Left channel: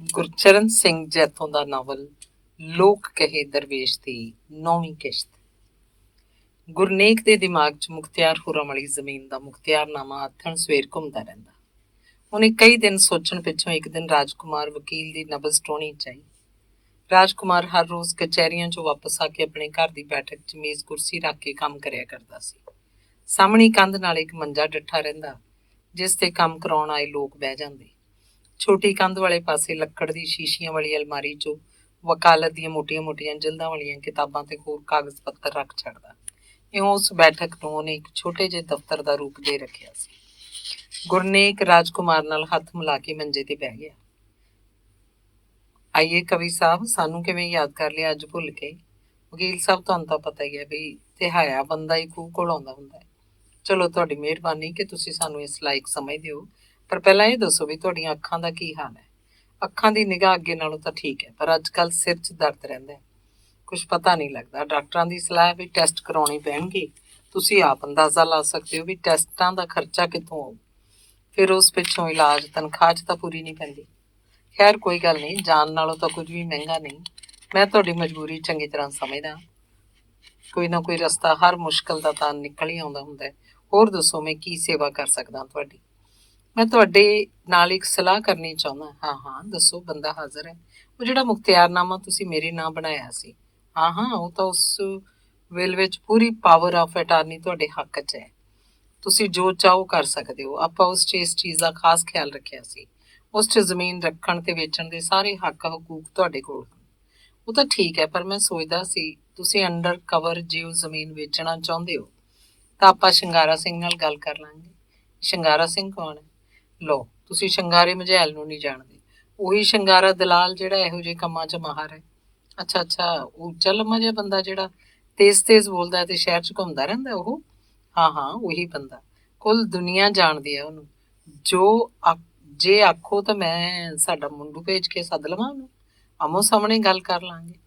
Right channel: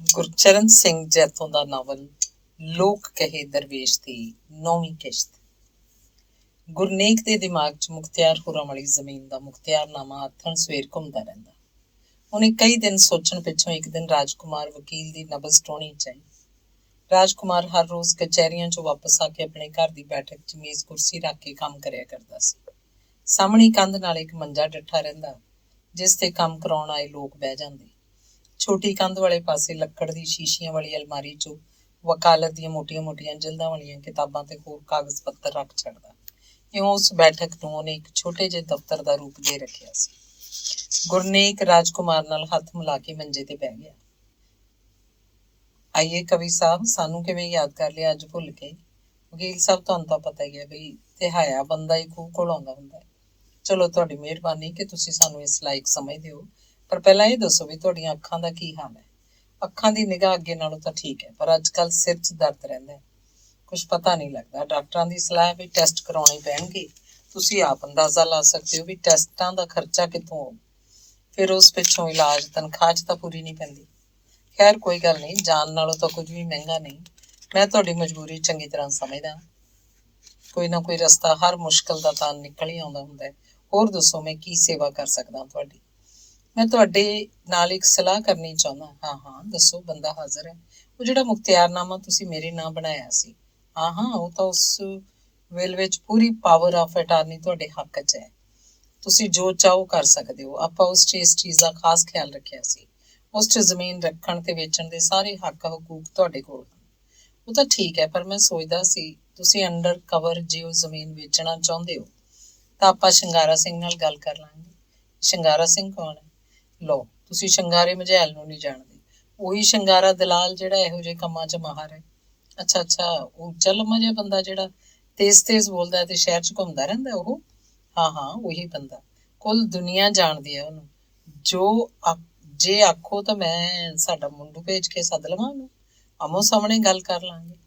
ਗੁਰਚਰਨ ਸਿੰਘ ਜੈਤੋਂ ਦਾ novel ਲੋਕ ਕਹੇ ਦਰਵੇਸ਼ ਦੀ 9ਵੀਂ ਕਿਸ਼ਤ। ਗੁਰਨੇਕ ਦੇ ਦਿਮਾਗ 'ਚ ਮੁਖਤਿਆਰ ਹੋਰਾਂ ਵਾਲੀ ਜ਼ਮੀਨ ਦਾ ਮੁਖਤਿਆਰਨਾਮਾ ਆਥਣ ਸਵੇਰ ਘੁੰਮਦਾ ਰਹਿੰਦਾ। ਉਹਨੇ ਕਈ ਦਿਨ ਸੋਚਣ ਪਿੱਛੋਂ ਇੱਕ ਦਿਨ ਰਾਜਕੁਮਾਰ ਵਕੀਲ ਦੀ ਨਬਜ਼ ਟੋਹਣੀ 'ਚ ਆਈ। ਰਾਜਕੁਮਾਰ ਹਰ ਰੋਜ਼ ਕਚਹਿਰੀਆਂ 'ਚੋਂ ਵਾਪਸ ਆ ਕੇ ਆਪਣੇ ਘਰ ਦੀ ਬੈਠਕ 'ਚ ਮੇਜ਼ ਕੁਰਸੀ ਰੱਖ ਕੇ ਕੰਮ ਕਰਿਆ ਕਰਦਾ ਸੀ। ਸਾਹਮਣੀ ਕੰਧ ਨਾਲ ਇੱਕ ਮੰਜਾ ਡੱਠਾ ਰਹਿੰਦਾ, ਜਿਸ ਤੇ ਕੰਮ ਕਰਾਉਣ ਆਏ ਲੋਕ ਬਹਿ ਜਾਂਦੇ। ਛੋਟੀ ਕੰਧ ਵਾਲੇ ਪਾਸੇ ਲੱਕੜ ਦੀ ਸ਼ੀਸ਼ੀਆਂ ਵਾਲੀ ਅਲਮਾਰੀ 'ਚੋਂ ਵਕਾਲਤ ਦੀਆਂ ਮੋਟੀਆਂ-ਮੋਟੀਆਂ ਜਿਲਦਾਂ ਵਾਲੀਆਂ ਕਿਤਾਬਾਂ ਤੇ ਹੋਰ ਕਾਗਜ਼ ਪੱਤਰ ਰੱਖ ਛੱਡਦਾ। ਇਉਂ ਉਸ ਬੈਠਕ ਨੂੰ ਉਹਨੇ ਇੱਕ ਛੋਟੇ ਜਿਹੇ ਦਫ਼ਤਰ ਦਾ ਰੂਪ ਦੇ ਰੱਖਿਆ ਸੀ। ਗੁਰਨੇਕ ਰਾਜਕੁਮਾਰ ਨਾਲ ਹੱਥ ਮਿਲਾ ਕੇ ਮੰਜੇ ਤੇ ਬਹਿ ਗਿਆ। ਆਈਏ ਕਵੀ ਸਾਹਿਬ, ਸਾਨੂੰ ਕਿਵੇਂ ਯਾਦ ਕਰ ਲਿਆ ਅੱਜ ਭੁੱਲ ਕੇ? ਵਕੀਲ ਸਾਹਿਬ, ਤੁਹਾਨੂੰ ਤਾਂ ਪਤਾ ਹੀ ਹੈ ਵੀ ਤਿਹਾਇਆ ਬੰਦਾ ਹੀ ਖੂਹ ਕੋਲ ਆਉਂਦਾ ਹੁੰਦਾ ਹੈ। ਚਲੋ, ਤੁਹਾਡੀ ਮਿਹਰਬਾਨੀ ਕਿ ਤੁਸੀਂ ਸਾਨੂੰ ਇਸ ਲਾਇਕ ਸਮਝਦੇ ਹੋ, ਪਰ ਪਹਿਲਾਂ ਇਹ ਦੱਸੋ ਵੀ ਤੁਹਾਡੀਆਂ ਅੱਖਾਂ ਦਾ ਕੀ ਹਾਲ ਹੈ? ਅੱਖਾਂ ਦੀ ਨਿਗਾਹ ਅੱਗੇ ਨਾਲੋਂ ਤਾਂ ਠੀਕ ਹੈ, ਪਰ ਅੱਜ ਕੱਲ੍ਹ ਸਿਰ 'ਚ ਦਰਦ ਰਹਿੰਦਾ ਹੈ, ਕੁਛ ਪਤਾ ਨਹੀਂ ਲੱਗਦਾ। ਡਾਕਟਰਾਂ ਦੀ ਸਲਾਹ ਵੀ ਟੈਸਟ ਕਰਾਉਣੇ ਪੈਣਗੇ। ਤੁਸੀਂ ਆਪ ਅੰਦਾਜ਼ਾ ਲਾ ਸਕਦੇ ਹੋ ਵੀ ਟੈਸਟਾਂ ਦਾ ਖਰਚਾ ਕਿੱਥੋਂ ਆਊ, ਫਿਰ ਉਸ ਪਿੱਛੋਂ ਇਲਾਜ ਤਨਖਾਹ 'ਚ ਤਾਂ ਪੂਰੀ ਨਹੀਂ ਪੈਂਦੀ। ਖੈਰ ਕੋਈ ਗੱਲ ਨਹੀਂ, ਜਾਨ ਨਾਲੋਂ ਤਾਂ ਕੁਝ ਵੀ ਮਹਿੰਗਾ ਨਹੀਂ। ਮੈਂ ਤੁਹਾਡੀ ਮਜਬੂਰੀ ਚੰਗੀ ਤਰ੍ਹਾਂ ਸਮਝਦਾ। ਕੋਈ ਨਾ ਕੋਈ ਰਸਤਾ ਹਰ ਮੁਸ਼ਕਿਲ ਦਾ ਤਾਂ ਨਿਕਲ ਹੀ ਆਉਂਦਾ ਹੁੰਦਾ ਹੈ। ਹੋਰ ਦੱਸੋ, ਮੈਂ ਕੀ ਸੇਵਾ ਕਰ ਸਕਦਾ ਤੁਹਾਡੀ? ਮੈਂ ਤੁਹਾਡੇ ਨਾਲ ਇੱਕ ਸਲਾਹ ਕਰਨੀ ਚਾਹੁੰਦਾ। ਹਾਂ ਦੱਸੋ, ਬੰਦਾ ਹਾਜ਼ਰ ਹੈ। ਉਹ ਜਿਹੜਾ ਮੁਖਤਿਆਰਨਾਮਾ ਤੁਸੀਂ ਮੇਰੇ ਨਾਂ ਬਣਾਇਆ ਸੀ, ਹਾਂ ਉਹ ਤਾਂ ਉਸ ਵੇਲ ਵਿੱਚ ਪੂਰੀ ਪਾਵਰ ਆਫ ਅਟਾਰਨੀ ਤੁਹਾਡੇ ਹੱਕ 'ਚ ਹੈ। ਤੁਸੀਂ ਜੋ ਚਾਹੋ ਕਰ ਸਕਦੇ ਹੋ। ਆਪਾਂ ਉਸ 'ਚ ਇਸ ਚੀਜ਼ ਦਾ ਖਾਸ ਖਿਆਲ ਰੱਖਿਆ ਸੀ। ਉਸ 'ਚ ਜ਼ਮੀਨ ਰੱਖਣ ਤੇ ਵੇਚਣ ਦੇ ਸਾਰੇ ਹੱਕ ਹਕੂਕ ਤੁਹਾਡੇ ਕੋਲ ਹਨ। ਉਹ ਤਾਂ ਠੀਕ ਹੈ, ਪਰ ਮੈਂ ਸੋਚਦਾ ਸੀ ਤੁਸੀਂ ਅੰਡਰ ਕਵਰ ਜੇ ਉਹ ਜ਼ਮੀਨ ਵੇਚਣਾ ਚਾਹੁੰਦੇ ਹੋ ਤਾਂ ਆਪਾਂ ਸ਼ਿੰਗਾਰਾ ਸਿੰਘ ਨਾਲ ਗੱਲ ਕਰ ਲਾਂਗੇ। ਸ਼ਿੰਗਾਰਾ ਸਿੰਘ ਕੌਣ ਹੈ? ਲਓ, ਤੁਸੀਂ ਸ਼ਿੰਗਾਰੇ ਮਝੈਲ ਨੂੰ ਨਹੀਂ ਜਾਣਦੇ। ਉਹੀ ਸ਼ਿੰਗਾਰਾ ਦਲਾਲ ਜਿਹੜਾ ਇਹੋ ਜਿਹੇ ਕੰਮਾਂ 'ਚ ਮਾਹਰ ਹੈ। ਅੱਛਾ, ਉਹ ਉੱਚਾ ਲੰਮਾ ਜਿਹਾ ਬੰਦਾ ਜਿਹੜਾ ਤੇਜ਼ ਬੋਲਦਾ ਤੇ ਸ਼ਹਿਰ 'ਚ ਘੁੰਮਦਾ ਰਹਿੰਦਾ, ਉਹ? ਹਾਂ ਉਹੀ ਬੰਦਾ। ਕੁੱਲ ਦੁਨੀਆ ਜਾਣਦੀ ਹੈ ਉਹਨੂੰ। ਜੇ ਆਖੋ ਤਾਂ ਮੈਂ ਸਾਡਾ ਮੁੰਡੂ ਭੇਜ ਕੇ ਸੱਦ ਲਵਾਂ ਉਹਨੂੰ, ਆਮੋ ਸਾਹਮਣੇ ਗੱਲ ਕਰ ਲਾਂਗੇ।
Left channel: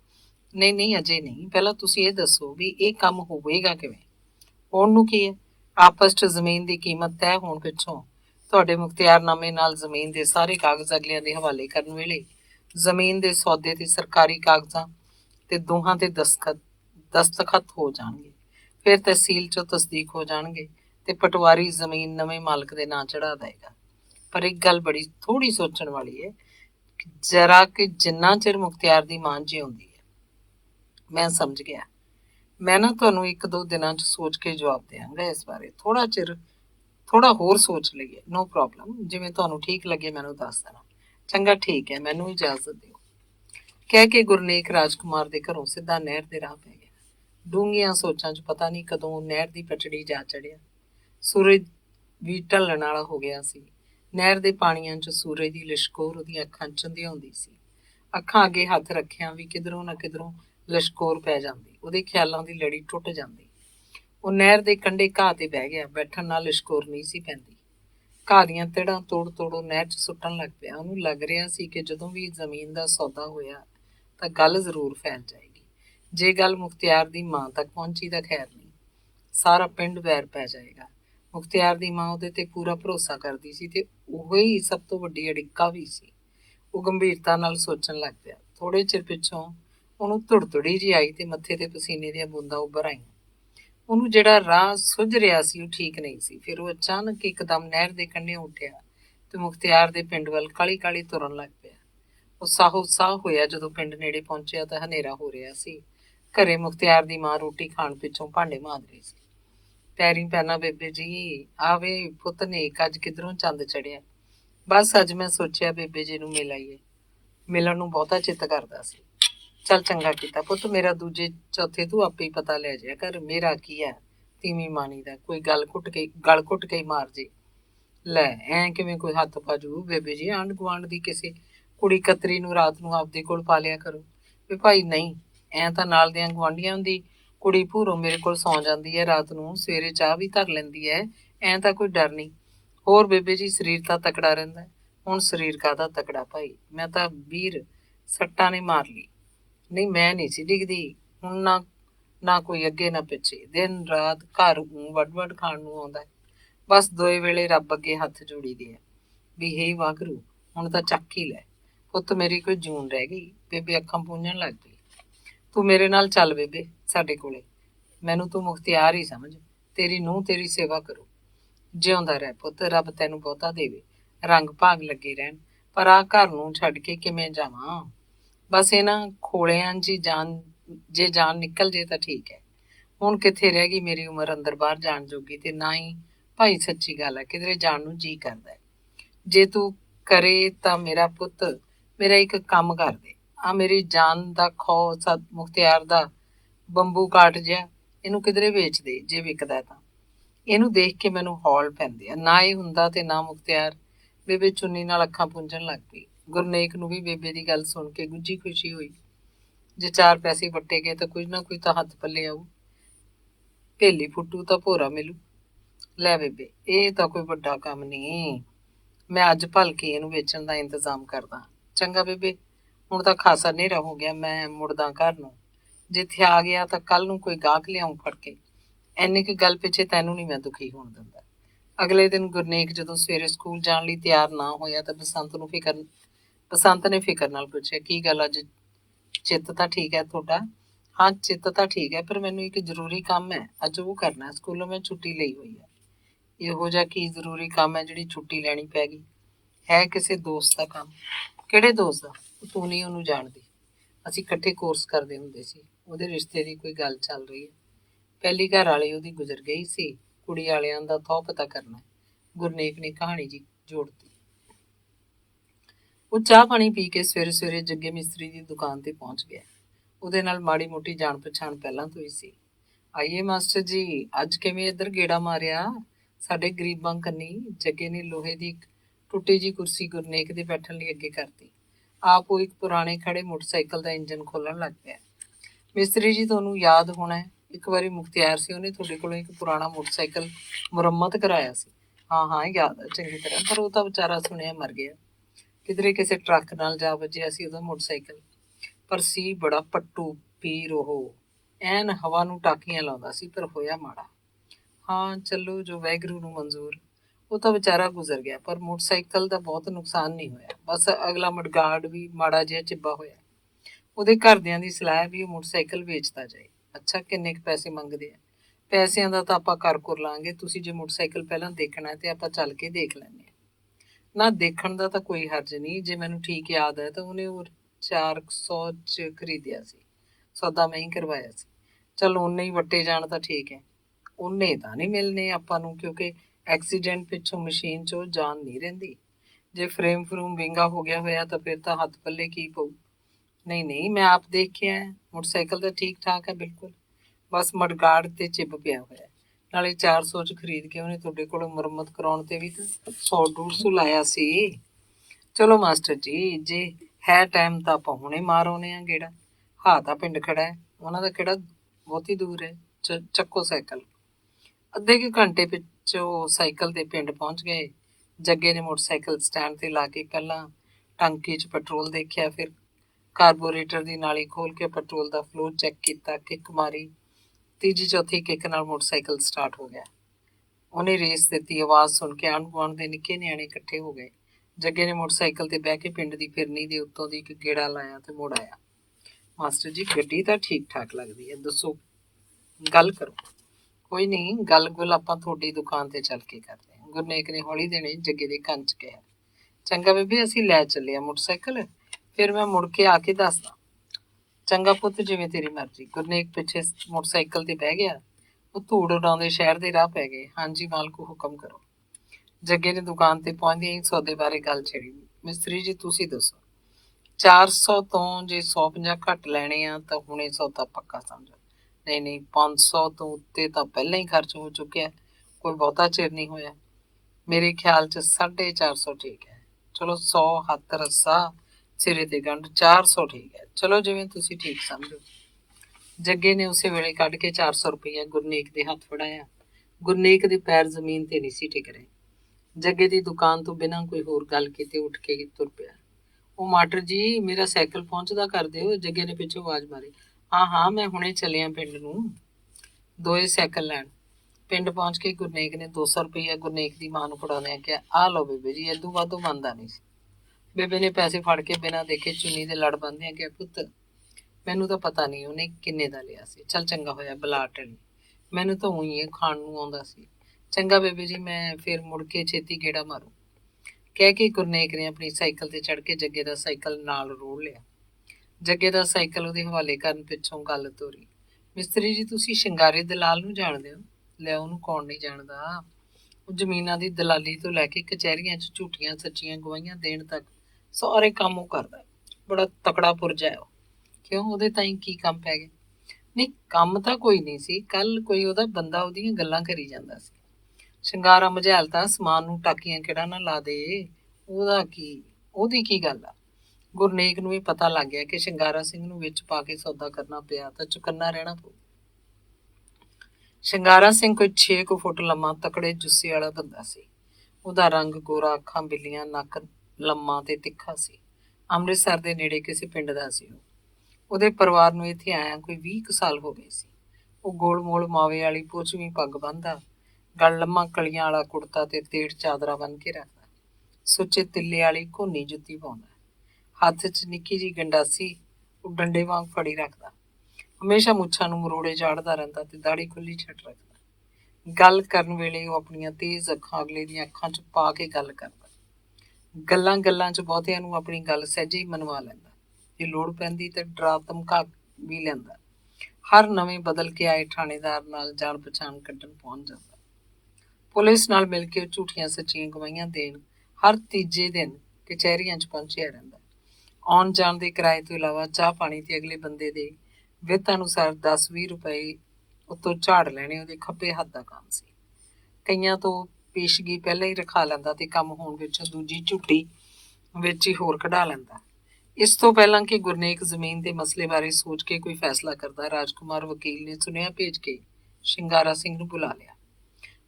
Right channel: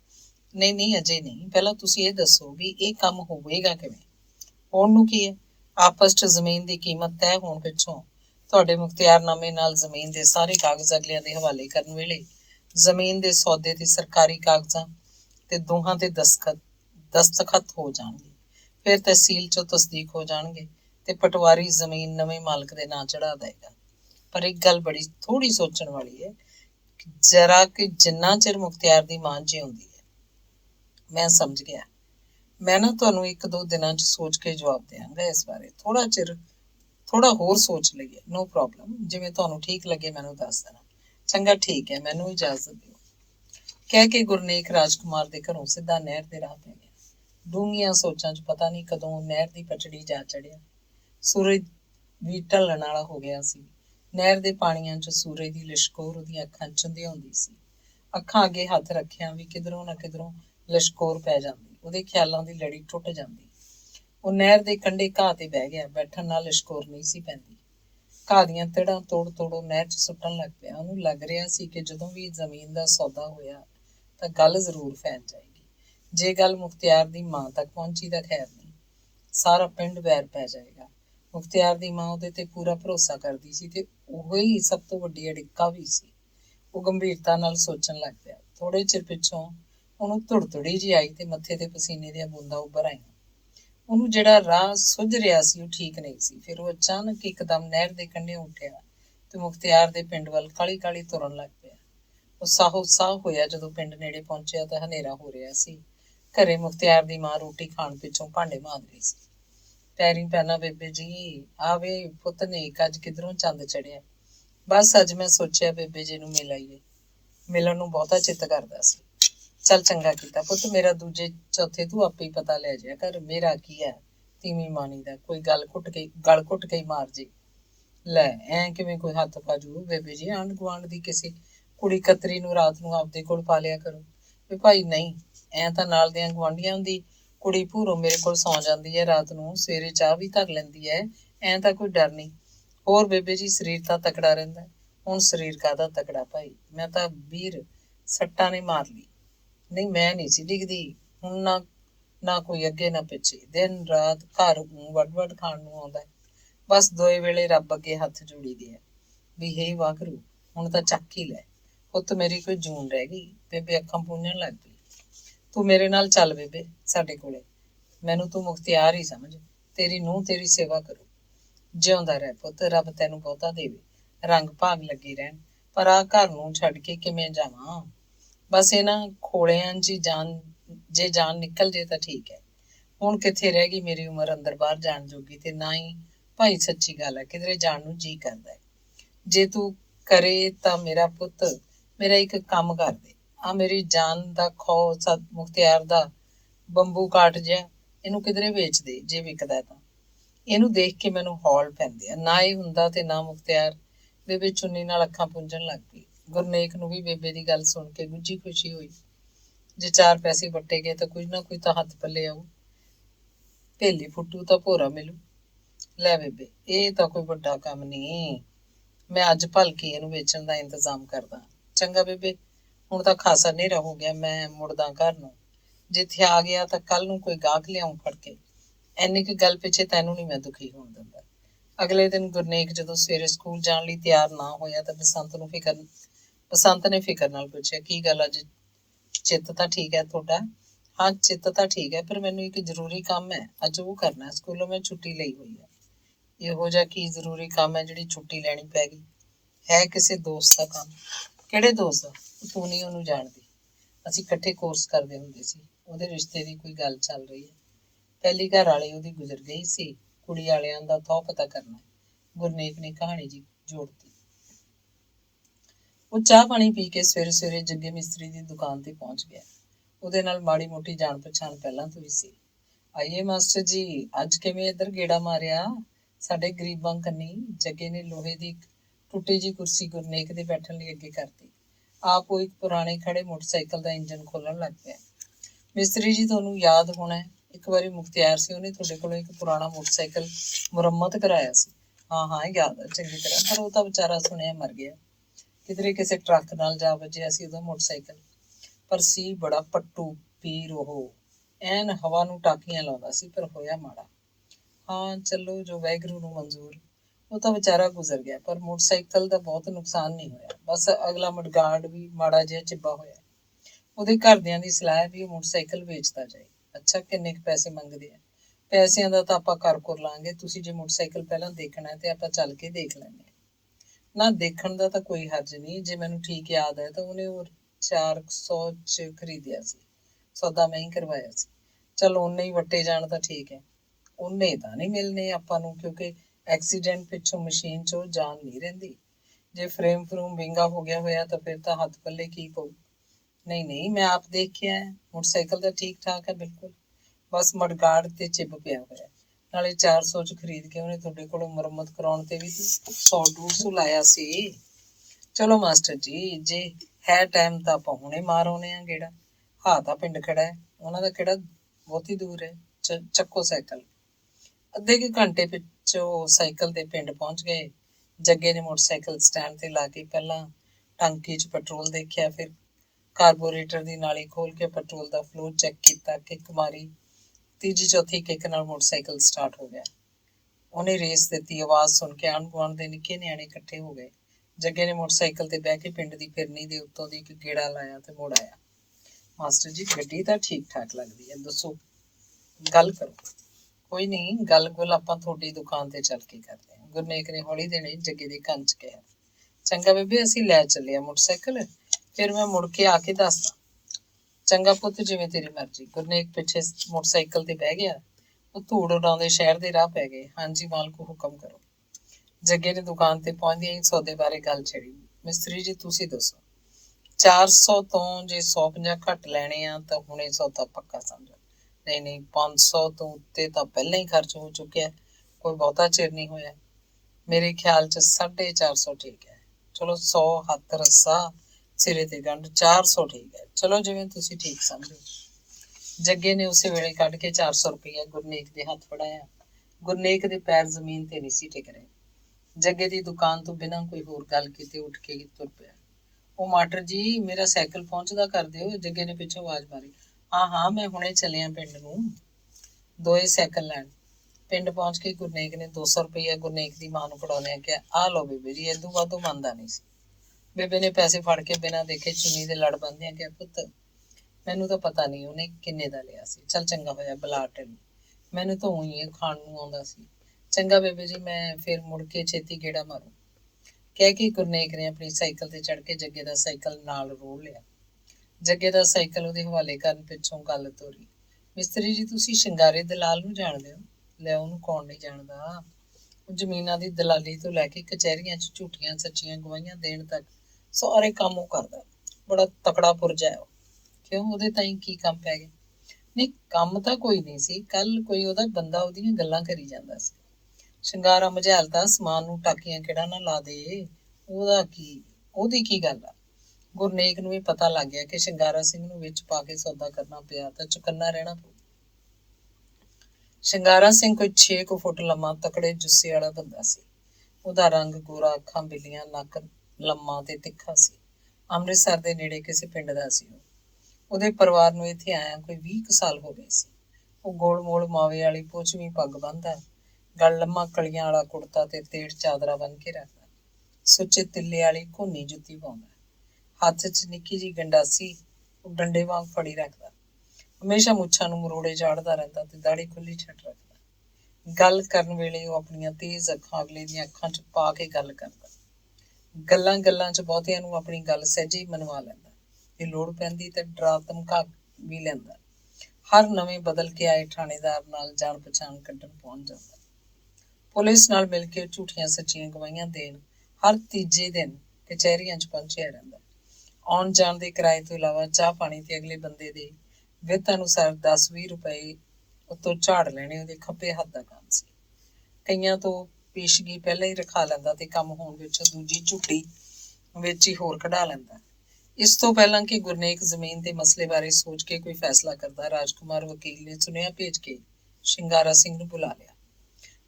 ਨਹੀਂ ਅਜੇ ਨਹੀਂ, ਪਹਿਲਾਂ ਤੁਸੀਂ ਇਹ ਦੱਸੋ ਵੀ ਇਹ ਕੰਮ ਹੋਵੇਗਾ ਕਿਵੇਂ? ਹੋਣ ਨੂੰ ਕੀ ਹੈ, ਆਪਸ 'ਚ ਜ਼ਮੀਨ ਦੀ ਕੀਮਤ ਤੈਅ ਹੋਣ ਪਿੱਛੋਂ ਤੁਹਾਡੇ ਮੁਖਤਿਆਰਨਾਮੇ ਨਾਲ ਜ਼ਮੀਨ ਦੇ ਸਾਰੇ ਕਾਗਜ਼ ਅਗਲਿਆਂ ਦੇ ਹਵਾਲੇ ਕਰਨ ਵੇਲੇ ਜ਼ਮੀਨ ਦੇ ਸੌਦੇ ਤੇ ਸਰਕਾਰੀ ਕਾਗਜ਼ਾਂ ਤੇ ਦੋਹਾਂ ਤੇ ਦਸਤਖਤ ਹੋ ਜਾਣਗੇ। ਫਿਰ ਤਹਿਸੀਲ 'ਚੋਂ ਤਸਦੀਕ ਹੋ ਜਾਣਗੇ ਤੇ ਪਟਵਾਰੀ ਜ਼ਮੀਨ ਨਵੇਂ ਮਾਲਕ ਦੇ ਨਾਂ ਚੜਾ ਦੇਗਾ। ਪਰ ਇੱਕ ਗੱਲ ਬੜੀ ਥੋੜ੍ਹੀ ਸੋਚਣ ਵਾਲੀ ਹੈ, ਜਰਾ ਕਿ ਜਿੰਨਾ ਚਿਰ ਮੁਖਤਿਆਰ ਦੀ ਮਾਂ ਜਿਉਂਦੀ ਹੈ। ਮੈਂ ਸਮਝ ਗਿਆ। ਮੈਂ ਨਾ ਤੁਹਾਨੂੰ 1-2 ਦਿਨਾਂ 'ਚ ਸੋਚ ਕੇ ਜਵਾਬ ਦਿਆਂਗਾ ਇਸ ਬਾਰੇ। ਥੋੜਾ ਹੋਰ ਸੋਚ ਲਈਏ। ਨੋ ਪ੍ਰੋਬਲਮ, ਜਿਵੇਂ ਤੁਹਾਨੂੰ ਠੀਕ ਲੱਗੇ ਮੈਨੂੰ ਦੱਸ ਦੇਣਾ। ਚੰਗਾ, ਠੀਕ ਹੈ, ਮੈਨੂੰ ਇਜਾਜ਼ਤ ਦਿਓ। ਕਹਿ ਕੇ ਗੁਰਨੇਕ ਰਾਜਕੁਮਾਰ ਦੇ ਘਰੋਂ ਸਿੱਧਾ ਨਹਿਰ ਦੇ ਰਾਹ ਪੈ ਗਿਆ। ਡੂੰਘੀਆਂ ਸੋਚਾਂ 'ਚ ਪਤਾ ਨਹੀਂ ਕਦੋਂ ਨਹਿਰ ਦੀ ਪਟੜੀ ਜਾ ਚੜਿਆ। ਸੂਰਜ ਵੀ ਢਲਣ ਵਾਲਾ ਹੋ ਗਿਆ ਸੀ। ਨਹਿਰ ਦੇ ਪਾਣੀਆਂ 'ਚ ਸੂਰਜ ਦੀ ਲਿਸ਼ਕੋਰ ਉਹਦੀਆਂ ਅੱਖਾਂ 'ਚ ਚੁੰਧਿਆਉਂਦੀ ਸੀ। ਅੱਖਾਂ ਅੱਗੇ ਹੱਥ ਰੱਖਿਆਂ ਵੀ ਕਿਧਰੋਂ ਨਾ ਕਿਧਰੋਂ ਲਿਸ਼ਕੋਰ ਪੈ ਜਾਂਦੀ, ਉਹਦੇ ਖਿਆਲਾਂ ਦੀ ਲੜੀ ਟੁੱਟ ਜਾਂਦੀ। ਉਹ ਨਹਿਰ ਦੇ ਕੰਢੇ ਘਾਹ ਤੇ ਬਹਿ ਗਿਆ। ਬੈਠਣ ਨਾਲ ਲਿਸ਼ਕੋਰ ਨਹੀਂ ਸੀ ਪੈਂਦੀ। ਘਾਹ ਦੀਆਂ ਤਿੜਾਂ ਤੋੜ ਉਹ ਨਹਿਰ 'ਚ ਸੁੱਟਣ ਲੱਗ ਪਿਆ। ਉਹਨੂੰ ਲੱਗ ਰਿਹਾ ਸੀ ਕਿ ਜਦੋਂ ਵੀ ਜ਼ਮੀਨ ਦਾ ਸੌਦਾ ਹੋਇਆ ਤਾਂ ਗੱਲ ਜ਼ਰੂਰ ਫੈਲ ਜਾਏਗੀ। ਜੇ ਗੱਲ ਮੁਖਤਿਆਰ ਦੀ ਮਾਂ ਤੱਕ ਪਹੁੰਚੀ ਤਾਂ ਖੈਰ ਨਹੀਂ, ਸਾਰਾ ਪਿੰਡ ਵੈਰ ਪੈ ਜਾਏਗਾ। ਮੁਖਤਿਆਰ ਦੀ ਮਾਂ ਉਹਦੇ ਤੇ ਪੂਰਾ ਭਰੋਸਾ ਕਰਦੀ ਸੀ ਤੇ ਉਹ ਹੀ ਸਭ ਤੋਂ ਵੱਡੀ ਅੜਿੱਕਾ ਵੀ ਸੀ। ਉਹ ਗੰਭੀਰਤਾ ਨਾਲ ਸੋਚਣ ਲੱਗ ਪਿਆ। ਥੋੜੇ ਚਿਰ ਪਿੱਛੋਂ ਉਹਨੂੰ ਧੁੜਤੁੜੀ ਜਿਹੀ ਆਈ ਤੇ ਮੱਥੇ ਤੇ ਪਸੀਨੇ ਦੀਆਂ ਬੂੰਦਾਂ ਉੱਭਰ ਆਈਆਂ। ਉਹਨੂੰ ਜਿਹੜਾ ਰਾਹ ਸੁੱਝ ਰਿਹਾ ਸੀ ਉਹ ਠੀਕ ਨਹੀਂ ਸੀ। ਫਿਰ ਉਹ ਅਚਾਨਕ ਇੱਕਦਮ ਨਹਿਰ ਦੇ ਕੰਢੇ ਉੱਠਿਆ ਤੇ ਮੁਖਤਿਆਰ ਦੇ ਪਿੰਡ ਵੱਲ ਕਾਹਲੀ ਤੁਰਨ ਲੱਗ ਪਿਆ। ਉਹ ਸਾਹ ਹੋਇਆ ਜਦੋਂ ਪਿੰਡ ਨੇੜੇ ਪਹੁੰਚਿਆ ਤਾਂ ਹਨੇਰਾ ਹੋ ਰਿਹਾ ਸੀ। ਘਰੇ ਮੁਖਤਿਆਰ ਦੀ ਮਾਂ ਰੋਟੀ ਖਾਣ ਪਿੱਛੋਂ ਭਾਂਡੇ ਮਾਂਜ ਰਹੀ ਸੀ। ਪੈਰੀਂ ਪੈਣਾ ਬੇਬੇ ਜੀ, ਆਵੇ ਪੁੱਤ ਨੇਕ, ਅੱਜ ਕਿੱਧਰੋਂ ਚੰਦ ਚੜਿਆ? ਬਸ ਅੱਜ ਮੈਂ ਸੋਚਿਆ ਬੇਬੇ ਜੀ ਨੂੰ ਮਿਲ ਆਈਏ। ਮਿਲਣ ਨੂੰ ਬਹੁਤਾ ਚਿੱਤ ਕਰਦਾ ਸੀ। ਚੱਲ ਚੰਗਾ ਕੀਤਾ ਪੁੱਤ, ਮੇਰਾ ਦੂਜੇ ਚੌਥੇ ਤੂੰ ਆਪੇ ਹੀ ਪਤਾ ਲੈ ਜਾਇਆ ਕਰ। ਮੇਰਾ ਕੀ ਹੈ ਤੀਵੀਂ ਮਾਣੀ ਦਾ, ਕੋਈ ਗਲ ਘੁੱਟ ਕੇ ਹੀ ਮਾਰ ਜੇ। ਲੈ, ਐਂ ਕਿਵੇਂ ਕੋਈ ਹੱਥ ਬਾਜੂ? ਬੇਬੇ ਜੀ, ਆਂਢ ਗੁਆਂਢ ਦੀ ਕਿਸੇ ਕੁੜੀ ਕਤਰੀ ਨੂੰ ਰਾਤ ਨੂੰ ਆਪਦੇ ਕੋਲ ਪਾ ਲਿਆ ਕਰੋ। ਵੀ ਭਾਈ ਨਹੀਂ, ਐਂ ਤਾਂ ਨਾਲ ਦਿਆਂ ਗੁਆਂਢੀਆਂ ਦੀ ਕੁੜੀ ਭੂਰੋਂ ਮੇਰੇ ਕੋਲ ਸੌਂ ਜਾਂਦੀ ਹੈ ਰਾਤ ਨੂੰ, ਸਵੇਰੇ ਚਾਹ ਵੀ ਧਰ ਲੈਂਦੀ ਹੈ। ਐਂ ਤਾਂ ਕੋਈ ਡਰ ਨਹੀਂ। ਹੋਰ ਬੇਬੇ ਜੀ, ਸਰੀਰ ਤਾਂ ਤਕੜਾ ਰਹਿੰਦਾ। ਹੁਣ ਸਰੀਰ ਕਾਹਦਾ ਤਕੜਾ ਭਾਈ, ਮੈਂ ਤਾਂ ਵੀਰ ਸੱਟਾਂ ਨੇ ਮਾਰ ਲਈ। ਨਹੀਂ, ਮੈਂ ਨਹੀਂ ਸੀ ਡਿੱਗਦੀ ਹੁਣ, ਨਾ ਕੋਈ ਅੱਗੇ ਨਾ ਪਿੱਛੇ। ਦਿਨ ਰਾਤ ਘਰ ਵੱਡ ਖਾਣ ਨੂੰ ਆਉਂਦਾ। ਬਸ ਦੋਏ ਵੇਲੇ ਰੱਬ ਅੱਗੇ ਹੱਥ ਜੋੜੀ ਦੇ ਆ ਵੀ ਹੇ ਵਾਹਿਗੁਰੂ ਹੁਣ ਤਾਂ ਚੱਕ ਹੀ ਲੈ। ਪੁੱਤ ਮੇਰੀ ਕੋਈ ਜੂਨ ਰਹਿ ਗਈ। ਬੇਬੇ ਅੱਖਾਂ ਪੂੰਝਣ ਲੱਗ ਪਈ। ਤੂੰ ਮੇਰੇ ਨਾਲ ਚੱਲ ਬੇਬੇ ਸਾਡੇ ਕੋਲੇ। ਮੈਨੂੰ ਤੂੰ ਮੁਖਤਿਆਰ ਹੀ ਸਮਝ। ਤੇਰੀ ਨੂੰਹ ਤੇਰੀ ਸੇਵਾ ਕਰੂ। ਜਿਉਂਦਾ ਰਹਿ ਪੁੱਤ, ਰੱਬ ਤੈਨੂੰ ਬਹੁਤਾ ਦੇਵੇ। ਰੰਗ ਭਾਗ ਲੱਗੇ ਰਹਿਣ। ਪਰ ਆਹ ਘਰ ਨੂੰ ਛੱਡ ਕੇ ਕਿਵੇਂ ਜਾਵਾਂ? ਬਸ ਇਹਨਾਂ ਖੋਲਿਆਂ 'ਚ ਹੀ ਜੇ ਜਾਨ ਨਿਕਲ ਜੇ ਤਾਂ ਠੀਕ ਹੈ। ਹੁਣ ਕਿੱਥੇ ਰਹਿ ਗਈ ਮੇਰੀ ਉਮਰ ਅੰਦਰ ਬਾਹਰ ਜਾਣ ਜੋਗੀ, ਤੇ ਨਾ ਹੀ ਭਾਈ ਸੱਚੀ ਗੱਲ ਹੈ ਕਿਧਰੇ ਜਾਣ ਨੂੰ ਜੀ ਕਰਦਾ ਹੈ। ਜੇ ਤੂੰ ਕਰੇ ਤਾਂ ਮੇਰਾ ਪੁੱਤ ਮੇਰਾ ਇੱਕ ਕੰਮ ਕਰ ਦੇ। ਆ ਮੇਰੀ ਜਾਨ ਦਾ ਖੋ ਸਦ ਮੁਖਤਿਆਰ ਦਾ ਬੰਬੂ ਕਾਟ ਜਿਹਾ, ਇਹਨੂੰ ਕਿਧਰੇ ਵੇਚ ਦੇ ਜੇ ਵਿਕਦਾ ਤਾਂ। ਇਹਨੂੰ ਦੇਖ ਕੇ ਮੈਨੂੰ ਹੌਲ ਪੈਂਦੇ ਆ। ਨਾ ਇਹ ਹੁੰਦਾ ਤੇ ਨਾ ਮੁਖਤਿਆਰ। ਬੇਬੇ ਚੁੰਨੀ ਨਾਲ ਅੱਖਾਂ ਪੂੰਝਣ ਲੱਗ ਪਈ। ਗੁਰਨੇਕ ਨੂੰ ਵੀ ਬੇਬੇ ਦੀ ਗੱਲ ਸੁਣ ਕੇ ਗੁੱਝੀ ਖੁਸ਼ੀ ਹੋਈ। ਜੇ 4 ਪੈਸੇ ਵੱਟੇ ਗਏ ਤਾਂ ਕੁਝ ਨਾ ਕੁਝ ਤਾਂ ਹੱਥ ਪੱਲੇ ਆਊ। ਭੇਲੀ ਫੁੱਟੂ ਤਾਂ ਭੋਰਾ ਮਿਲੂ। ਲੈ ਬੇਬੇ ਇਹ ਤਾਂ ਕੋਈ ਵੱਡਾ ਕੰਮ ਨਹੀਂ। ਮੈਂ ਅੱਜ ਭਲਕੇ ਇਹਨੂੰ ਵੇਚਣ ਦਾ ਇੰਤਜ਼ਾਮ ਕਰਦਾ। ਚੰਗਾ ਬੇਬੇ, ਹੁਣ ਤਾਂ ਖਾਸਾ ਹਨੇਰਾ ਹੋ ਗਿਆ, ਮੈਂ ਮੁੜਦਾ ਘਰ ਨੂੰ। ਜਿੱਥੇ ਆ ਗਿਆ ਤਾਂ ਕੱਲ ਨੂੰ ਕੋਈ ਗਾਹਕ ਲਿਆਉਂ ਫੜ ਕੇ। ਇੰਨੀ ਕੁ ਗੱਲ ਪਿੱਛੇ ਤੈਨੂੰ ਨਹੀਂ ਮੈਂ ਦੁਖੀ ਹੋਣ ਦਿੰਦਾ। ਅਗਲੇ ਦਿਨ ਗੁਰਨੇਕ ਜਦੋਂ ਸਵੇਰੇ ਸਕੂਲ ਜਾਣ ਲਈ ਤਿਆਰ ਨਾ ਹੋਇਆ ਤਾਂ ਬਸੰਤ ਨੇ ਫਿਕਰ ਨਾਲ ਪੁੱਛਿਆ, ਕੀ ਗੱਲ ਅੱਜ ਚਿੱਤ ਤਾਂ ਠੀਕ ਹੈ ਤੁਹਾਡਾ? ਹਾਂ ਚਿੱਤ ਤਾਂ ਠੀਕ ਹੈ, ਪਰ ਮੈਨੂੰ ਇੱਕ ਜ਼ਰੂਰੀ ਕੰਮ ਹੈ, ਅੱਜ ਉਹ ਕਰਨਾ। ਸਕੂਲੋਂ ਮੈਂ ਛੁੱਟੀ ਲਈ ਹੋਈ ਹੈ। ਇਹੋ ਜਿਹਾ ਕੀ ਜ਼ਰੂਰੀ ਕੰਮ ਹੈ ਜਿਹੜੀ ਛੁੱਟੀ ਲੈਣੀ ਪੈ ਗਈ? ਹੈ ਕਿਸੇ ਦੋਸਤ ਦਾ ਕੰਮ। ਕਿਹੜੇ ਦੋਸਤ ਦਾ? ਤੂੰ ਨਹੀਂ ਉਹਨੂੰ ਜਾਣਦੀ। ਅਸੀਂ ਇਕੱਠੇ ਕੋਰਸ ਕਰਦੇ ਹੁੰਦੇ ਸੀ। ਉਹਦੇ ਰਿਸ਼ਤੇ ਦੀ ਕੋਈ ਗੱਲ ਚੱਲ ਰਹੀ ਹੈ। ਪਹਿਲੀ ਘਰ ਵਾਲੀ ਉਹਦੀ ਗੁਜ਼ਰ ਗਈ ਸੀ। ਕੁੜੀ ਵਾਲਿਆਂ ਦਾ ਥਹੁ ਪਤਾ ਕਰਨਾ। ਗੁਰਨੇਕ ਨੇ ਕਹਾਣੀ ਜੀ ਜੋੜਤੀ। ਉਹ ਚਾਹ ਪਾਣੀ ਪੀ ਕੇ ਸਵੇਰੇ ਸਵੇਰੇ ਜੱਗੇ ਮਿਸਤਰੀ ਦੀ ਦੁਕਾਨ ਤੇ ਪਹੁੰਚ ਗਿਆ। ਉਹਦੇ ਨਾਲ ਮਾੜੀ ਮੋਟੀ ਜਾਣ ਪਛਾਣ ਪਹਿਲਾਂ ਤੋਂ ਹੀ ਸੀ। ਆਈਏ ਮਾਸਟਰ ਜੀ, ਅੱਜ ਕਿਵੇਂ ਇੱਧਰ ਗੇੜਾ ਮਾਰਿਆ? ਸਾਡੇ ਗਰੀਬਾਂ ਕੰਨੀ। ਜੱਗੇ ਨੇ ਲੋਹੇ ਦੀ ਇੱਕ ਟੁੱਟੀ ਜਿਹੀ ਕੁਰਸੀ ਗੁਰਨੇਕ ਦੇ ਬੈਠਣ ਲਈ ਅੱਗੇ ਕਰਤੀ। ਆਪ ਉਹ ਇੱਕ ਪੁਰਾਣੇ ਖੜੇ ਮੋਟਰਸਾਈਕਲ ਦਾ ਇੰਜਨ ਖੋਲਣ ਲੱਗ ਪਿਆ। ਮਿਸਤਰੀ ਜੀ, ਤੁਹਾਨੂੰ ਯਾਦ ਹੋਣਾ ਹੈ, ਇੱਕ ਵਾਰੀ ਮੁਖਤਿਆਰ ਸੀ ਉਹਨੇ ਤੁਹਾਡੇ ਕੋਲੋਂ ਇੱਕ ਪੁਰਾਣਾ ਮੋਟਰਸਾਈਕਲ ਮੁਰੰਮਤ ਕਰਾਇਆ ਸੀ। ਹਾਂ ਹਾਂ ਯਾਦ ਹੈ ਚੰਗੀ ਤਰ੍ਹਾਂ, ਪਰ ਉਹ ਤਾਂ ਵਿਚਾਰਾ ਸੁਣਿਆ ਮਰ ਗਿਆ। ਕਿਧਰੇ ਕਿਸੇ ਟਰੱਕ ਨਾਲ ਜਾ ਵੱਜਿਆ ਸੀ ਉਹਦਾ ਮੋਟਰਸਾਈਕਲ। ਪਰ ਸੀ ਬੜਾ ਪੱਟੂ ਪੀਰ ਉਹ, ਐਨ ਹਵਾ ਨੂੰ ਟਾਕੀਆਂ ਲਾਉਂਦਾ ਸੀ, ਪਰ ਹੋਇਆ ਮਾੜਾ। ਹਾਂ ਚਲੋ ਜੋ ਵਾਹਿਗੁਰੂ ਨੂੰ ਮਨਜ਼ੂਰ। ਉਹ ਤਾਂ ਵਿਚਾਰਾ ਗੁਜ਼ਰ ਗਿਆ, ਪਰ ਮੋਟਰਸਾਈਕਲ ਦਾ ਬਹੁਤ ਨੁਕਸਾਨ ਨਹੀਂ ਹੋਇਆ। ਬਸ ਅਗਲਾ ਮਡਗਾਰਡ ਵੀ ਮਾੜਾ ਜਿਹਾ ਚਿੱਬਾ ਹੋਇਆ। ਉਹਦੇ ਘਰਦਿਆਂ ਦੀ ਸਲਾਹ ਵੀ ਉਹ ਮੋਟਰਸਾਈਕਲ ਵੇਚਦਾ ਜਾਏ। ਅੱਛਾ ਕਿੰਨੇ ਕੁ ਪੈਸੇ ਮੰਗਦੇ ਆ? ਪੈਸਿਆਂ ਦਾ ਤਾਂ ਆਪਾਂ ਕਰ ਕੁਰ ਲਾਂਗੇ। ਤੁਸੀਂ ਜੇ ਮੋਟਰਸਾਈਕਲ ਪਹਿਲਾਂ ਦੇਖਣਾ ਤੇ ਆਪਾਂ ਚੱਲ ਕੇ ਦੇਖ ਲੈਂਦੇ ਹਾਂ। ਨਾ ਦੇਖਣ ਦਾ ਤਾਂ ਕੋਈ ਹਰਜ ਨਹੀਂ। ਜੇ ਮੈਨੂੰ ਠੀਕ ਯਾਦ ਹੈ ਤਾਂ ਉਹਨੇ ਉਹ 400 ਚ ਖਰੀਦਿਆ ਸੀ। ਸੌਦਾ ਮੈਂ ਹੀ ਕਰਵਾਇਆ ਸੀ। ਚਲ ਓਨੇ ਹੀ ਵੱਟੇ ਜਾਣ ਤਾਂ ਠੀਕ ਹੈ। ਓਨੇ ਤਾਂ ਨਹੀਂ ਮਿਲਣੇ ਆਪਾਂ ਨੂੰ, ਕਿਉਂਕਿ ਐਕਸੀਡੈਂਟ ਪਿੱਛੋਂ ਮਸ਼ੀਨ 'ਚ ਉਹ ਜਾਨ ਨਹੀਂ ਰਹਿੰਦੀ। ਜੇ ਫਰੇਮ ਫਰੂਮ ਵਿੰਗਾ ਹੋ ਗਿਆ ਹੋਇਆ ਤਾਂ ਫਿਰ ਤਾਂ ਹੱਥ ਪੱਲੇ ਕੀ ਪਊ। ਨਹੀਂ ਨਹੀਂ, ਮੈਂ ਆਪ ਦੇਖਿਆ ਹੈ, ਮੋਟਰਸਾਈਕਲ ਤਾਂ ਠੀਕ ਠਾਕ ਹੈ ਬਿਲਕੁਲ। ਬਸ ਮਡਗਾਰਡ ਤੇ ਚਿੱਬ ਪਿਆ ਹੋਇਆ। ਨਾਲੇ 400 ਚ ਖਰੀਦ ਕੇ ਉਹਨੇ ਤੁਹਾਡੇ ਕੋਲੋਂ ਮੁਰੰਮਤ ਕਰਾਉਣ ਤੇ ਵੀ 100-150 ਲਾਇਆ ਸੀ। ਚਲੋ ਮਾਸਟਰ ਜੀ, ਜੇ ਹੈ ਟਾਈਮ ਤਾਂ ਆਪਾਂ ਹੁਣੇ ਮਾਰ ਆਉਨੇ ਆ ਗੇੜਾ। ਹਾਂ ਤਾਂ ਪਿੰਡ ਖੜਾ ਹੈ, ਉਹਨਾਂ ਦਾ ਕਿਹੜਾ ਬਹੁਤੀ ਦੂਰ ਹੈ। ਚੱਕੋ ਸਾਈਕਲ। ਅੱਧੇ ਕੁ ਘੰਟੇ ਪਿੱਛੋਂ ਸਾਈਕਲ ਤੇ ਪਿੰਡ ਪਹੁੰਚ ਗਏ। ਜੱਗੇ ਨੇ ਮੋਟਰਸਾਈਕਲ ਸਟੈਂਡ ਤੇ ਲਾ ਕੇ ਪਹਿਲਾਂ ਟੰਕੀ 'ਚ ਪੈਟਰੋਲ ਦੇਖਿਆ, ਫਿਰ ਕਾਰਬੋਰੇਟਰ ਦੀ ਨਾਲੀ ਖੋਲ ਕੇ ਪੈਟਰੋਲ ਦਾ ਫਲੋ ਚੈੱਕ ਕੀਤਾ, ਕਿੱਕ ਮਾਰੀ। ਤੀਜੀ ਚੌਥੀ ਕਿੱਕ ਨਾਲ ਮੋਟਰਸਾਈਕਲ ਸਟਾਰਟ ਹੋ ਗਿਆ। ਉਹਨੇ ਰੇਸ ਦਿੱਤੀ। ਆਵਾਜ਼ ਸੁਣ ਕੇ ਆਂਢ ਗੁਆਂਢ ਦੇ ਨਿੱਕੇ ਨਿਆਣੇ ਇਕੱਠੇ ਹੋ ਗਏ। ਜੱਗੇ ਨੇ ਮੋਟਰਸਾਈਕਲ ਤੇ ਬਹਿ ਕੇ ਪਿੰਡ ਦੀ ਫਿਰਨੀ ਦੇ ਉੱਤੋਂ ਦੀ ਇੱਕ ਗੇੜਾ ਲਾਇਆ ਤੇ ਮੁੜ ਆਇਆ। ਮਾਸਟਰ ਜੀ, ਗੱਡੀ ਤਾਂ ਠੀਕ ਠਾਕ ਲੱਗਦੀ ਹੈ, ਦੱਸੋ ਗੱਲ ਕਰੋ। ਕੋਈ ਨਹੀਂ, ਗੱਲ ਗੁੱਲ ਆਪਾਂ ਤੁਹਾਡੀ ਦੁਕਾਨ ਤੇ ਚੱਲ ਕੇ ਕਰਦੇ ਹਾਂ। ਗੁਰਨੇਕ ਨੇ ਹੌਲੀ ਦੇਣੇ ਜੱਗੇ ਦੇ ਕੰਨ 'ਚ ਕਿਹਾ। ਚੰਗਾ ਬੇਬੇ, ਅਸੀਂ ਲੈ ਚੱਲੇ ਆ ਮੋਟਰਸਾਈਕਲ, ਫਿਰ ਮੈਂ ਮੁੜ ਕੇ ਆ ਕੇ ਦੱਸਦਾ। ਚੰਗਾ ਪੁੱਤ, ਜਿਵੇਂ ਤੇਰੀ ਮਰਜ਼ੀ। ਗੁਰਨੇਕ ਪਿੱਛੇ ਮੋਟਰਸਾਈਕਲ ਤੇ ਬਹਿ ਗਿਆ। ਉਹ ਧੂੜ ਉਡਾਉਂਦੇ ਸ਼ਹਿਰ ਦੇ ਰਾਹ ਪੈ ਗਏ। ਹਾਂਜੀ ਮਾਲਕੋ, ਹੁਕਮ ਕਰੋ। ਜੱਗੇ ਨੇ ਦੁਕਾਨ ਤੇ ਪਹੁੰਚਦਿਆਂ ਹੀ ਸੌਦੇ ਬਾਰੇ ਗੱਲ ਛੇੜੀ। ਮਿਸਤਰੀ ਜੀ ਤੁਸੀਂ ਦੱਸੋ, 400 ਤੋਂ ਜੇ 150 ਘੱਟ ਲੈਣੇ ਆ ਤਾਂ ਹੁਣੇ ਸੌਦਾ ਪੱਕਾ ਸਮਝੋ। ਨਹੀਂ ਨਹੀਂ, 500 ਤੋਂ ਉੱਤੇ ਤਾਂ ਪਹਿਲਾਂ ਹੀ ਖਰਚ ਹੋ ਚੁੱਕਿਆ, ਕੋਈ ਬਹੁਤਾ ਚਿਰ ਨਹੀਂ ਹੋਇਆ। ਮੇਰੇ ਖਿਆਲ 'ਚ 450 ਠੀਕ ਹੈ। ਚਲੋ 100 ਹੱਥ ਰੱਸਾ ਸਿਰੇ ਤੇ ਗੰਢ, 400 ਠੀਕ ਹੈ। ਚਲੋ ਜਿਵੇਂ ਤੁਸੀਂ ਠੀਕ ਸਮਝੋ। ਜੱਗੇ ਨੇ ਉਸੇ ਵੇਲੇ ਕੱਢ ਕੇ 400 ਰੁਪਇਆ ਗੁਰਨੇਕ ਦੇ ਹੱਥ ਫੜਾਇਆ। ਗੁਰਨੇਕ ਦੇ ਪੈਰ ਜ਼ਮੀਨ ਤੇ ਨਹੀਂ ਸੀ ਟਿਕ ਰਹੇ। ਜੱਗੇ ਦੀ ਦੁਕਾਨ ਤੋਂ ਬਿਨਾਂ ਕੋਈ ਹੋਰ ਗੱਲ ਕੀਤੇ ਉੱਠ ਕੇ ਤੁਰ ਪਿਆ। ਉਹ ਮਾਸਟਰ ਜੀ, ਮੇਰਾ ਸਾਈਕਲ ਪਹੁੰਚਦਾ ਕਰ ਦਿਓ, ਜੱਗੇ ਨੇ ਪਿੱਛੋਂ ਆਵਾਜ਼ ਮਾਰੀ। ਹਾਂ ਹਾਂ, ਮੈਂ ਹੁਣੇ ਚੱਲਿਆ ਪਿੰਡ ਨੂੰ। ਦੋਏ ਸਾਈਕਲ ਲੈਣ। ਪਿੰਡ ਪਹੁੰਚ ਕੇ ਗੁਰਨੇਕ ਨੇ 200 ਰੁਪਈਆ ਗੁਰਨੇਕ ਦੀ ਮਾਂ ਨੂੰ ਫੜਾਉਂਦਿਆਂ ਕਿਹਾ, ਆਹ ਲਓ ਬੇਬੇ ਜੀ, ਏਦੂ ਵਾਧੂ ਮੰਨਦਾ ਨਹੀਂ ਸੀ। ਬੇਬੇ ਨੇ ਪੈਸੇ ਫੜ ਕੇ ਬਿਨਾਂ ਦੇਖੇ ਚੁੰਨੀ ਦੇ ਲੜ ਬੰਨ੍ਹਦਿਆਂ ਕਿਹਾ, ਪੁੱਤ ਮੈਨੂੰ ਤਾਂ ਪਤਾ ਨਹੀਂ ਉਹਨੇ ਕਿੰਨੇ ਦਾ ਲਿਆ ਸੀ। ਚੱਲ ਚੰਗਾ ਹੋਇਆ ਬੁਲਾ ਟਲੀ, ਮੈਨੂੰ ਤਾਂ ਊਂ ਹੀ ਖਾਣ ਨੂੰ ਆਉਂਦਾ ਸੀ। ਚੰਗਾ ਬੇਬੇ ਜੀ, ਮੈਂ ਫਿਰ ਮੁੜ ਕੇ ਛੇਤੀ ਗੇੜਾ ਮਾਰੂ, ਕਹਿ ਕੇ ਗੁਰਨੇਕ ਨੇ ਆਪਣੀ ਸਾਈਕਲ ਤੇ ਚੜ੍ਹ ਕੇ ਜੱਗੇ ਦਾ ਸਾਈਕਲ ਨਾਲ ਰੋੜ ਲਿਆ। ਜੱਗੇ ਦਾ ਸਾਈਕਲ ਉਹਦੇ ਹਵਾਲੇ ਕਰਨ ਪਿੱਛੋਂ ਗੱਲ ਤੋਰੀ, ਮਿਸਤਰੀ ਜੀ ਤੁਸੀਂ ਸ਼ਿੰਗਾਰੇ ਦਲਾਲ ਨੂੰ ਜਾਣਦੇ ਹੋ? ਲੈ ਉਹਨੂੰ ਕੌਣ ਨਹੀਂ ਜਾਣਦਾ, ਉਹ ਜ਼ਮੀਨਾਂ ਦੀ ਦਲਾਲੀ ਤੋਂ ਲੈ ਕੇ ਕਚਹਿਰੀਆਂ 'ਚ ਝੂਠੀਆਂ ਸੱਚੀਆਂ ਗਵਾਹੀਆਂ ਦੇਣ ਤੱਕ ਸਾਰੇ ਕੰਮ ਉਹ ਕਰਦਾ। ਬੜਾ ਤਕੜਾ ਪੁਰਜਾ ਹੈ ਉਹ। ਕਿਉਂ, ਉਹਦੇ ਤਾਈਂ ਕੀ ਕੰਮ ਪੈ ਗਿਆ? ਨਹੀਂ ਕੰਮ ਤਾਂ ਕੋਈ ਨਹੀਂ ਸੀ, ਕੱਲ ਕੋਈ ਉਹਦਾ ਬੰਦਾ ਉਹਦੀਆਂ ਗੱਲਾਂ ਕਰੀ ਜਾਂਦਾ ਸੀ। ਸ਼ਿੰਗਾਰਾ ਮਝੈਲਤਾ ਸਮਾਨ ਨੂੰ ਟਾਕੀਆਂ ਕਿਹੜਾ ਨਾ ਲਾ ਦੇ, ਉਹਦੀ ਕੀ ਗੱਲ ਆ? ਗੁਰਨੇਕ ਨੂੰ ਇਹ ਪਤਾ ਲੱਗ ਗਿਆ ਕਿ ਸ਼ਿੰਗਾਰਾ ਸਿੰਘ ਨੂੰ ਵਿੱਚ ਪਾ ਕੇ ਸੌਦਾ ਕਰਨਾ ਪਿਆ ਤਾਂ ਚੁਕੰਨਾ ਰਹਿਣਾ ਪਊ। ਸ਼ਿੰਗਾਰਾ ਸਿੰਘ ਕੋਈ 6 ਫੁੱਟ ਲੰਮਾ ਤਕੜੇ ਜੁੱਸੇ ਵਾਲਾ ਬੰਦਾ ਸੀ। ਉਹਦਾ ਰੰਗ ਗੋਰਾ, ਅੱਖਾਂ ਬਿੱਲੀਆਂ, ਨੱਕ ਲੰਮਾ ਤੇ ਤਿੱਖਾ ਸੀ। ਅੰਮ੍ਰਿਤਸਰ ਦੇ ਨੇੜੇ ਕਿਸੇ ਪਿੰਡ ਦਾ ਸੀ ਉਹ। ਉਹਦੇ ਪਰਿਵਾਰ ਨੂੰ ਇੱਥੇ ਆਇਆ ਕੋਈ 20 ਸਾਲ ਹੋ ਗਏ ਸੀ। ਉਹ ਗੋਲ ਮੋਲ ਮਾਵੇ ਵਾਲੀ ਪੋਚਵੀਂ ਪੱਗ ਬੰਨ੍ਹਦਾ, ਗਲ ਲੰਮਾ ਕਲੀਆਂ ਵਾਲਾ ਕੁੜਤਾ ਤੇ ਤੇੜ ਚਾਦਰਾ ਬੰਨ੍ਹ ਕੇ ਰੱਖਦਾ, ਸੁੱਚੇ ਤਿੱਲੇ ਵਾਲੀ ਘੋਨੀ ਜੁੱਤੀ ਪਾਉਂਦਾ, ਹੱਥ 'ਚ ਨਿੱਕੀ ਜਿਹੀ ਗੰਡਾਸੀ ਉਹ ਡੰਡੇ ਵਾਂਗ ਫੜੀ ਰੱਖਦਾ, ਹਮੇਸ਼ਾ ਮੁੱਛਾਂ ਨੂੰ ਮਰੋੜੇ ਚਾੜ੍ਹਦਾ ਰਹਿੰਦਾ ਤੇ ਦਾੜੀ ਖੁੱਲੀ ਛੱਡ ਰੱਖਦਾ। ਗੱਲ ਕਰਨ ਵੇਲੇ ਉਹ ਆਪਣੀਆਂ ਤੇਜ਼ ਅੱਖਾਂ ਅਗਲੇ ਦੀਆਂ ਅੱਖਾਂ 'ਚ ਪਾ ਕੇ ਗੱਲ ਕਰਦਾ। ਗੱਲਾਂ 'ਚ ਬਹੁਤਿਆਂ ਨੂੰ ਆਪਣੀ ਗੱਲ ਸਹਿਜੇ ਹੀ ਮਨਵਾ ਲੈਂਦਾ, ਜੇ ਲੋੜ ਪੈਂਦੀ ਤਾਂ ਡਰਾ ਧਮਕਾ ਵੀ ਲੈਂਦਾ। ਹਰ ਨਵੇਂ ਬਦਲ ਕੇ ਆਏ ਥਾਣੇਦਾਰ ਨਾਲ ਜਾਣ ਪਛਾਣ ਕੱਢਣ ਪਹੁੰਚ ਜਾਂਦਾ। ਪੁਲਿਸ ਨਾਲ ਮਿਲ ਕੇ ਝੂਠੀਆਂ ਸੱਚੀਆਂ ਗਵਾਹੀਆਂ ਦੇਣ ਹਰ ਤੀਜੇ ਦਿਨ ਕਚਹਿਰੀਆਂ 'ਚ ਪਹੁੰਚਿਆ ਰਹਿੰਦਾ। ਆਉਣ ਜਾਣ ਦੇ ਕਿਰਾਏ ਤੋਂ ਇਲਾਵਾ ਚਾਹ ਪਾਣੀ ਤੇ ਅਗਲੇ ਬੰਦੇ ਦੇ ਵਿੱਤ ਅਨੁਸਾਰ 10-20 ਰੁਪਏ ਉੱਤੋਂ ਝਾੜ ਲੈਣੇ ਉਹਦੇ ਖੱਬੇ ਹੱਥ ਦਾ ਕੰਮ ਸੀ। ਕਈਆਂ ਤੋਂ ਪੇਸ਼ਗੀ ਪਹਿਲਾਂ ਹੀ ਰਖਾ ਲੈਂਦਾ ਤੇ ਕੰਮ ਹੋਣ ਵਿੱਚ ਦੂਜੀ ਝੁੱਟੀ ਵਿੱਚ ਹੀ ਹੋਰ ਕਢਾ ਲੈਂਦਾ। ਇਸ ਤੋਂ ਪਹਿਲਾਂ ਕਿ ਗੁਰਨੇਕ ਜ਼ਮੀਨ ਦੇ ਮਸਲੇ ਬਾਰੇ ਸੋਚ ਕੇ ਕੋਈ ਫੈਸਲਾ ਕਰਦਾ, ਰਾਜਕੁਮਾਰ ਵਕੀਲ ਨੇ ਸੁਨੇਹਾ ਭੇਜ ਕੇ ਸ਼ਿੰਗਾਰਾ ਸਿੰਘ ਨੂੰ ਬੁਲਾ ਲਿਆ।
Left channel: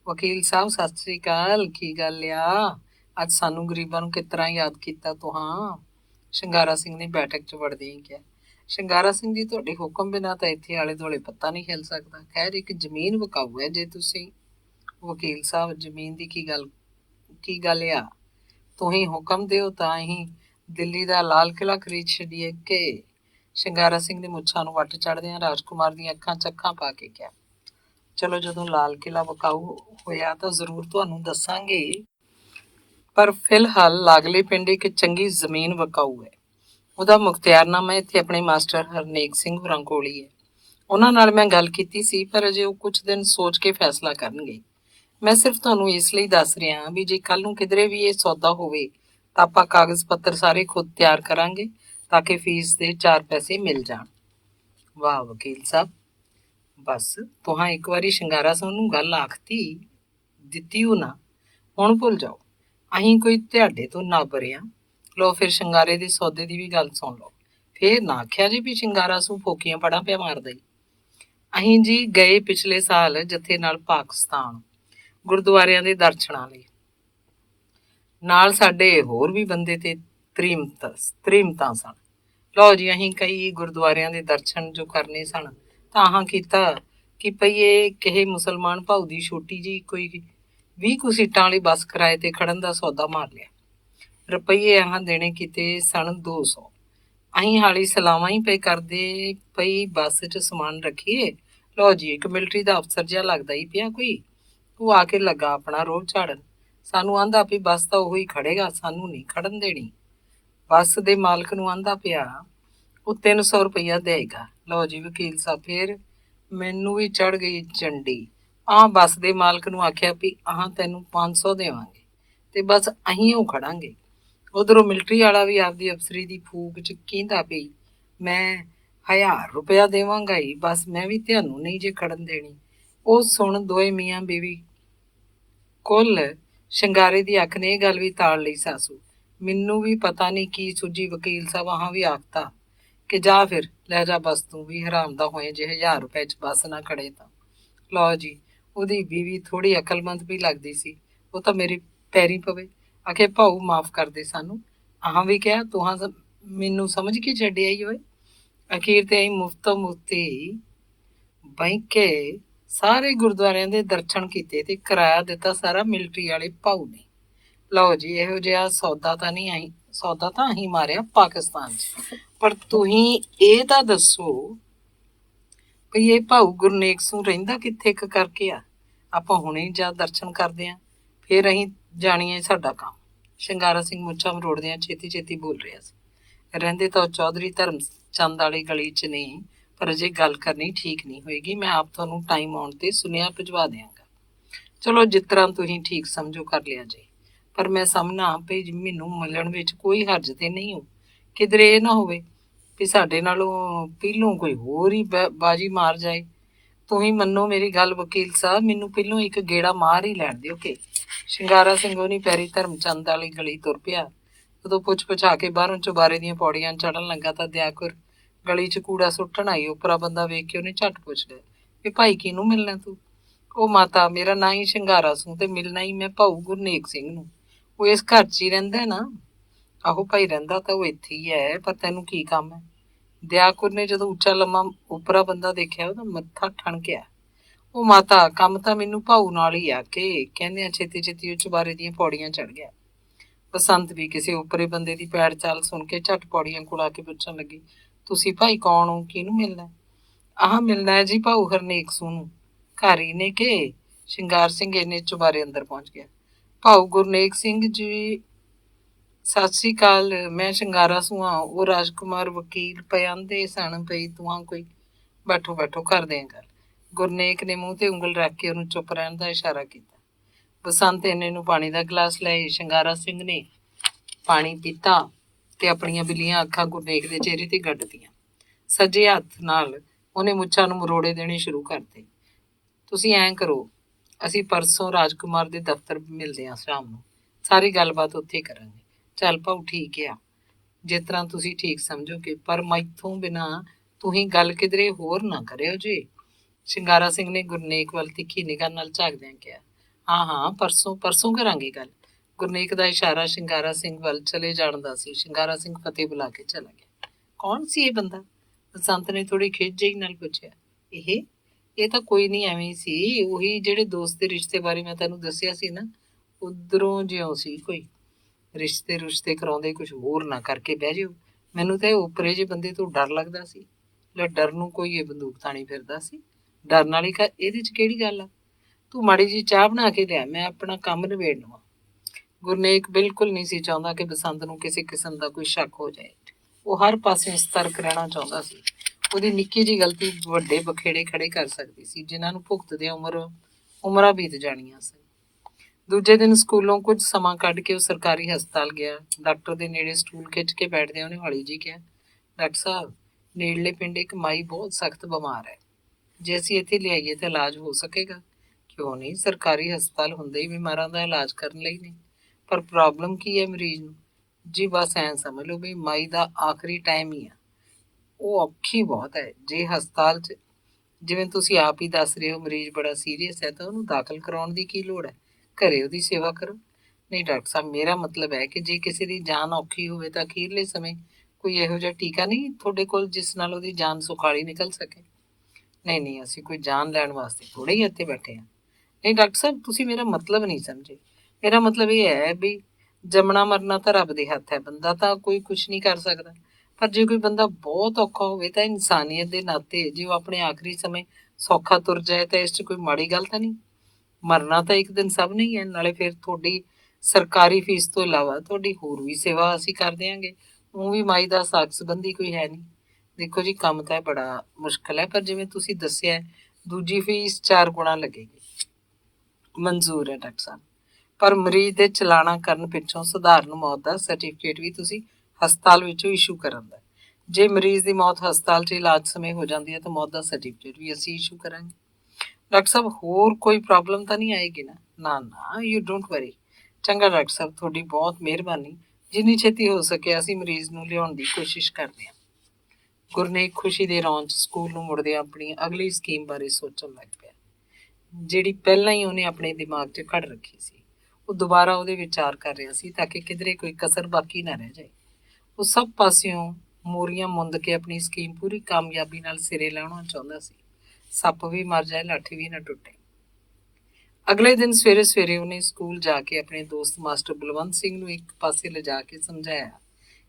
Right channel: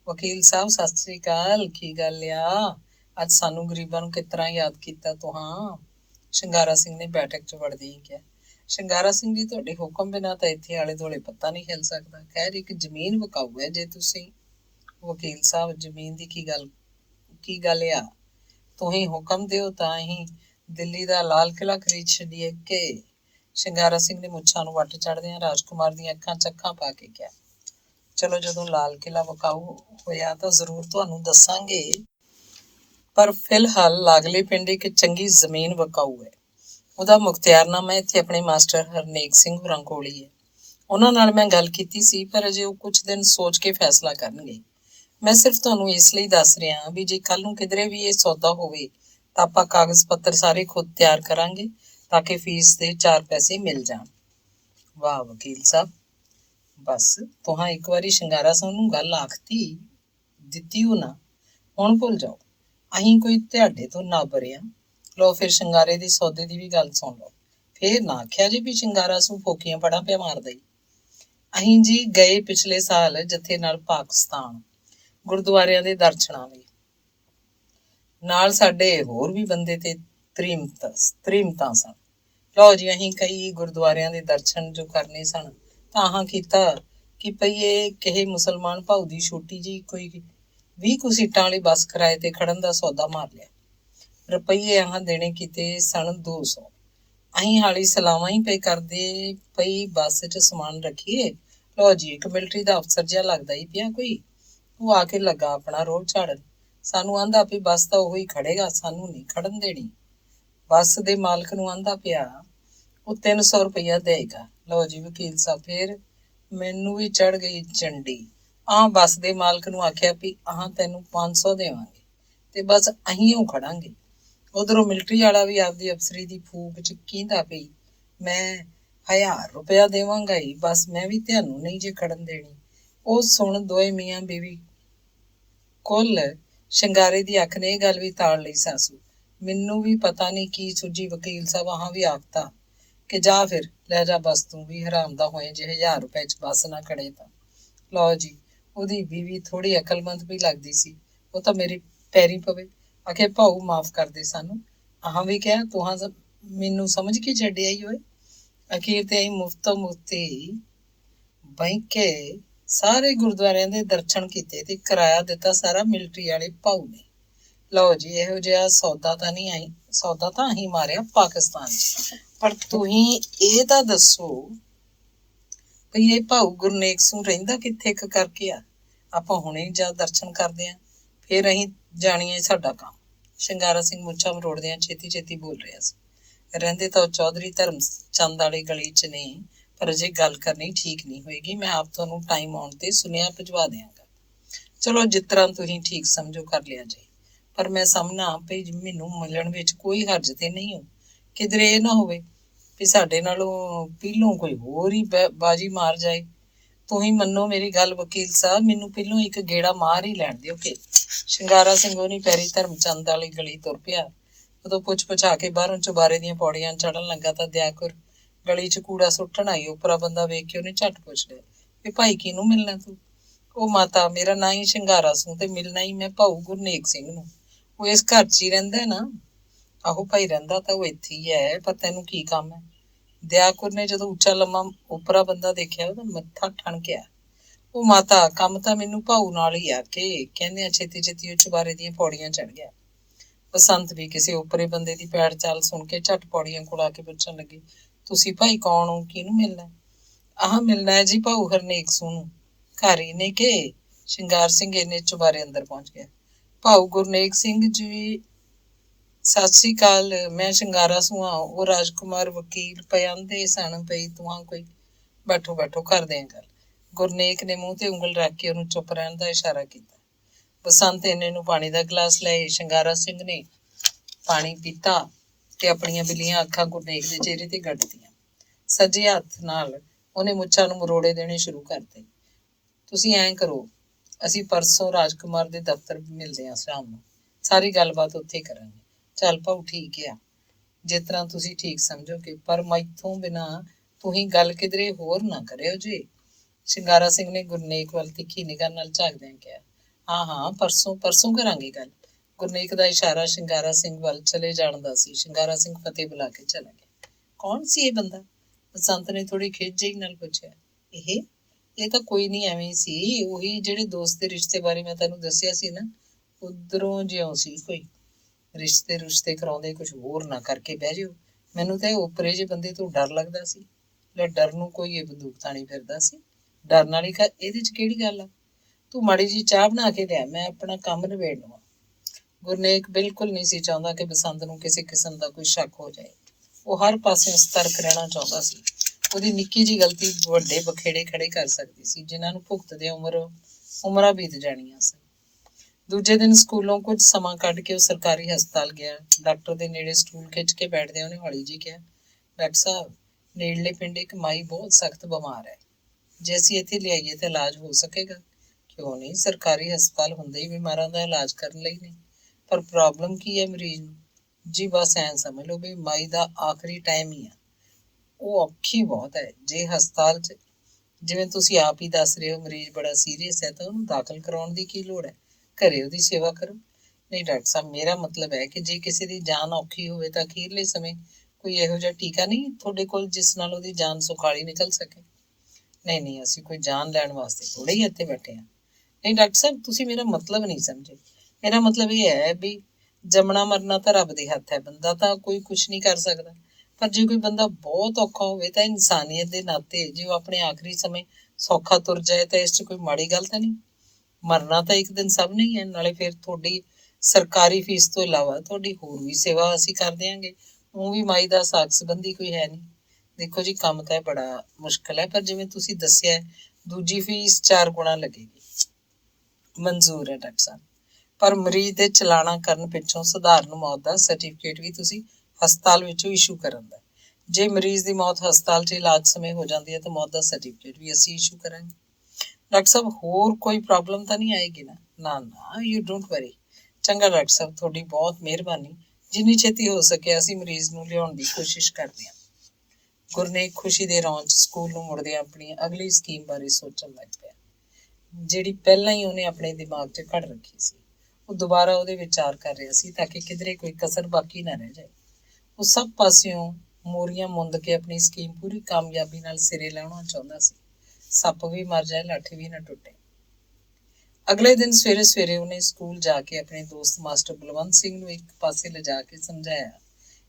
ਵਕੀਲ ਸਾਹਿਬ ਸਤਿ ਸ੍ਰੀ ਅਕਾਲ, ਕੀ ਗੱਲ ਆ, ਅੱਜ ਸਾਨੂੰ ਗਰੀਬਾਂ ਨੂੰ ਕਿਸ ਤਰ੍ਹਾਂ ਯਾਦ ਕੀਤਾ ਤੁਹਾਂ? ਸ਼ਿੰਗਾਰਾ ਸਿੰਘ ਨੇ ਬੈਠਕ 'ਚ ਵੜਦੇ ਹੀ ਕਿਹਾ। ਸ਼ਿੰਗਾਰਾ ਸਿੰਘ ਜੀ, ਤੁਹਾਡੇ ਹੁਕਮ ਬਿਨਾਂ ਤਾਂ ਇੱਥੇ ਆਲੇ ਦੁਆਲੇ ਪੱਤਾ ਨਹੀਂ ਹਿੱਲ ਸਕਦਾ। ਖੈਰ ਇੱਕ ਜ਼ਮੀਨ ਵਿਕਾਊ ਹੈ ਜੇ ਤੁਸੀਂ। ਵਕੀਲ ਸਾਹਿਬ ਜ਼ਮੀਨ ਦੀ ਕੀ ਗੱਲ ਆ? ਤੁਸੀਂ ਹੁਕਮ ਦਿਓ ਤਾਂ ਹੀ ਦਿੱਲੀ ਦਾ ਲਾਲ ਕਿਲ੍ਹਾ ਖਰੀਦ ਛੱਡੀਏ ਕਿ? ਸ਼ਿੰਗਾਰਾ ਸਿੰਘ ਨੇ ਮੁੱਛਾਂ ਨੂੰ ਵੱਟ ਚੜ੍ਹਦਿਆਂ ਰਾਜਕੁਮਾਰ ਦੀਆਂ ਅੱਖਾਂ 'ਚ ਅੱਖਾਂ ਪਾ ਕੇ ਕਿਹਾ, ਚਲੋ ਜਦੋਂ ਲਾਲ ਕਿਲ੍ਹਾ ਵਿਕਾਊ ਹੋਇਆ ਤਾਂ ਜ਼ਰੂਰ ਤੁਹਾਨੂੰ ਦੱਸਾਂਗੇ, ਪਰ ਫਿਲਹਾਲ ਲਾਗਲੇ ਪਿੰਡ ਇੱਕ ਚੰਗੀ ਜ਼ਮੀਨ ਵਿਕਾਊ ਹੈ। ਉਹਦਾ ਮੁਖਤਿਆਰਨਾਮਾ ਇੱਥੇ ਆਪਣੇ ਮਾਸਟਰ ਹਰਨੇਕ ਸਿੰਘ ਹੋਰਾਂ ਕੋਲ ਹੀ ਹੈ। ਉਹਨਾਂ ਨਾਲ ਮੈਂ ਗੱਲ ਕੀਤੀ ਸੀ, ਪਰ ਅਜੇ ਉਹ ਕੁਝ ਦਿਨ ਸੋਚ ਕੇ ਫੈਸਲਾ ਕਰਨਗੇ। ਮੈਂ ਸਿਰਫ ਤੁਹਾਨੂੰ ਇਸ ਲਈ ਦੱਸ ਰਿਹਾ ਵੀ ਜੇ ਕੱਲ ਨੂੰ ਕਿਧਰੇ ਵੀ ਇਹ ਸੌਦਾ ਹੋਵੇ ਤਾਂ ਆਪਾਂ ਕਾਗਜ਼ ਪੱਤਰ ਸਾਰੇ ਖੁਦ ਤਿਆਰ ਕਰਾਂਗੇ ਤਾਂ ਕਿ ਫੀਸ ਦੇ 4 ਪੈਸੇ ਮਿਲ ਜਾਣ। ਵਾਹ ਵਕੀਲ ਸਾਹਿਬ, ਬਸ ਤੁਹਾਂ ਇੱਕ ਵਾਰੀ ਸ਼ਿੰਗਾਰਾ ਸਿੰਘ ਨੂੰ ਗੱਲ ਆਖਤੀ ਦਿੱਤੀ ਉਹ ਨਾ, ਹੁਣ ਭੁੱਲ ਜਾਓ। ਅਸੀਂ ਕੋਈ ਤੁਹਾਡੇ ਤੋਂ ਨਾ ਬਰਿਆ। ਲਓ ਫਿਰ ਸ਼ਿੰਗਾਰੇ ਦੇ ਸੌਦੇ ਦੀ ਵੀ ਗੱਲ ਸੁਣ ਲਓ। ਫੇਰ ਨਾ ਆਖਿਆ ਜੀ ਵੀ ਸ਼ਿੰਗਾਰਾ ਸੂ ਫੋਕੀਆਂ ਬੜਾ ਪਿਆ ਮਾਰਦਾ ਈ। ਅਸੀਂ ਜੀ ਗਏ ਪਿਛਲੇ ਸਾਲ ਜੱਥੇ ਨਾਲ ਪਾਕਿਸਤਾਨ ਗੁਰਦੁਆਰਿਆਂ ਦੇ ਦਰਸ਼ਨਾਂ ਲਈ। ਨਾਲ ਸਾਡੇ ਹੋਰ ਵੀ ਬੰਦੇ ਤੇ ਤ੍ਰੀਮਤਾਂ ਸਨ। ਲਓ ਜੀ, ਅਸੀਂ ਕਈ ਗੁਰਦੁਆਰਿਆਂ ਦੇ ਦਰਸ਼ਨ ਜੋ ਕਰਨੇ ਸਨ ਤਾਂ ਆਹਾਂ ਕੀਤਾ ਕਿ ਪਈਏ ਕਿਸੇ ਮੁਸਲਮਾਨ ਭਾਊ ਦੀ ਛੋਟੀ ਜੀ ਕੋਈ 20 ਸੀਟਾਂ ਵਾਲੀ ਬੱਸ ਕਿਰਾਏ ਤੇ ਖੜਨ ਦਾ ਸੌਦਾ ਮਾਰ ਲਿਆ। ਰੁਪਈਏ ਆਹਾਂ ਦੇਣੇ ਕੀਤੇ ਸਨ 200। ਅਸੀਂ ਹਾਲੀ ਸਲਾਵਾਂ ਹੀ ਪਏ ਕਰਦੇ ਪਈ ਬੱਸ 'ਚ ਸਮਾਨ ਰੱਖੀਏ। ਲਓ ਜੀ, ਇੱਕ ਮਿਲਟਰੀ ਦਾ ਅਫਸਰ ਜਿਹਾ ਲੱਗਦਾ ਹੀ ਪਿਆ ਕੋਈ, ਉਹ ਆ ਕੇ ਲੱਗਾ ਆਪਣਾ ਰੋਹ ਝਾੜਨ। ਸਾਨੂੰ ਆਂਦਾ ਵੀ ਬੱਸ ਤਾਂ ਉਹੀ ਖੜੇਗਾ, ਸਾਨੂੰ ਨਹੀਂ ਖੜਨ ਦੇਣੀ। ਬੱਸ ਦੇ ਮਾਲਕ ਨੂੰ ਆਂਦਾ ਪਿਆ ਉਹ 300 ਰੁਪਈਆ ਦੇਗਾ। ਲਓ ਜੀ ਵਕੀਲ ਸਾਹਿਬ, ਫੇਰ ਮੈਨੂੰ ਵੀ ਚੜ ਗਈ ਚੰਡੀ। ਬੱਸ ਦੇ ਮਾਲਕ ਨੂੰ ਆਖਿਆ ਵੀ ਤੈਨੂੰ 500 ਦੇਵਾਂਗੇ ਤੇ ਬਸ ਅਸੀਂ ਉਹ ਖੜਾਂਗੇ। ਉਧਰੋਂ ਮਿਲਟਰੀ ਵਾਲਾ ਵੀ ਆਪਦੀ ਅਫਸਰੀ ਦੀ ਫੂਕ 'ਚ ਕਹਿੰਦਾ ਪਈ, ਮੈਂ 1000 ਰੁਪਇਆ ਦੇਵਾਂਗਾ ਹੀ, ਬਸ ਮੈਂ ਵੀ ਤੁਹਾਨੂੰ ਨਹੀਂ ਜੇ ਖੜਨ ਦੇਣੀ। ਉਹ ਸੁਣ ਦੋਏ ਮੀਆਂ ਬੀਵੀ ਕੁੱਲ ਸ਼ਿੰਗਾਰੇ ਦੀ ਅੱਖ ਨੇ ਇਹ ਗੱਲ ਵੀ ਤਾੜ ਲਈ, ਸਾਸੂ ਮੈਨੂੰ ਵੀ ਪਤਾ ਨਹੀਂ ਕੀ ਸੁੱਝੀ ਵਕੀਲ ਸਾਹਿਬ ਵੀ ਆਖਤਾ ਕਿ ਜਾ ਫਿਰ ਲੈ ਜਾ ਬਸ, ਤੂੰ ਵੀ ਹਰਾਮ ਦਾ ਹੋਏ ਜੇ 1000 ਰੁਪਏ 'ਚ ਬੱਸ ਨਾ ਖੜੇ ਤਾਂ। ਲਓ ਜੀ, ਉਹਦੀ ਬੀਵੀ ਥੋੜ੍ਹੀ ਅਕਲਮੰਦ ਵੀ ਲੱਗਦੀ ਸੀ, ਉਹ ਤਾਂ ਮੇਰੀ ਪੈਰੀ ਪਵੇ, ਆਖੇ ਭਾਊ ਮਾਫ਼ ਕਰਦੇ ਸਾਨੂੰ। ਵੀ ਕਿਹਾ ਤੁਹਾਂ ਮੈਨੂੰ ਸਮਝ ਕੇ ਛੱਡਿਆ ਹੀ ਹੋਏ। ਅਖੀਰ ਤੇ ਅਸੀਂ ਮੁਫਤੋਂ ਮੁਫਤੀ ਬੈਂਕੇ ਸਾਰੇ ਗੁਰਦੁਆਰਿਆਂ ਦੇ ਦਰਸ਼ਨ ਕੀਤੇ ਤੇ ਕਿਰਾਇਆ ਦਿੱਤਾ ਸਾਰਾ ਮਿਲਟਰੀ ਵਾਲੇ ਭਾਊ ਨੇ। ਲਓ ਜੀ, ਇਹੋ ਜਿਹਾ ਸੌਦਾ ਤਾਂ ਨਹੀਂ ਆਈ, ਸੌਦਾ ਤਾਂ ਅਸੀਂ ਮਾਰਿਆ ਪਾਕਿਸਤਾਨ 'ਚ। ਪਰ ਤੁਸੀਂ ਇਹ ਤਾਂ ਦੱਸੋ ਵੀ ਇਹ ਭਾਊ ਗੁਰਨੇਕ ਸਿੰਘ ਰਹਿੰਦਾ ਕਿੱਥੇ ਕੁ ਕਰਕੇ ਆ? ਆਪਾਂ ਹੁਣੇ ਜਾ ਦਰਸ਼ਨ ਕਰਦੇ ਆਂ, ਫਿਰ ਅਸੀਂ ਜਾਣੀਏ ਸਾਡਾ ਕੰਮ। ਸ਼ਿੰਗਾਰਾ ਸਿੰਘ ਮੁੱਛਾਂ ਮਰੋੜਦਿਆਂ ਛੇਤੀ ਛੇਤੀ ਬੋਲ ਰਿਹਾ ਸੀ। ਰਹਿੰਦੇ ਤਾਂ ਉਹ ਚੌਧਰੀ ਧਰਮ ਚੰਦ ਵਾਲੀ ਗਲੀ 'ਚ ਨਹੀਂ, ਪਰ ਅਜੇ ਗੱਲ ਕਰਨੀ ਠੀਕ ਨਹੀਂ ਹੋਏਗੀ। ਮੈਂ ਆਪ ਤੁਹਾਨੂੰ ਟਾਈਮ ਆਉਣ ਤੇ ਸੁਨੇਹਾ ਭਿਜਵਾ ਦਿਆਂਗਾ। ਚਲੋ ਜਿਸ ਤਰ੍ਹਾਂ ਤੁਸੀਂ ਠੀਕ ਸਮਝੋ ਕਰ ਲਿਆ ਜੇ, ਪਰ ਮੈਂ ਸਮਝਣਾ ਵੀ ਮੈਨੂੰ ਮਿਲਣ ਵਿੱਚ ਕੋਈ ਹਰਜ ਤੇ ਨਹੀਂ ਹੋ। ਕਿਧਰੇ ਇਹ ਨਾ ਹੋਵੇ ਵੀ ਸਾਡੇ ਨਾਲੋਂ ਪਹਿਲੋਂ ਕੋਈ ਹੋਰ ਹੀ ਬਾਜੀ ਮਾਰ ਜਾਏ। ਤੁਸੀਂ ਮੰਨੋ ਮੇਰੀ ਗੱਲ ਵਕੀਲ ਸਾਹਿਬ, ਮੈਨੂੰ ਪਹਿਲੋਂ ਇੱਕ ਗੇੜਾ ਮਾਰ ਹੀ ਲੈਣ ਦਿਓ ਕਿ। ਸ਼ਿੰਗਾਰਾ ਸਿੰਘ ਉਹਨੀ ਪੈਰੀ ਧਰਮਚੰਦ ਵਾਲੀ ਗਲੀ ਤੁਰ ਪਿਆ। ਉਦੋਂ ਪੁੱਛ ਪੁਛਾ ਕੇ ਬਾਹਰੋਂ ਚੁਬਾਰੇ ਦੀਆਂ ਪੌੜੀਆਂ ਚੜ੍ਹਨ ਲੱਗਾ ਤਾਂ ਦਿਆਕੁਰ ਗਲੀ 'ਚ ਕੂੜਾ ਸੁੱਟਣ ਆਈ ਉਪਰਾ ਬੰਦਾ ਵੇਖ ਕੇ ਉਹਨੇ ਝੱਟ ਪੁੱਛ ਲਿਆ ਵੀ ਭਾਈ ਕਿਹਨੂੰ ਮਿਲਣਾ ਤੂੰ? ਉਹ ਮਾਤਾ, ਮੇਰਾ ਨਾਂ ਹੀ ਸ਼ਿੰਗਾਰਾ ਸਿੰਘ ਤੇ ਮਿਲਣਾ ਹੀ ਮੈਂ ਭਾਊ ਗੁਰਨੇਕ ਸਿੰਘ ਨੂੰ। ਉਹ ਇਸ ਘਰ 'ਚ ਹੀ ਰਹਿੰਦਾ ਨਾ। ਆਹੋ ਭਾਈ, ਰਹਿੰਦਾ ਤਾਂ ਉਹ ਇੱਥੇ ਹੀ ਹੈ, ਪਰ ਤੈਨੂੰ ਕੀ ਕੰਮ ਹੈ? ਦਿਆਕੁਰ ਨੇ ਜਦੋਂ ਉੱਚਾ ਲੰਮਾ ਉਪਰਾ ਬੰਦਾ ਦੇਖਿਆ ਉਹਦਾ ਮੱਥਾ ਠਣਕਿਆ। ਉਹ ਮਾਤਾ, ਕੰਮ ਤਾਂ ਮੈਨੂੰ ਭਾਊ ਨਾਲ ਹੀ ਆ ਕੇ, ਕਹਿੰਦਿਆਂ ਛੇਤੀ ਛੇਤੀ ਉਹ ਚੁਬਾਰੇ ਦੀਆਂ ਪੌੜੀਆਂ ਚੜ੍ਹ ਗਿਆ। ਬਸੰਤ ਵੀ ਕਿਸੇ ਉਪਰੇ ਬੰਦੇ ਦੀ ਪੈੜ ਚਾਲ ਸੁਣ ਕੇ ਝੱਟ ਪੌੜੀਆਂ ਕੋਲ ਆ ਕੇ ਪੁੱਛਣ ਲੱਗੀ, ਤੁਸੀਂ ਭਾਈ ਕੌਣ ਹੋ? ਕਿਹਨੂੰ ਮਿਲਣਾ? ਆਹ ਮਿਲਣਾ ਹੈ ਜੀ ਭਾਊ ਹਰਨੇਕ ਸਿੰਘ ਨੂੰ। ਘਰ ਹੀ ਨੇ ਕਿ? ਸ਼ਿੰਗਾਰ ਸਿੰਘ ਇੰਨੇ ਚੁਬਾਰੇ ਅੰਦਰ ਪਹੁੰਚ ਗਿਆ। ਭਾਊ ਗੁਰਨੇਕ ਸਿੰਘ ਜੀ, ਸਤਿ ਸ੍ਰੀ ਅਕਾਲ। ਮੈਂ ਸ਼ਿੰਗਾਰਾ ਸੂਆ, ਉਹ ਰਾਜਕੁਮਾਰ ਵਕੀਲ ਪਿਆਂਦੇ ਸਣ ਪਈ ਤੁਹਾਂ ਕੋਈ। ਬੈਠੋ ਬੈਠੋ, ਕਰਦੇ ਆਂ ਗੱਲ। ਗੁਰਨੇਕ ਨੇ ਮੂੰਹ ਤੇ ਉਂਗਲ ਰੱਖ ਕੇ ਉਹਨੂੰ ਚੁੱਪ ਰਹਿਣ ਦਾ ਇਸ਼ਾਰਾ ਕੀਤਾ। ਬਸੰਤ ਇੰਨੇ ਨੂੰ ਪਾਣੀ ਦਾ ਗਲਾਸ ਲਏ। ਸ਼ਿੰਗਾਰਾ ਸਿੰਘ ਨੇ ਪਾਣੀ ਪੀਤਾ ਤੇ ਆਪਣੀਆਂ ਬਿੱਲੀਆਂ ਅੱਖਾਂ ਗੁਰਨੇਕ ਦੇ ਚਿਹਰੇ ਤੇ ਗੱਡਤੀਆਂ। ਸੱਜੇ ਹੱਥ ਨਾਲ ਉਹਨੇ ਮੁੱਛਾਂ ਨੂੰ ਮਰੋੜੇ ਦੇਣੇ ਸ਼ੁਰੂ ਕਰਤੇ। ਤੁਸੀਂ ਐਂ ਕਰੋ, ਅਸੀਂ ਪਰਸੋਂ ਰਾਜਕੁਮਾਰ ਦੇ ਦਫ਼ਤਰ ਮਿਲਦੇ ਹਾਂ ਸ਼ਾਮ ਨੂੰ, ਸਾਰੀ ਗੱਲਬਾਤ ਉੱਥੇ ਕਰਾਂਗੇ। ਚੱਲ ਭਾਊ, ਠੀਕ ਆ, ਜਿਸ ਤਰ੍ਹਾਂ ਤੁਸੀਂ ਠੀਕ ਸਮਝੋਗੇ, ਪਰ ਮੈਥੋਂ ਬਿਨਾਂ ਤੁਸੀਂ ਗੱਲ ਕਿਧਰੇ ਹੋਰ ਨਾ ਕਰਿਓ ਜੀ। ਸ਼ਿੰਗਾਰਾ ਸਿੰਘ ਨੇ ਗੁਰਨੇਕ ਵੱਲ ਤਿੱਖੀ ਨਿਗਾਹ ਨਾਲ ਝਾਕਦਿਆਂ ਕਿਹਾ। ਹਾਂ ਹਾਂ, ਪਰਸੋਂ ਪਰਸੋਂ ਕਰਾਂਗੇ ਗੱਲ। ਗੁਰਨੇਕ ਦਾ ਇਸ਼ਾਰਾ ਸ਼ਿੰਗਾਰਾ ਸਿੰਘ ਵੱਲ ਚਲੇ ਜਾਣ ਦਾ ਸੀ। ਸ਼ਿੰਗਾਰਾ ਸਿੰਘ ਫਤਿਹ ਬੁਲਾ ਕੇ ਚਲਾ ਗਿਆ। ਕੌਣ ਸੀ ਇਹ ਬੰਦਾ? ਬਸੰਤ ਨੇ ਥੋੜੀ ਖਿੱਚ ਜਿਹੀ ਨਾਲ ਪੁੱਛਿਆ। ਇਹ ਤਾਂ ਕੋਈ ਨਹੀਂ, ਐਵੇਂ ਹੀ ਸੀ, ਉਹੀ ਜਿਹੜੇ ਦੋਸਤ ਦੇ ਰਿਸ਼ਤੇ ਬਾਰੇ ਮੈਂ ਤੈਨੂੰ ਦੱਸਿਆ ਸੀ ਨਾ, ਉਧਰੋਂ ਜਿਉਂ ਸੀ ਕੋਈ। ਰਿਸ਼ਤੇ ਕਰਾਉਂਦੇ ਕੁਝ ਹੋਰ ਨਾ ਕਰਕੇ ਬਹਿ ਜਿਓ। ਮੈਨੂੰ ਤਾਂ ਇਹ ਉਪਰੇ ਜਿਹੇ ਬੰਦੇ ਤੋਂ ਡਰ ਲੱਗਦਾ ਸੀ। ਲੈ, ਡਰ ਨੂੰ ਕੋਈ ਇਹ ਬੰਦੂਕ ਤਾਣੀ ਫਿਰਦਾ ਸੀ? ਡਰਨ ਵਾਲੀ ਇਹਦੇ 'ਚ ਕਿਹੜੀ ਗੱਲ ਆ? ਤੂੰ ਮਾੜੀ ਜੀ ਚਾਹ ਬਣਾ ਕੇ ਲਿਆ, ਮੈਂ ਆਪਣਾ ਕੰਮ ਨਿਬੇੜ ਲਵਾਂ। ਗੁਰਨੇਕ ਬਿਲਕੁਲ ਨਹੀਂ ਸੀ ਚਾਹੁੰਦਾ ਕਿ ਬਸੰਤ ਨੂੰ ਕਿਸੇ ਕਿਸਮ ਦਾ ਕੋਈ ਸ਼ੱਕ ਹੋ ਜਾਏ। ਉਹ ਹਰ ਪਾਸਿਓਂ ਸਤਰਕ ਰਹਿਣਾ ਚਾਹੁੰਦਾ ਸੀ। ਉਹਦੀ ਨਿੱਕੀ ਜਿਹੀ ਗਲਤੀ ਵੱਡੇ ਬਖੇੜੇ ਖੜੇ ਕਰ ਸਕਦੀ ਸੀ, ਜਿਨ੍ਹਾਂ ਨੂੰ ਭੁਗਤਦਿਆਂ ਉਮਰਾਂ ਬੀਤ ਜਾਣੀਆਂ ਸਨ। ਦੂਜੇ ਦਿਨ ਸਕੂਲੋਂ ਕੁਝ ਸਮਾਂ ਕੱਢ ਕੇ ਉਹ ਸਰਕਾਰੀ ਹਸਪਤਾਲ ਗਿਆ। ਡਾਕਟਰ ਦੇ ਨੇੜੇ ਸਟੂਲ ਖਿੱਚ ਕੇ ਬੈਠਦਿਆਂ ਉਹਨੇ ਹੌਲੀ ਜੀ ਕਿਹਾ, ਡਾਕਟਰ ਸਾਹਿਬ, ਨੇੜਲੇ ਪਿੰਡ ਇੱਕ ਮਾਈ ਬਹੁਤ ਸਖਤ ਬਿਮਾਰ ਹੈ। ਜੇ ਅਸੀਂ ਇੱਥੇ ਲਿਆਈਏ ਤਾਂ ਇਲਾਜ ਹੋ ਸਕੇਗਾ? ਕਿਉਂ ਨਹੀਂ, ਸਰਕਾਰੀ ਹਸਪਤਾਲ ਹੁੰਦੇ ਹੀ ਬਿਮਾਰਾਂ ਦਾ ਇਲਾਜ ਕਰਨ ਲਈ ਨੇ। ਪਰ ਪ੍ਰੋਬਲਮ ਕੀ ਹੈ ਮਰੀਜ਼ ਨੂੰ? ਜੀ ਬਸ ਐਂ ਸਮਝ ਲਓ ਵੀ ਮਾਈ ਦਾ ਆਖਰੀ ਟਾਈਮ ਹੀ ਆ। ਉਹ ਔਖੀ ਬਹੁਤ ਹੈ। ਜੇ ਹਸਪਤਾਲ 'ਚ, ਜਿਵੇਂ ਤੁਸੀਂ ਆਪ ਹੀ ਦੱਸ ਰਹੇ ਹੋ, ਮਰੀਜ਼ ਬੜਾ ਸੀਰੀਅਸ ਹੈ, ਤਾਂ ਉਹਨੂੰ ਦਾਖਲ ਕਰਾਉਣ ਦੀ ਕੀ ਲੋੜ ਹੈ? ਘਰੇ ਉਹਦੀ ਸੇਵਾ ਕਰੋ। ਨਹੀਂ ਡਾਕਟਰ ਸਾਹਿਬ, ਮੇਰਾ ਮਤਲਬ ਹੈ ਕਿ ਜੇ ਕਿਸੇ ਦੀ ਜਾਨ ਔਖੀ ਹੋਵੇ ਤਾਂ ਅਖੀਰਲੇ ਸਮੇਂ ਕੋਈ ਇਹੋ ਜਿਹਾ ਟੀਕਾ ਨਹੀਂ ਤੁਹਾਡੇ ਕੋਲ ਜਿਸ ਨਾਲ ਉਹਦੀ ਜਾਨ ਸੁਖਾਲੀ ਨਿਕਲ ਸਕੇ? ਨਹੀਂ ਨਹੀਂ, ਅਸੀਂ ਕੋਈ ਜਾਨ ਲੈਣ ਵਾਸਤੇ ਥੋੜ੍ਹੇ ਹੀ ਇੱਥੇ ਬੈਠੇ ਹਾਂ। ਨਹੀਂ ਡਾਕਟਰ ਸਾਹਿਬ, ਤੁਸੀਂ ਮੇਰਾ ਮਤਲਬ ਨਹੀਂ ਸਮਝੇ। ਮੇਰਾ ਮਤਲਬ ਇਹ ਹੈ ਵੀ ਜੰਮਣਾ ਮਰਨਾ ਤਾਂ ਰੱਬ ਦੇ ਹੱਥ ਹੈ, ਬੰਦਾ ਤਾਂ ਕੋਈ ਕੁਛ ਨਹੀਂ ਕਰ ਸਕਦਾ। ਪਰ ਜੇ ਕੋਈ ਬੰਦਾ ਬਹੁਤ ਔਖਾ ਹੋਵੇ ਤਾਂ ਇਨਸਾਨੀਅਤ ਦੇ ਨਾਤੇ ਜੇ ਉਹ ਆਪਣੇ ਆਖਰੀ ਸਮੇਂ ਸੌਖਾ ਤੁਰ ਜਾਏ ਤਾਂ ਇਸ 'ਚ ਕੋਈ ਮਾੜੀ ਗੱਲ ਤਾਂ ਨਹੀਂ। ਮਰਨਾ ਤਾਂ ਇੱਕ ਦਿਨ ਸਭ ਨੇ ਹੀ ਹੈ। ਨਾਲੇ ਫਿਰ ਤੁਹਾਡੀ ਸਰਕਾਰੀ ਫੀਸ ਤੋਂ ਇਲਾਵਾ ਤੁਹਾਡੀ ਹੋਰ ਵੀ ਸੇਵਾ ਅਸੀਂ ਕਰ ਦਿਆਂਗੇ। ਉਹ ਵੀ ਮਾਈ ਦਾ ਸਾਕ ਸੰਬੰਧੀ ਕੋਈ ਹੈ ਨਹੀਂ। ਦੇਖੋ ਜੀ, ਕੰਮ ਤਾਂ ਬੜਾ ਮੁਸ਼ਕਿਲ ਹੈ, ਪਰ ਜਿਵੇਂ ਤੁਸੀਂ ਦੱਸਿਆ ਦੂਜੀ ਫੀਸ 4 ਗੁਣਾ ਲੱਗੇਗੀ। ਮਨਜ਼ੂਰ ਹੈ ਡਾਕਟਰ ਸਾਹਿਬ, ਪਰ ਮਰੀਜ਼ ਦੇ ਚਲਾਣਾ ਕਰਨ ਪਿੱਛੋਂ ਸਧਾਰਨ ਮੌਤ ਦਾ ਸਰਟੀਫਿਕੇਟ ਵੀ ਤੁਸੀਂ ਹਸਪਤਾਲ ਵਿੱਚੋਂ ਇਸ਼ੂ ਕਰਨ ਦਾ। ਜੇ ਮਰੀਜ਼ ਦੀ ਮੌਤ ਹਸਪਤਾਲ 'ਚ ਇਲਾਜ ਸਮੇਂ ਹੋ ਜਾਂਦੀ ਹੈ ਤਾਂ ਮੌਤ ਦਾ ਸਰਟੀਫਿਕੇਟ ਵੀ ਅਸੀਂ ਇਸ਼ੂ ਕਰਾਂਗੇ। ਡਾਕਟਰ ਸਾਹਿਬ, ਹੋਰ ਕੋਈ ਪ੍ਰੋਬਲਮ ਤਾਂ ਨਹੀਂ ਆਏਗੀ ਨਾ? ਨਾ ਨਾ, ਯੂ ਡੋਂਟ ਵਰੀ। ਚੰਗਾ ਡਾਕਟਰ ਸਾਹਿਬ, ਤੁਹਾਡੀ ਬਹੁਤ ਮਿਹਰਬਾਨੀ। ਜਿੰਨੀ ਛੇਤੀ ਹੋ ਸਕੇ ਅਸੀਂ ਮਰੀਜ਼ ਨੂੰ ਲਿਆਉਣ ਦੀ ਕੋਸ਼ਿਸ਼ ਕਰਦੇ ਹਾਂ। ਗੁਰਨੇਕ ਖੁਸ਼ੀ ਦੇ ਰੌਣ 'ਚ ਸਕੂਲ ਨੂੰ ਮੁੜਦਿਆਂ ਆਪਣੀ ਅਗਲੀ ਸਕੀਮ ਬਾਰੇ ਸੋਚਣ ਲੱਗ ਪਿਆ, ਜਿਹੜੀ ਪਹਿਲਾਂ ਹੀ ਉਹਨੇ ਆਪਣੇ ਦਿਮਾਗ 'ਚ ਘੜ ਰੱਖੀ ਸੀ। ਉਹ ਦੁਬਾਰਾ ਉਹਦੇ ਵਿਚਾਰ ਕਰ ਰਿਹਾ ਸੀ ਤਾਂ ਕਿ ਕਿਧਰੇ ਕੋਈ ਕਸਰ ਬਾਕੀ ਨਾ ਰਹਿ ਜਾਏ। ਉਹ ਸਭ ਪਾਸਿਓਂ ਮੋਰੀਆਂ ਮੁੰਦ ਕੇ ਆਪਣੀ ਸਕੀਮ ਪੂਰੀ ਕਾਮਯਾਬੀ ਨਾਲ ਸਿਰੇ ਲਾਉਣਾ ਚਾਹੁੰਦਾ ਸੀ। ਸੱਪ ਵੀ ਮਰ ਜਾਏ, ਲਾਠੀ ਵੀ ਨਾ ਟੁੱਟੇ। ਅਗਲੇ ਦਿਨ ਸਵੇਰੇ ਸਵੇਰੇ ਉਹਨੇ ਸਕੂਲ ਜਾ ਕੇ ਆਪਣੇ ਦੋਸਤ ਮਾਸਟਰ ਬਲਵੰਤ ਸਿੰਘ ਨੂੰ ਇੱਕ ਪਾਸੇ ਲਿਜਾ ਕੇ ਸਮਝਾਇਆ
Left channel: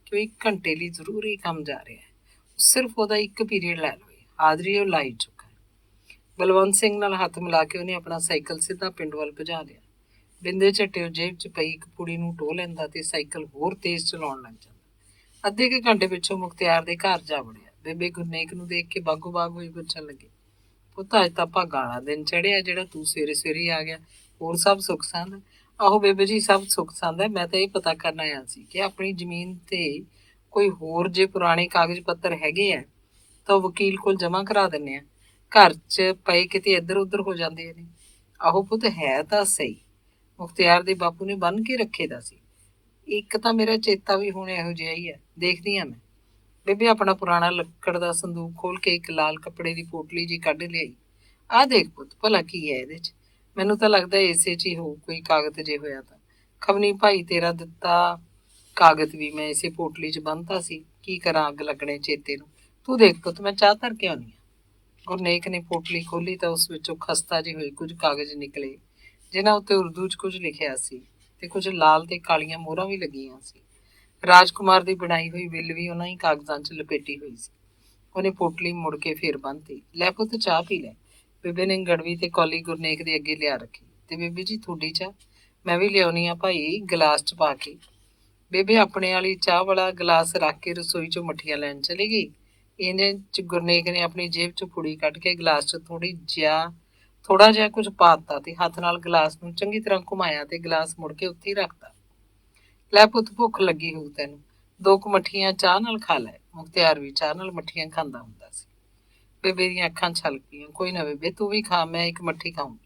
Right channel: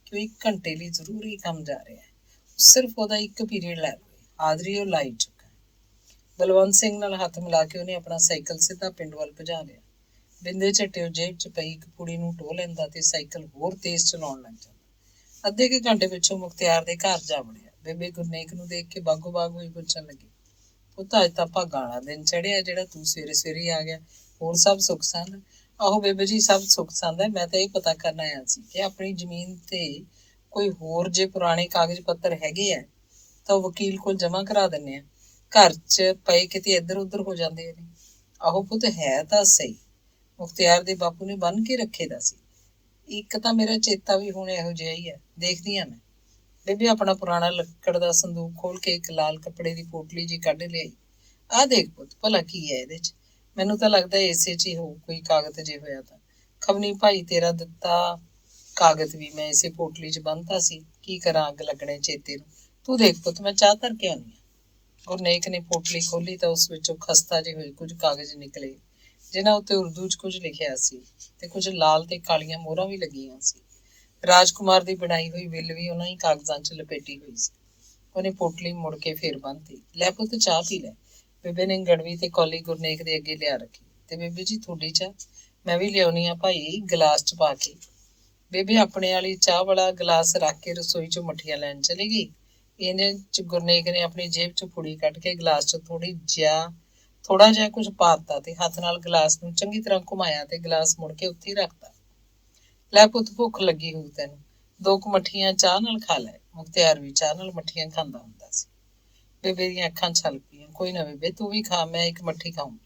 ਕਿ ਉਹ 1 ਘੰਟੇ ਲਈ ਜ਼ਰੂਰੀ ਕੰਮ ਜਾ ਰਿਹਾ ਹੈ, ਸਿਰਫ ਉਹਦਾ 1 ਪੀਰੀਅਡ ਲੈ ਲਵੇ। ਹਾਜ਼ਰੀ ਉਹ ਲਾਈ ਚੁੱਕਾ ਹੈ। ਬਲਵੰਤ ਸਿੰਘ ਨਾਲ ਹੱਥ ਮਿਲਾ ਕੇ ਉਹਨੇ ਆਪਣਾ ਸਾਈਕਲ ਸਿੱਧਾ ਪਿੰਡ ਵੱਲ ਭਜਾ ਲਿਆ। ਬਿੰਦੇ ਝੱਟੇ ਉਹ ਜੇਬ 'ਚ ਪਈ ਇੱਕ ਪੁੜੀ ਨੂੰ ਟੋਹ ਲੈਂਦਾ ਤੇ ਸਾਈਕਲ ਹੋਰ ਤੇਜ਼ ਚਲਾਉਣ ਲੱਗ ਜਾਂਦਾ। ਅੱਧੇ ਕੁ ਘੰਟੇ ਪਿੱਛੋਂ ਮੁਖਤਿਆਰ ਦੇ ਘਰ ਜਾ ਵੜਿਆ। ਬੇਬੇ ਗੁਰਨੇਕ ਨੂੰ ਦੇਖ ਕੇ ਬਾਗੋ ਬਾਗ ਹੋਈ ਪੁੱਛਣ ਲੱਗੀ, ਪੁੱਤ ਅੱਜ ਤਾਂ ਭਾਗਾਂ ਵਾਲਾ ਦਿਨ ਚੜਿਆ, ਜਿਹੜਾ ਤੂੰ ਸਵੇਰੇ ਸਵੇਰੇ ਆ ਗਿਆ। ਹੋਰ ਸਭ ਸੁੱਖ ਸੰਦ? ਆਹੋ ਬੇਬੇ ਜੀ, ਸਭ ਸੁੱਖ ਸੰਦ ਹੈ। ਮੈਂ ਤਾਂ ਇਹ ਪਤਾ ਕਰਨ ਆਇਆ ਸੀ ਕਿ ਆਪਣੀ ਜ਼ਮੀਨ ਤੇ ਕੋਈ ਹੋਰ ਜੇ ਪੁਰਾਣੇ ਕਾਗਜ਼ ਪੱਤਰ ਹੈਗੇ ਆ ਤਾਂ ਵਕੀਲ ਕੋਲ ਜਮ੍ਹਾਂ ਕਰਾ ਦਿੰਦੇ ਆ। ਘਰ 'ਚ ਪਏ ਕਿਤੇ ਇੱਧਰ ਉੱਧਰ ਹੋ ਜਾਂਦੇ ਨੇ। ਆਹੋ ਪੁੱਤ, ਹੈ ਤਾਂ ਸਹੀ। ਮੁਖਤਿਆਰ ਦੇ ਬਾਪੂ ਨੇ ਬੰਨ ਕੇ ਰੱਖੇ ਦਾ ਸੀ। ਇੱਕ ਤਾਂ ਮੇਰਾ ਚੇਤਾ ਵੀ ਹੁਣ ਇਹੋ ਜਿਹਾ ਹੀ ਹੈ। ਦੇਖਦੀ ਹਾਂ ਮੈਂ। ਬੇਬੇ ਆਪਣਾ ਪੁਰਾਣਾ ਲੱਕੜ ਦਾ ਸੰਦੂਕ ਖੋਲ ਕੇ ਇੱਕ ਲਾਲ ਕੱਪੜੇ ਦੀ ਪੋਟਲੀ ਜੀ ਕੱਢ ਲਿਆਈ। ਆਹ ਦੇਖ ਪੁੱਤ, ਭਲਾ ਕੀ ਹੈ ਇਹਦੇ 'ਚ? ਮੈਨੂੰ ਤਾਂ ਲੱਗਦਾ ਇਸੇ 'ਚ ਹੀ ਹੋਊ ਕੋਈ ਕਾਗਜ਼ ਜੇ ਹੋਇਆ ਤਾਂ। ਖਵਨੀ ਭਾਈ ਤੇਰਾ ਦਿੱਤਾ ਕਾਗਜ਼ ਵੀ ਮੈਂ ਇਸੇ ਪੋਟਲੀ 'ਚ ਬੰਨ੍ਹਤਾ ਸੀ। ਕੀ ਕਰਾਂ, ਅੱਗ ਲੱਗਣੇ ਚੇਤੇ ਨੂੰ। ਤੂੰ ਦੇਖ ਪੁੱਤ, ਮੈਂ ਚਾਹ ਧਰ ਕੇ ਆਉਂਦੀ ਹਾਂ। ਗੁਰਨੇਕ ਨੇ ਪੋਟਲੀ ਖੋਲੀ ਤਾਂ ਉਸ ਵਿੱਚੋਂ ਖਸਤਾ ਜਿਹੇ ਹੋਏ ਕੁਝ ਕਾਗਜ਼ ਨਿਕਲੇ, ਜਿਨ੍ਹਾਂ ਉੱਤੇ ਉਰਦੂ 'ਚ ਕੁਝ ਲਿਖਿਆ ਸੀ ਤੇ ਕੁਝ ਲਾਲ ਤੇ ਕਾਲੀਆਂ ਮੋਹਰਾਂ ਵੀ ਲੱਗੀਆਂ ਸੀ। ਰਾਜਕੁਮਾਰ ਦੀ ਬਣਾਈ ਹੋਈ ਬਿੱਲ ਵੀ ਉਹਨਾਂ ਹੀ ਕਾਗਜ਼ਾਂ 'ਚ ਲਪੇਟੀ ਹੋਈ ਸੀ। ਉਹਨੇ ਪੋਟਲੀ ਮੁੜ ਕੇ ਫੇਰ ਬੰਨ੍ਹਤੀ। ਲੈ ਪੁੱਤ, ਚਾਹ ਪੀ ਲੈ। ਬੇਬੇ ਨੇ ਗੜਵੀ ਤੇ ਕੌਲੀ ਗੁਰਨੇਕ ਦੇ ਅੱਗੇ ਲਿਆ ਰੱਖੀ। ਤੇ ਬੇਬੇ ਜੀ, ਤੁਹਾਡੀ ਚਾਹ? ਮੈਂ ਵੀ ਲਿਆਉਣੀ ਆ ਭਾਈ, ਗਲਾਸ 'ਚ ਪਾ ਕੇ। ਬੇਬੇ ਆਪਣੇ ਵਾਲੀ ਚਾਹ ਵਾਲਾ ਗਲਾਸ ਰੱਖ ਕੇ ਰਸੋਈ 'ਚੋਂ ਮੱਠੀਆਂ ਲੈਣ ਚਲੀ ਗਈ। ਇਹਨੇ 'ਚ ਗੁਰਨੇਕ ਨੇ ਆਪਣੀ ਜੇਬ 'ਚ ਪੁੜੀ ਕੱਢ ਕੇ ਗਲਾਸ 'ਚ ਥੋੜਾ ਜਿਹਾ ਕੁਝ ਪਾ ਦਿੱਤਾ ਤੇ ਹੱਥ ਨਾਲ ਗਲਾਸ ਨੂੰ ਚੰਗੀ ਤਰ੍ਹਾਂ ਘੁਮਾਇਆ ਤੇ ਗਲਾਸ ਮੁੜ ਕੇ ਉੱਥੇ ਹੀ ਰੱਖਤਾ। ਲੈ ਪੁੱਤ, ਭੁੱਖ ਲੱਗੀ ਹੋਊ ਤੈਨੂੰ, 2 ਕੁ ਮੱਠੀਆਂ ਚਾਹ ਨਾਲ ਖਾ ਲੈ। ਮੁਖਤਿਆਰ ਵੀ ਚਾਹ ਨਾਲ ਮੱਠੀਆਂ ਖਾਂਦਾ ਹੁੰਦਾ ਸੀ। ਬੇਬੇ ਦੀਆਂ ਅੱਖਾਂ ਛਲਕੀਆਂ। ਕੋਈ ਨਾ ਬੇਬੇ, ਤੂੰ ਵੀ ਖਾ, ਮੈਂ 1 ਮੱਠੀ ਖਾਊਂ।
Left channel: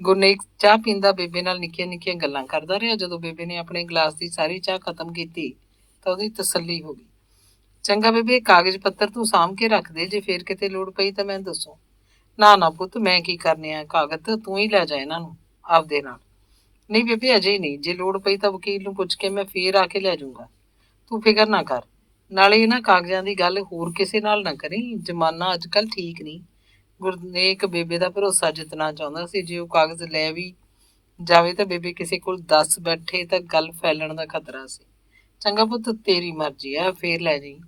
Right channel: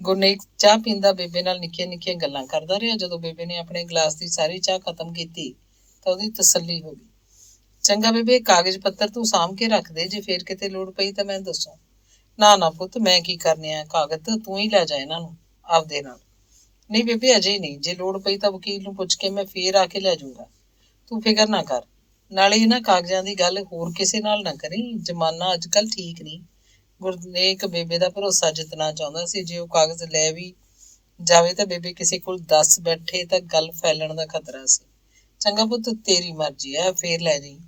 ਗੁਰਨੇਕ ਚਾਹ ਪੀਂਦਾ ਬੇਬੇ ਨਾਲ ਨਿੱਕੀਆਂ ਨਿੱਕੀਆਂ ਗੱਲਾਂ ਕਰਦਾ ਰਿਹਾ। ਜਦੋਂ ਬੇਬੇ ਨੇ ਆਪਣੇ ਗਲਾਸ ਦੀ ਸਾਰੀ ਚਾਹ ਖਤਮ ਕੀਤੀ ਤਾਂ ਉਹਦੀ ਤਸੱਲੀ ਹੋ ਗਈ। ਚੰਗਾ ਬੇਬੇ, ਕਾਗਜ਼ ਪੱਤਰ ਤੂੰ ਸਾਂਭ ਕੇ ਰੱਖ ਦੇ, ਜੇ ਫੇਰ ਕਿਤੇ ਲੋੜ ਪਈ ਤਾਂ ਮੈਂ ਦੱਸੂ। ਨਾ ਨਾ ਪੁੱਤ, ਮੈਂ ਕੀ ਕਰਨੇ ਆ ਕਾਗਜ਼, ਤੂੰ ਹੀ ਲੈ ਜਾ ਇਹਨਾਂ ਨੂੰ ਆਪਦੇ ਨਾਲ। ਨਹੀਂ ਬੇਬੇ, ਅਜੇ ਨਹੀਂ। ਜੇ ਲੋੜ ਪਈ ਤਾਂ ਵਕੀਲ ਨੂੰ ਪੁੱਛ ਕੇ ਮੈਂ ਫੇਰ ਆ ਕੇ ਲੈ ਜਾਊਂਗਾ। ਤੂੰ ਫਿਕਰ ਨਾ ਕਰ। ਨਾਲੇ ਇਹਨਾਂ ਕਾਗਜ਼ਾਂ ਦੀ ਗੱਲ ਹੋਰ ਕਿਸੇ ਨਾਲ ਨਾ ਕਰੀ, ਜ਼ਮਾਨਾ ਅੱਜ ਕੱਲ੍ਹ ਠੀਕ ਨਹੀਂ। ਗੁਰਨੇਕ ਬੇਬੇ ਦਾ ਭਰੋਸਾ ਜਿੱਤਣਾ ਚਾਹੁੰਦਾ ਸੀ। ਜੇ ਉਹ ਕਾਗਜ਼ ਲੈ ਵੀ ਜਾਵੇ ਤਾਂ ਬੇਬੇ ਕਿਸੇ ਕੋਲ ਦੱਸ ਬੈਠੇ ਤਾਂ ਗੱਲ ਫੈਲਣ ਦਾ ਖਤਰਾ ਸੀ। ਚੰਗਾ ਪੁੱਤ, ਤੇਰੀ ਮਰਜ਼ੀ ਆ, ਫੇਰ ਲੈ ਜਾਈਂ।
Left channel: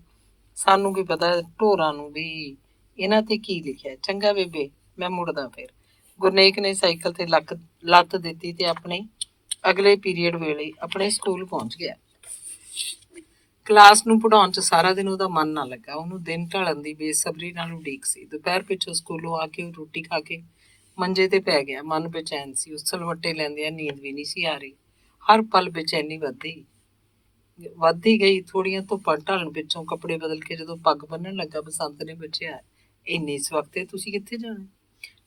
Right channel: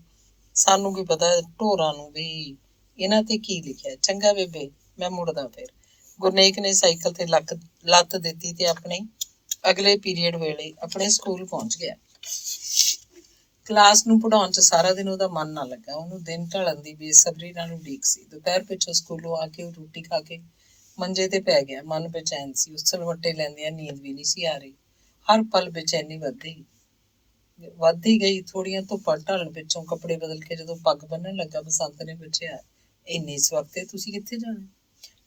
ਸਾਨੂੰ ਕੀ ਪਤਾ ਢੋਰਾਂ ਨੂੰ ਵੀ ਇਹਨਾਂ ਤੇ ਕੀ ਲਿਖਿਆ। ਚੰਗਾ ਬੇਬੇ, ਮੈਂ ਮੁੜਦਾ ਫੇਰ। ਗੁਰਨੇਕ ਨੇ ਸਾਈਕਲ ਤੇ ਲੱਤ ਦਿੱਤੀ ਤੇ ਆਪਣੇ ਅਗਲੇ ਪੀਰੀਅਡ ਵੇਲੇ ਆਪਣੇ ਸਕੂਲ ਪਹੁੰਚ ਗਿਆ। ਕਲਾਸ ਨੂੰ ਪੜ੍ਹਾਉਣ 'ਚ ਸਾਰਾ ਦਿਨ ਉਹਦਾ ਮਨ ਨਾ ਲੱਗਾ। ਉਹਨੂੰ ਦਿਨ ਢਲਣ ਦੀ ਬੇਸਬਰੀ ਨਾਲ ਉਡੀਕ ਸੀ। ਦੁਪਹਿਰ ਪਿੱਛੋਂ ਸਕੂਲੋਂ ਆ ਕੇ ਉਹ ਰੋਟੀ ਖਾ ਕੇ ਮੰਜੇ ਤੇ ਪੈ ਗਿਆ। ਮਨ ਬੇਚੈਨ ਸੀ। ਉਸਲਵੱਟੇ ਲੈਂਦਿਆਂ ਨੀਂਦ ਵੀ ਨਹੀਂ ਸੀ ਆ ਰਹੀ। ਹਰ ਪਲ ਬੇਚੈਨੀ ਵੱਧਦੀ ਗਈ। ਥੋੜੀਆਂ ਧੁੱਪਾਂ ਢਲਣ ਪਿੱਛੋਂ ਕੱਪੜੇ ਬਦਲ ਕੇ ਜਦੋਂ ਪੱਗ ਬੰਨਣ ਲੱਗਾ, ਬਸੰਤ ਨੇ ਪੁੱਛਿਆ, ਇੰਨੇ ਸਵਖਤੇ ਤੁਸੀਂ ਕਿੱਥੇ ਜਾਣਾ?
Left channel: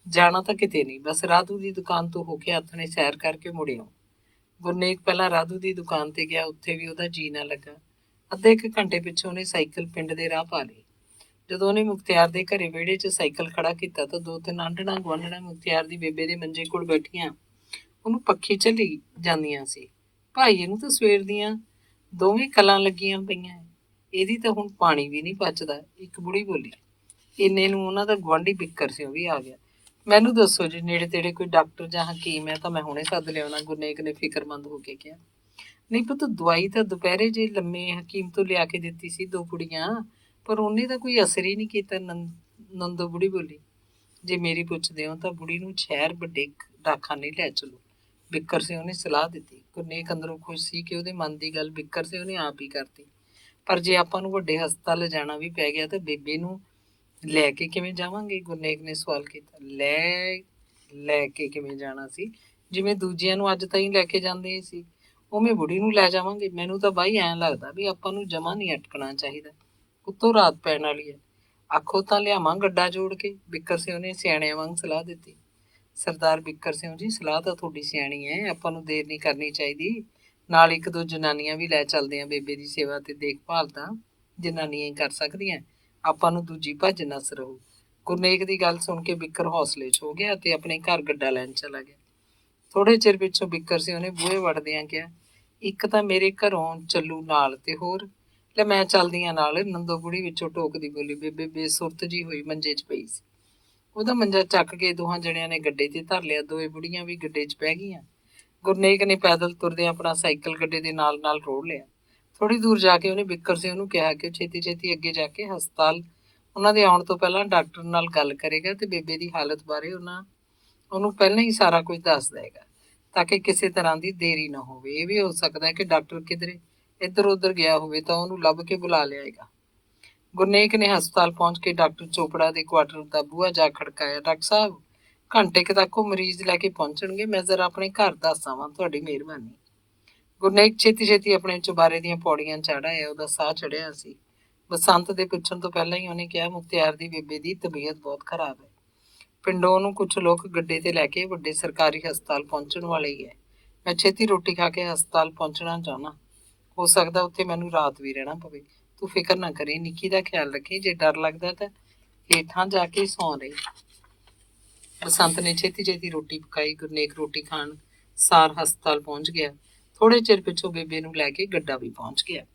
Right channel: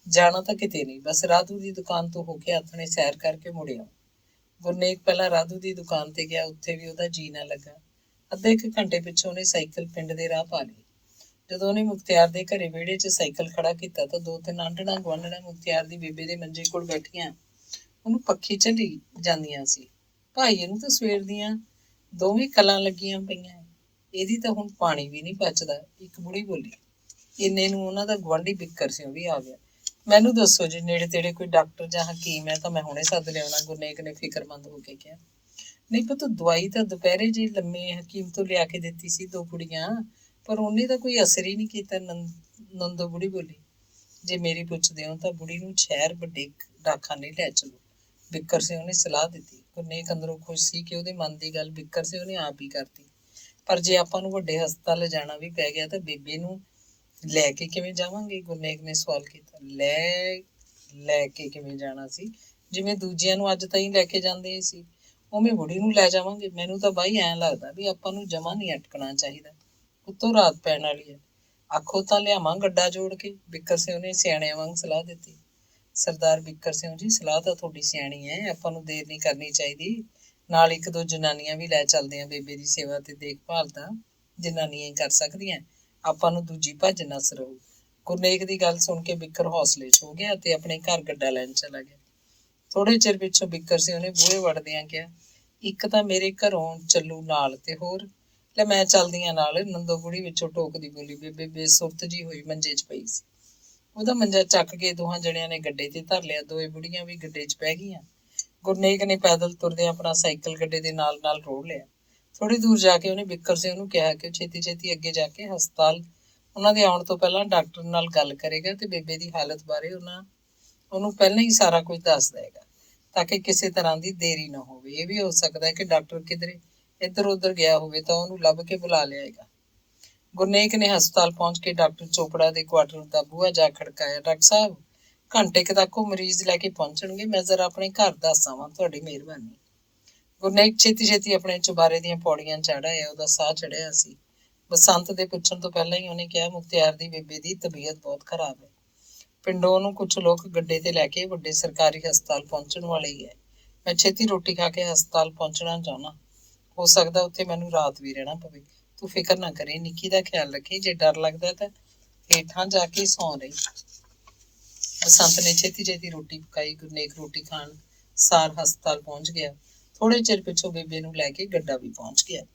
ਜਾਣਾ ਤਾਂ ਕਿਤੇ ਨਹੀਂ, ਬਸ ਰਾਧੂ ਦੀ ਦੁਕਾਨ ਤੋਂ ਹੋ ਕੇ ਆਥਣੇ ਸੈਰ ਕਰਕੇ ਮੁੜਿਓ। ਗੁਰਨੇਕ ਪਹਿਲਾਂ ਰਾਧੂ ਦੀ ਦੁਕਾਨ ਤੇ ਗਿਆ। ਉੱਥੇ ਵੀ ਉਹਦਾ ਜੀ ਨਾ ਲੱਗਾ। ਅੱਧੇ ਕੁ ਘੰਟੇ ਪਿੱਛੋਂ ਉਹਨੇ ਸਾਈਕਲ ਪਿੰਡ ਦੇ ਰਾਹ ਪਾ ਲਈ। ਜਦੋਂ ਉਹਨੇ ਮੁਖਤਿਆਰ ਦੇ ਘਰੇ ਵਿਹੜੇ 'ਚ ਸਾਈਕਲ ਖੜਾ ਕੀਤਾ ਤਾਂ 2-3 ਆਂਢਣਾਂ ਗੁਆਂਢਣਾਂ ਮੁਖਤਿਆਰ ਦੀ ਬੇਬੇ ਦੇ ਮੰਜੇ ਕੋਲ ਬੈਠੀਆਂ ਉਹਨੂੰ ਪੱਖੀ ਝੱਲੀ ਜਾਂਦੀਆਂ ਸੀ। ਭਾਈ, ਇਹਨੂੰ ਤਾਂ ਸਵੇਰ ਦੀਆਂ ਦੋਵੇਂ ਕਲਾਂ ਲੱਗੀਆਂ ਪਈਆਂ, ਇਹਦੀ ਤਾਂ ਹੁਣ ਪਾਣੀ ਵੀ ਨਹੀਂ ਪਚਦਾ, ਇੱਕ ਬੁੜੀ ਬੋਲੀ। ਇੰਨੇ ਨੂੰ ਉਹਨਾਂ ਦਾ ਗੁਆਂਢੀ ਬਿੱਕਰ ਸਿੰਘ ਵੀ ਆ ਗਿਆ। ਮੈਨੂੰ ਦੱਸੋ ਜੇ ਨੇੜੇ ਤੇੜੇ ਕੋਈ ਡਾਕਟਰ ਜਾਂ ਹਕੀਮ ਹੈ ਤਾਂ ਮੈਂ ਹੁਣੇ ਸੱਦ ਲਿਆਉਣਾ, ਗੁਰਨੇਕ ਨੇ ਫਿਕਰਮੰਦ ਹੋ ਕੇ ਕਿਹਾ। ਨਹੀਂ ਪੁੱਤ, ਦਵਾਈ ਤਾਂ ਦੁਪਹਿਰੇ ਜੇ ਲੰਮੇ ਹਕੀਮ ਤੋਂ ਲਿਆ ਕੇ ਦਿੱਤੀ ਸੀ 2 ਪੁੜੀਆਂ, ਪਰ ਉਹਨੇ ਤਾਂ ਕੋਈ ਅਸਰ ਹੀ ਨਹੀਂ ਕੀਤਾ। ਨੰਦੋ ਬੁੜੀ ਬੋਲੀ। ਜੇ ਮੇਰੀ ਪੁੱਛਦੇ ਹੋ ਤਾਂ ਬੁੜੀ ਨੂੰ ਸ਼ਹਿਰ ਵੱਡੇ ਡਾਕਖਾਨੇ ਲੈ ਚਲੋ, ਬਿੱਕਰ ਸਿੰਘ ਨੇ ਸਲਾਹ ਦਿੱਤੀ। ਗੁਰਨੇਕ ਅੰਦਰੋਂ ਖੁਸ਼ ਸੀ ਕਿ ਉਹਦੇ ਮਨ ਦੀ ਗੱਲ ਬਿੱਕਰ ਸਿੰਘ ਨੇ ਆਪ ਹੀ ਕਰਤੀ। ਪਰ ਜੇ ਆਪਾਂ ਨੂੰ ਵੱਡੇ ਹਸਪਤਾਲ ਲਿਜਾਣਾ ਵੀ ਪੈ ਗਿਆ ਤਾਂ ਬੇਬੇ ਨੂੰ ਲੈ ਕੇ ਕਿਵੇਂ ਜਾਵਾਂਗੇ? ਗੁਰਨੇਕ ਨੇ ਸਵਾਲ ਕੀਤਾ। ਲੈ ਕੇ ਕਿਵੇਂ ਜਾਣਾ ਸੀ? ਜਿਵੇਂ ਦੂਜਿਆਂ ਨੂੰ ਅੱਜ ਤਾਈਂ ਲੈ ਕੇ ਜਾਂਦੇ ਸੀ, ਉਵੇਂ ਬੁੜੀ ਨੂੰ ਲੈ ਜਾਵਾਂਗੇ। ਮੈਨੂੰ ਤਾਂ ਬਾਈ ਐਂ ਲੱਗਦਾ ਵੀ ਆਪਾਂ ਨੂੰ ਜਮਾ ਨਹੀਂ ਅਟਕਣਾ ਚਾਹੀਦਾ। ਉੱਤੋਂ ਰਾਤ ਪੈਣ ਵਾਲੀ ਹੈ। ਆਖੋ ਤਾਂ ਲਿਆਵਾਂ ਗੱਡਾ ਜੋੜ ਕੇ, ਬਿੱਕਰ ਸਿੰਘ ਨੇ ਸਿਆਣਿਆਂ ਵਾਂਗ ਸਲਾਹ ਦਿੱਤੀ। ਸਰਦਾਰ ਬਿੱਕਰ ਸਿੰਘ ਜੀ, ਸਲਾਹ ਤਾਂ ਤੁਹਾਡੀ ਸਿਆਣੀ ਹੈ, ਆਪਾਂ ਨੂੰ ਦੇਰ ਨਹੀਂ ਕਰਨੀ ਚਾਹੀਦੀ। ਨਾਲ 1-2 ਜਨਾਨੀਆਂ ਵੀ ਲੈ ਚੱਲਦੇ ਆ। ਬੇਬੇ ਦੀ ਸੇਵਾ ਤੇ ਦੇਖਭਾਲ ਤਾਂ ਜਨਾਨੀਆਂ ਹੀ ਕਰ ਸਕਦੀਆਂ, ਆਪਾਂ ਨੂੰ ਦੂਜੀ ਭੱਜ ਨੱਸ ਰਹੂ। ਗੁਰਨੇਕ ਦੀ ਗੱਲ ਸੁਣ ਕੇ ਬਿੱਕਰ ਹੌਸਲੇ 'ਚ ਹੋ ਗਿਆ ਤੇ ਆਪਣੇ ਘਰ ਗੱਡਾ ਲੈਣ ਚਲਾ ਗਿਆ। ਥੋੜੇ ਚਿਰ ਪਿੱਛੋਂ ਬਿੱਕਰ ਸਿੰਘ ਨੇ ਬੂਹੇ ਵੜਦਿਆਂ ਕਿਹਾ, ਇੱਕ ਤਾਂ ਮੇਰੇ ਘਰੋਂ ਚੱਲੂ ਨਾਲ ਤੇ ਹੋਰ। ਲੈ ਮੈਂ ਚੱਲਦੀ ਆ ਨਾਲ, ਨੰਦੋ ਬੁੜੀ ਵਿੱਚੋਂ ਟੋਕਦੀ ਬੋਲੀ। ਬੇਬੇ ਬੇਸੁਰਤ ਜੀ ਹੋਈ ਮੰਜੇ 'ਚ ਪਈ ਸੀ। ਉਹਦਾ ਮੰਜਾ ਚੱਕ ਕੇ ਦੋਹਾਂ ਜਣਿਆਂ ਨੇ ਗੱਡੇ ਤੇ ਧਰ ਲਿਆ। ਦੋਵੇਂ ਬੁੜੀਆਂ ਵੀ ਗੱਡੇ 'ਚ ਬਹਿ ਗਈਆਂ। ਗੁਰਨੇਕ ਨੇ ਪੈਦਲ ਤੁਰਦੇ ਆਪਣਾ ਸਾਈਕਲ ਗੱਡੇ ਦੇ ਨਾਲ ਰੋੜ ਲਿਆ। ਥੋੜੀ ਦੂਰ ਜਾ ਕੇ ਉਹਨੇ ਬਿੱਕਰ ਸਿੰਘ ਨੂੰ ਕਿਹਾ ਕਿ ਉਹ ਛੇਤੀ ਅੱਗੇ ਜਾ ਕੇ ਹਸਪਤਾਲ ਉਹਨਾਂ ਦੇ ਆਉਣ ਤੋਂ ਪਹਿਲਾਂ ਡਾਕਟਰ ਨਾਲ ਗੱਲ ਕਰੇਗਾ ਤੇ ਬੇਬੇ ਦੀ ਹਾਲਤ ਬਾਰੇ ਉਹਨੂੰ ਪਹਿਲਾਂ ਹੀ ਸਾਰਾ ਕੁਝ ਦੱਸ ਦੇਗਾ, ਤਾਂ ਕਿ ਕਿਸੇ ਤਰ੍ਹਾਂ ਦੀ ਦੇਰੀ ਨਾ ਹੋਵੇ। ਇਹ ਵੀ ਹੋ ਸਕਦਾ ਹੈ ਕਿ ਡਾਕਟਰ ਕਿਧਰੇ ਇੱਧਰ ਉੱਧਰ ਗਿਆ ਹੋਵੇ ਤਾਂ ਉਹਨੂੰ ਲੱਭ ਕੇ ਬੁਲਾ ਲਿਆਏਗਾ। ਗੁਰਨੇਕ ਨੇ ਹਸਪਤਾਲ ਪਹੁੰਚ ਕੇ ਡਾਕਟਰ ਚੋਪੜਾ ਦੇ ਕੁਆਟਰ ਦਾ ਬੂਹਾ ਜਾ ਖੜਕਾਇਆ। ਡਾਕਟਰ ਸਾਹਿਬ, ਘੰਟੇ ਕੁ ਤੱਕ ਉਹ ਮਰੀਜ਼ ਲੈ ਕੇ ਪਹੁੰਚਣਗੇ। ਮੈਂ ਜ਼ਰਾ ਆਪਣੇ ਘਰ ਦੱਸ ਆਵਾਂ, ਤੁਹਾਡੀ ਮਿਹਰਬਾਨੀ। ਗੁਰਨੇਕ ਛੇਤੀ ਆਪਣੇ ਚੁਬਾਰੇ ਦੀਆਂ ਪੌੜੀਆਂ ਚੜ੍ਹ ਆਇਆ। ਉਹਦਾ ਸਾਹ ਚੜਿਆ ਸੀ। ਬਸੰਤ ਦੇ ਪੁੱਛਣ ਤੋਂ ਪਹਿਲਾਂ ਹੀ ਉਹਨੇ ਕਿਹਾ, ਮੁਖਤਿਆਰ ਦੀ ਬੇਬੇ ਦੀ ਤਬੀਅਤ ਬਹੁਤ ਖਰਾਬ ਹੈ। ਪਿੰਡੋਂ ਉਹਨੂੰ ਕੁਝ ਲੋਕ ਗੱਡੇ ਤੇ ਲੈ ਕੇ ਵੱਡੇ ਸਰਕਾਰੀ ਹਸਪਤਾਲ ਪਹੁੰਚਣ ਵਾਲੇ ਹੀ ਹੈ। ਮੈਂ ਛੇਤੀ ਰੋਟੀ ਖਾ ਕੇ ਹਸਪਤਾਲ ਪਹੁੰਚਣਾ ਚਾਹੁੰਦਾ। ਹੋ ਸਕਦਾ ਉੱਥੇ ਮੈਨੂੰ ਰਾਤ ਵੀ ਰਹਿਣਾ ਪਵੇ। ਤੂੰ ਫਿਕਰ ਨਾ ਕਰੀ, ਨਿੱਕੀ ਦਾ ਖਿਆਲ ਰੱਖੀ। ਜੇ ਡਰ ਲੱਗਦਾ ਤਾਂ ਹੇਠਾਂ ਜਾ ਕੇ ਸੌਂ ਰਹੀ। ਬਸੰਤ ਨੇ ਛੇਤੀ ਰੋਟੀ ਪਕਾਈ। ਗੁਰਨੇਕ ਰੋਟੀ ਖਾਣ ਸਾਰ ਹਸਪਤਾਲ ਪਹੁੰਚ ਗਿਆ। ਥੋੜੇ ਚਿਰ ਪਿੱਛੋਂ ਬੇਬੇ ਨੂੰ ਲੈ ਕੇ ਗੱਡਾ ਵੀ ਪਹੁੰਚ ਗਿਆ।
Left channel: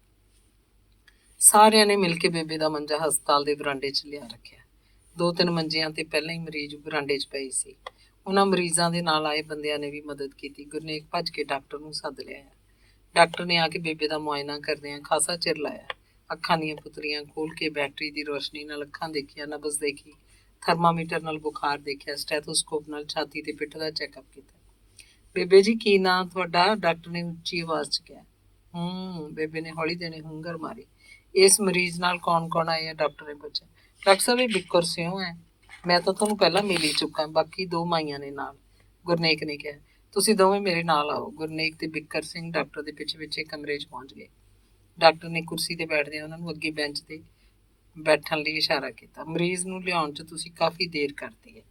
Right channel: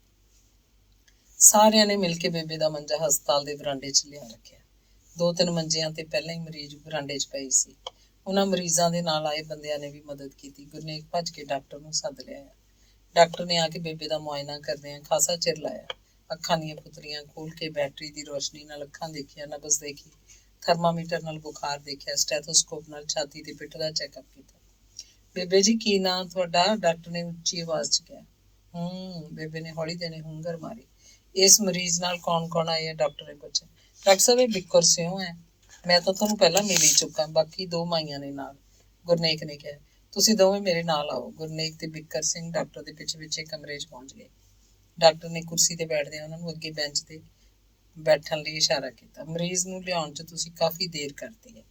ਸਾਰਿਆਂ ਨੇ ਮਿਲ ਕੇ ਬੇਬੇ ਦਾ ਮੰਜਾ ਹਸਪਤਾਲ ਦੇ ਬਰਾਂਡੇ 'ਚ ਲਿਆ ਰੱਖਿਆ। 2-3 ਮੰਜਿਆਂ ਤੇ ਪਹਿਲਾਂ ਹੀ ਮਰੀਜ਼ ਬਰਾਂਡੇ 'ਚ ਪਏ ਸੀ। ਉਹਨਾਂ ਮਰੀਜ਼ਾਂ ਦੇ ਨਾਲ ਆਏ ਬੰਦਿਆਂ ਨੇ ਵੀ ਮਦਦ ਕੀਤੀ। ਗੁਰਨੇਕ ਭੱਜ ਕੇ ਡਾਕਟਰ ਨੂੰ ਸੱਦ ਲਿਆਇਆ। ਡਾਕਟਰ ਨੇ ਆ ਕੇ ਬੇਬੇ ਦਾ ਮੁਆਇਨਾ ਕਰਦਿਆਂ ਖਾਸਾ ਚਿਰ ਲਾਇਆ। ਅੱਖਾਂ ਦੀਆਂ ਪੁਤਲੀਆਂ ਖੋਲ ਕੇ ਬੈਟਰੀ ਦੀ ਰੋਸ਼ਨੀ ਨਾਲ ਅੱਖਾਂ ਦੇਖੀਆਂ, ਨਬਜ਼ ਦੇਖੀ, ਥਰਮਾਮੀਟਰ ਨਾਲ ਬੁਖਾਰ ਦੇਖਿਆ, ਸਟੈਥੋਸਕੋਪ ਨਾਲ ਛਾਤੀ ਤੇ ਪਿੱਠ ਦਾ ਚੈੱਕਅਪ ਕੀਤਾ। ਬੇਬੇ ਜੀ, ਕੀ ਨਾਂ ਤੁਹਾਡਾ? ਡਾਕਟਰ ਨੇ ਉੱਚੀ ਆਵਾਜ਼ 'ਚ ਕਿਹਾ। ਬੇਬੇ ਨੇ ਹੌਲੀ ਦੇਣੇ ਹੁੰਗਰ ਮਾਰੀ। ਇਸ ਮਰੀਜ਼ ਨਾਲ ਕੌਣ ਆਏ ਆ? ਡਾਕਟਰ ਨੇ ਪੁੱਛਿਆ। ਡਾਕਟਰ ਸਾਹਿਬ, ਇਹ ਬਿੱਕਰ ਸਿਉਂ ਹੈ। ਮੈਂ ਤਾਂ ਤੁਹਾਨੂੰ ਪਹਿਲਾਂ ਮਿਲ ਹੀ ਚੁੱਕਾ, ਬਾਕੀ 2 ਮਾਈਆਂ ਨੇ ਨਾਲ, ਗੁਰਨੇਕ ਨੇ ਕਿਹਾ। ਤੁਸੀਂ ਦੋਵੇਂ ਮੇਰੇ ਨਾਲ ਆਓ। ਗੁਰਨੇਕ ਤੇ ਬਿੱਕਰ ਸਿੰਘ ਡਾਕਟਰ ਦੇ ਪਿੱਛੇ ਕਮਰੇ 'ਚ ਪਹੁੰਚ ਗਏ। ਡਾਕਟਰ ਨੇ ਕੁਰਸੀ ਤੇ ਬੈਠਦਿਆਂ ਉਹਨਾਂ ਨੂੰ ਅੱਗੇ ਬੈਂਚ ਤੇ ਬੈਠਣ ਲਈ ਇਸ਼ਾਰਾ ਕੀਤਾ। ਮਰੀਜ਼ ਨੂੰ ਲਿਆਉਣ 'ਚ ਤੁਸੀਂ ਕਾਫੀ ਦੇਰ ਕਰਤੀ ਹੈ।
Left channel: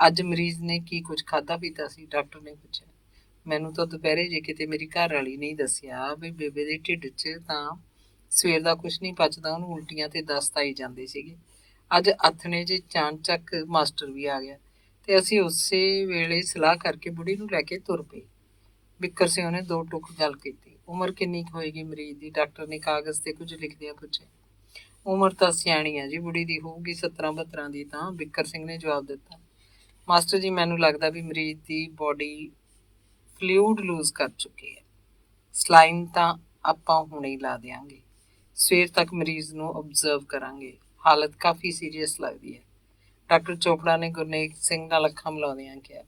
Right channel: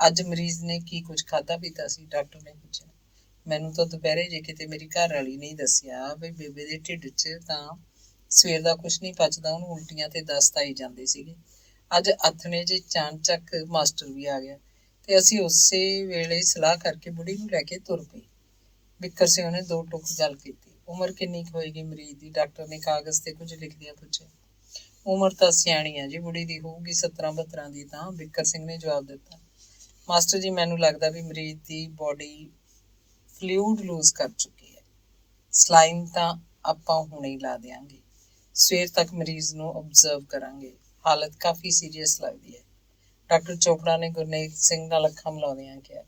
ਅੱਜ ਮਰੀਜ਼ ਨੇ ਕੀ ਕੁਝ ਖਾਧਾ ਪੀਤਾ ਸੀ? ਡਾਕਟਰ ਨੇ ਪੁੱਛਿਆ। ਮੈਨੂੰ ਤਾਂ ਦੁਪਹਿਰੇ ਜੇ ਕਿਤੇ ਮੇਰੀ ਘਰ ਵਾਲੀ ਨਹੀਂ ਦੱਸਿਆ ਵੀ ਬੇਬੇ ਦੇ ਢਿੱਡ 'ਚ ਤਾਂ ਸਵੇਰ ਦਾ ਕੁਝ ਨਹੀਂ ਪਚਦਾ, ਉਹਨੂੰ ਉਲਟੀਆਂ ਤੇ ਦਸਤ ਆਈ ਜਾਂਦੇ ਸੀਗੇ। ਅੱਜ ਆਥਣੇ ਜੇ ਚਾਣਚੱਕ ਮਾਸਟਰ ਵੀ ਆ ਗਿਆ ਤੇ ਅਸੀਂ ਉਸੇ ਵੇਲੇ ਸਲਾਹ ਕਰਕੇ ਬੁੜੀ ਨੂੰ ਲੈ ਕੇ ਤੁਰ ਪਏ। ਬਿੱਕਰ ਸਿੰਘ ਨੇ 2 ਟੁਕ ਗੱਲ ਕੀਤੀ। ਉਮਰ ਕਿੰਨੀ ਕੁ ਹੋਏਗੀ ਮਰੀਜ਼ ਦੀ? ਡਾਕਟਰ ਨੇ ਕਾਗਜ਼ ਤੇ ਕੁਝ ਲਿਖਦਿਆਂ ਪੁੱਛਿਆ। ਉਮਰ ਤਾਂ ਸਿਆਣੀ ਆ ਜੀ, ਬੁੜੀ ਦੀ ਹੋਊਗੀ 17-72 ਦੀ। ਤਾਂ ਬਿੱਕਰ ਸਿੰਘ ਨੇ ਜਵਾਬ ਦਿੱਤਾ। ਮਾਸਟਰ ਜੀ, ਮੈਨੂੰ ਲੱਗਦਾ ਵੀ ਮਰੀਜ਼ ਦੀ ਬੋਡੀ ਫਲੂਇਡ ਲੂਜ਼ ਕਰ ਚੁੱਕੀ ਹੈ। ਸਲਾਈਨ ਤਾਂ ਆਪਾਂ ਹੁਣੇ ਹੀ ਲਾ ਦਿਆਂਗੇ। ਸਵੇਰ ਤੱਕ ਮਰੀਜ਼ ਨੂੰ ਓਬਜ਼ਰਵ ਕਰਾਂਗੇ। ਹਾਲਤ ਕਾਫੀ ਸੀਰੀਅਸ ਲੱਗਦੀ ਹੈ। ਡਾਕਟਰ ਚੋਪੜਾ ਨੇ ਗੁਰਨੇਕ ਸਿੰਘ ਨਾਲ ਅੱਖਾਂ ਮਿਲਾਉਂਦਿਆਂ ਕਿਹਾ।